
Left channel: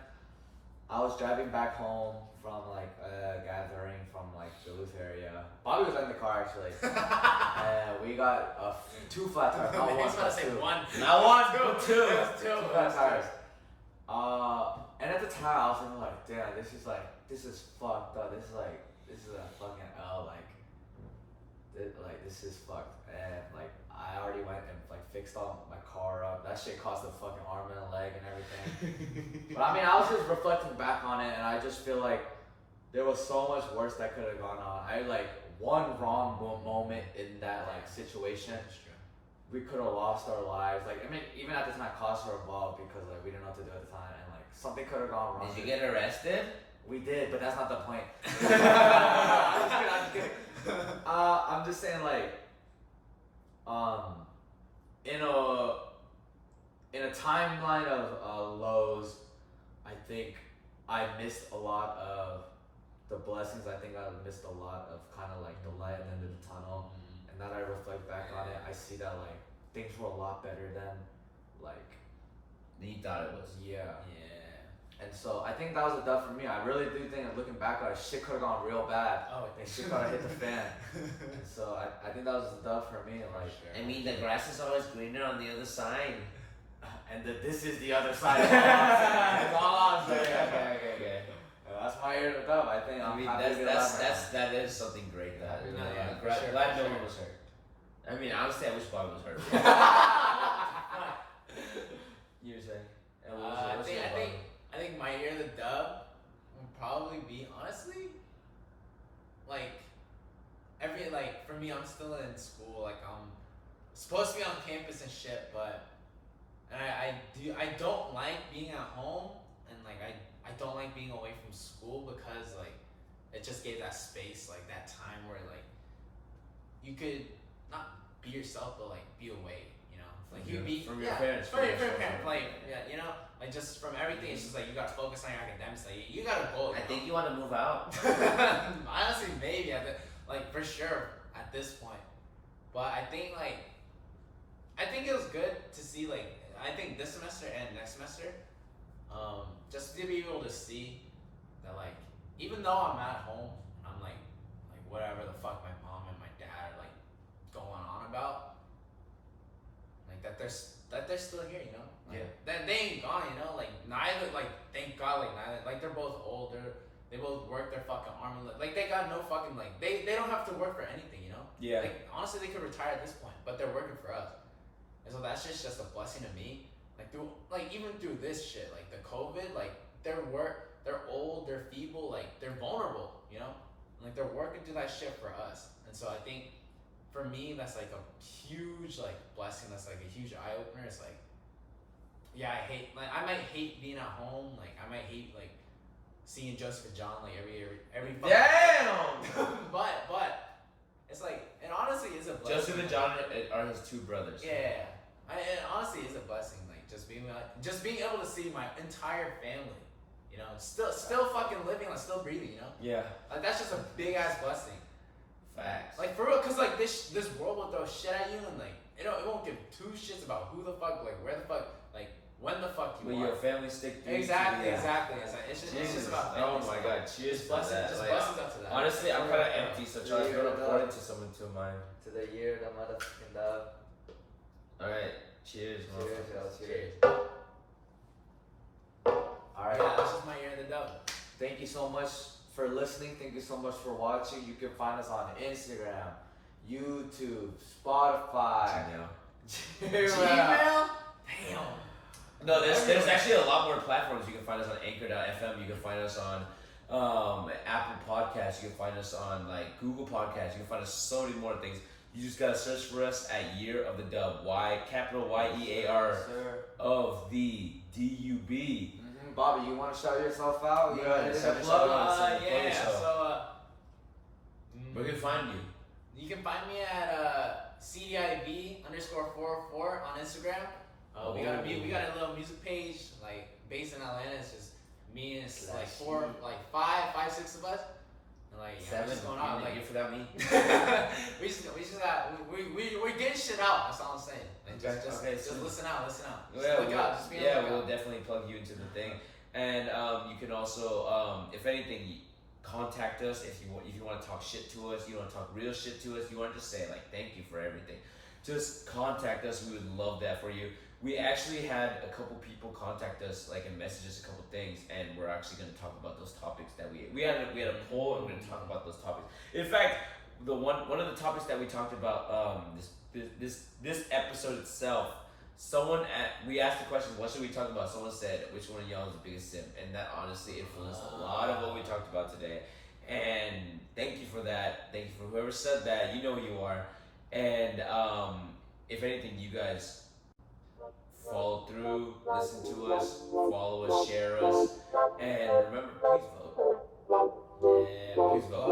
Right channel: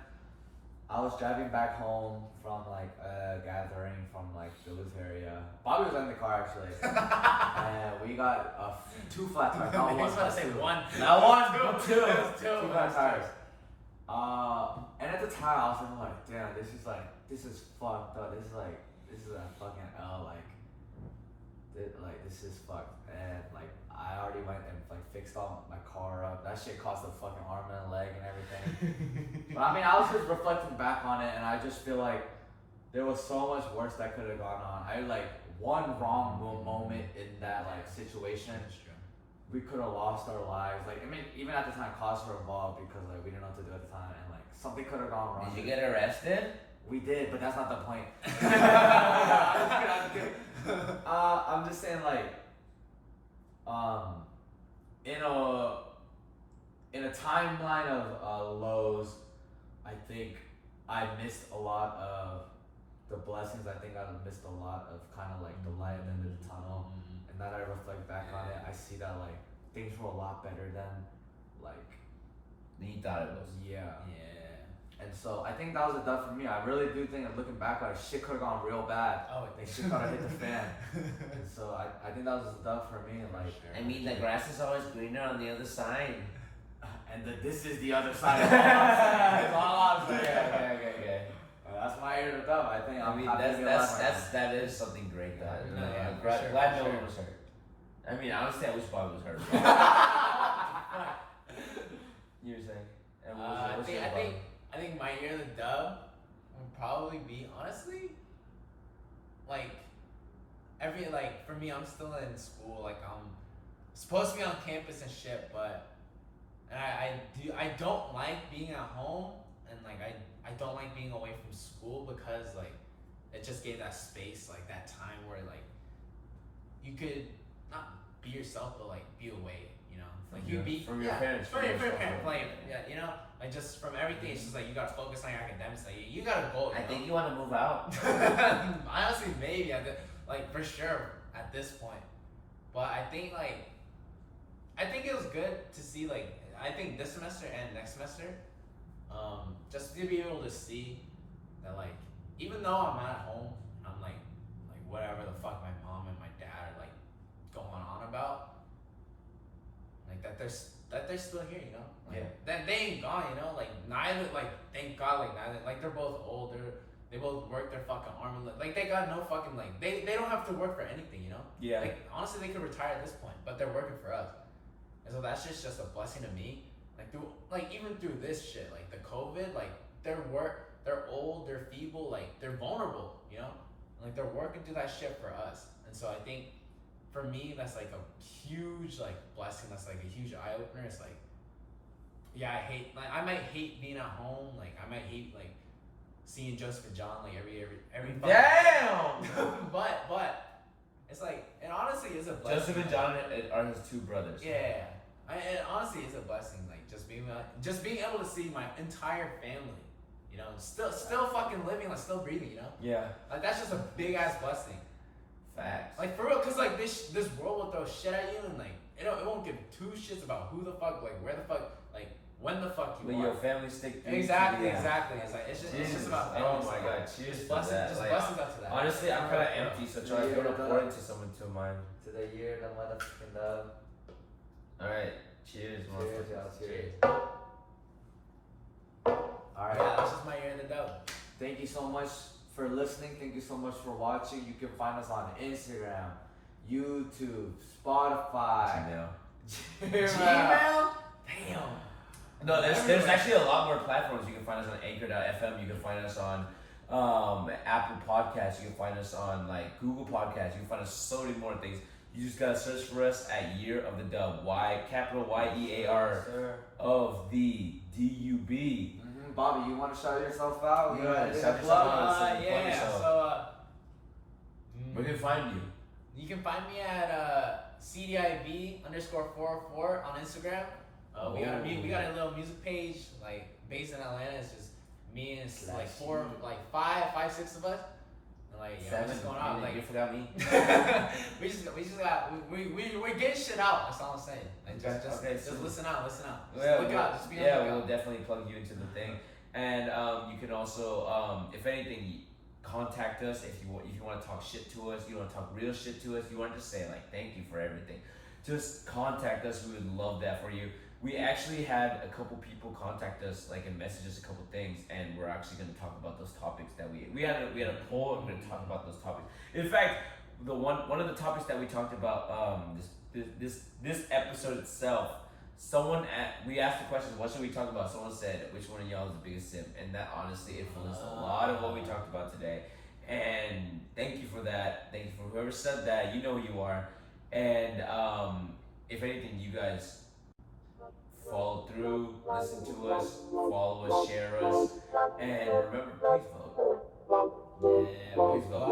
I was driving back home from like a gathering from like the Duluth area. Bobby was in the car actually, and we got 2 flat tires. Not one, He's about to say two. one. Not one, but two. Two flat tires. And at the time, I was thinking like, damn, this is fucked up. This is a fucking L. This is fucked. And like, I already went and like fixed all my car up. That shit cost a fucking arm and a leg and everything. But I mean, I was just reflecting back on it, and I just feel like there was so much worse that could have gone on. I like one wrong moment in that like situation. We could have lost our lives. Like, I mean, even at the time, costs were involved because like we didn't know what to do at the time, and like something could have gone wrong. Did you get arrested? We did, but that's not the point. I'm just saying, like, in a timeline of lows, I think I missed a lot of the blessings. I think I missed a lot of kind of like the light at the end of the tunnel. And now that I reflect back on it, I see that like things were a lot better than You thought it was. yeah. And so I think that was a dub for me. I really do think, looking back on it, shit could have gone real bad. Oh, Like shit could have hit the fan. And so I think that was a dub for me. Like, I mean, the grass is always greener on the other side. and this is the other side. That's all I'm saying. Okay. That's my ear to dub. I think. I mean, that is something great. That No, yeah, for glad sure, glad for no sure. one was hurt. I mean, honestly, I wish Bobby was hurt. You were saying? And what's your Bobby? I think my year of the dub would probably be, honestly, like for me, I'm still in school. Like, I'm supposed to be on campus and shit, but I don't like being at home, and like I don't like being away from school because like it just gave that space, like that time where like you could not be yourself, but like be away, you know, like you be from your parents, from your parents, like you know, like just from everything. It's just like you gotta focus on your academics, like you got a goal. I think you want to move out. Honestly, maybe like for sure at this point, but I think it was good to see, like, I think this semester and next semester, just to be able to see that, like, even though I'm at home, I'm like whatever the fuck my mom and my dad are like going on about, like that they're still here, you know, like, that they ain't gone, you know, like neither, like thank God, like neither, like they're both older, they both work their fucking arm and leg, like they got no fucking, like they don't have to work for anything, you know, Yeah. like honestly they could retire at this point, but they're working for us, and so that's just a blessing to me, like through, like even through this shit, like the COVID, like they're old, they're feeble, like they're vulnerable, you know, like they're working through that shit for us, and so I think for me that's like a huge like blessing, that's like a huge eye opener. It's like, yeah, I might hate being at home, like I might hate like seeing Joseph and John like every fucking Damn. but it's like, it honestly is a blessing. Joseph and John are his two brothers. Yeah, it honestly is a blessing, like just being able to see my entire family, you know, still fucking living, like still breathing, you know. Yeah. Like that's just a big ass blessing. Facts. Like for real, cause like this world will throw shit at you, and like it won't give two shits about who the fuck, like where the fuck, like when the fuck you But are. your family stick through. Exactly. It's like it's just about Oh family. my god, cheers Just to blessings, that. just Like, blessings up to that. honestly, I'm kind of empty, so Charles, you're gonna pour into someone to mine. To the year, the motherfucking dub. Alright, cheers, Cheers, motherfucker. yo, cheers. Alright, Alright. yeah, that's just my year in the dub. Thank you so much for listening. Thank you so much for watching. You can find us on Instagram, YouTube, Spotify, Gmail? Damn. No, there's actually a lot more platforms. You can find us on Anchor.fm. You can find us on Apple Podcasts. You can find us on like Google Podcasts. You can find us so many more things. You just gotta search for us at Year of the Dub. Capital Y-E-A-R Sir. of the D-U-B. Bobby, you want to shout yourself out? Go ahead, Yeah, shout yourself out. plug. Plug yourself. So Where can we find you? you can find me at CDIV_404 on Instagram. We got a little music page, like based in Atlanta. It's just me and it's like five, six of us. And like, yeah, we're just going out. Like, you forgot me. we just got we're getting shit out. That's all I'm saying. Like, just so listen out. Yeah, Look out. Just be on the yeah, lookout. we'll definitely plug you into the thing, and you can also, if anything, contact us if you want to talk shit to us. You want to talk real shit to us. You want to just say like thank you for everything. Just contact us. We would love that for you. We actually had a couple people contact us, like, and message us a couple things, and we're actually going to talk about those topics that we had a poll, and we're going to talk about those topics. In fact, the one of the topics that we talked about this episode itself, we asked the question, what should we talk about? Someone said, which one of y'all is the biggest simp? And that honestly influenced a lot of what we talked about today. And thank you for that. Thank you for whoever said that. You know who you are. And if anything, you guys follow through, listen to us, follow us, share us, and remember, please vote. Yeah, Please vote.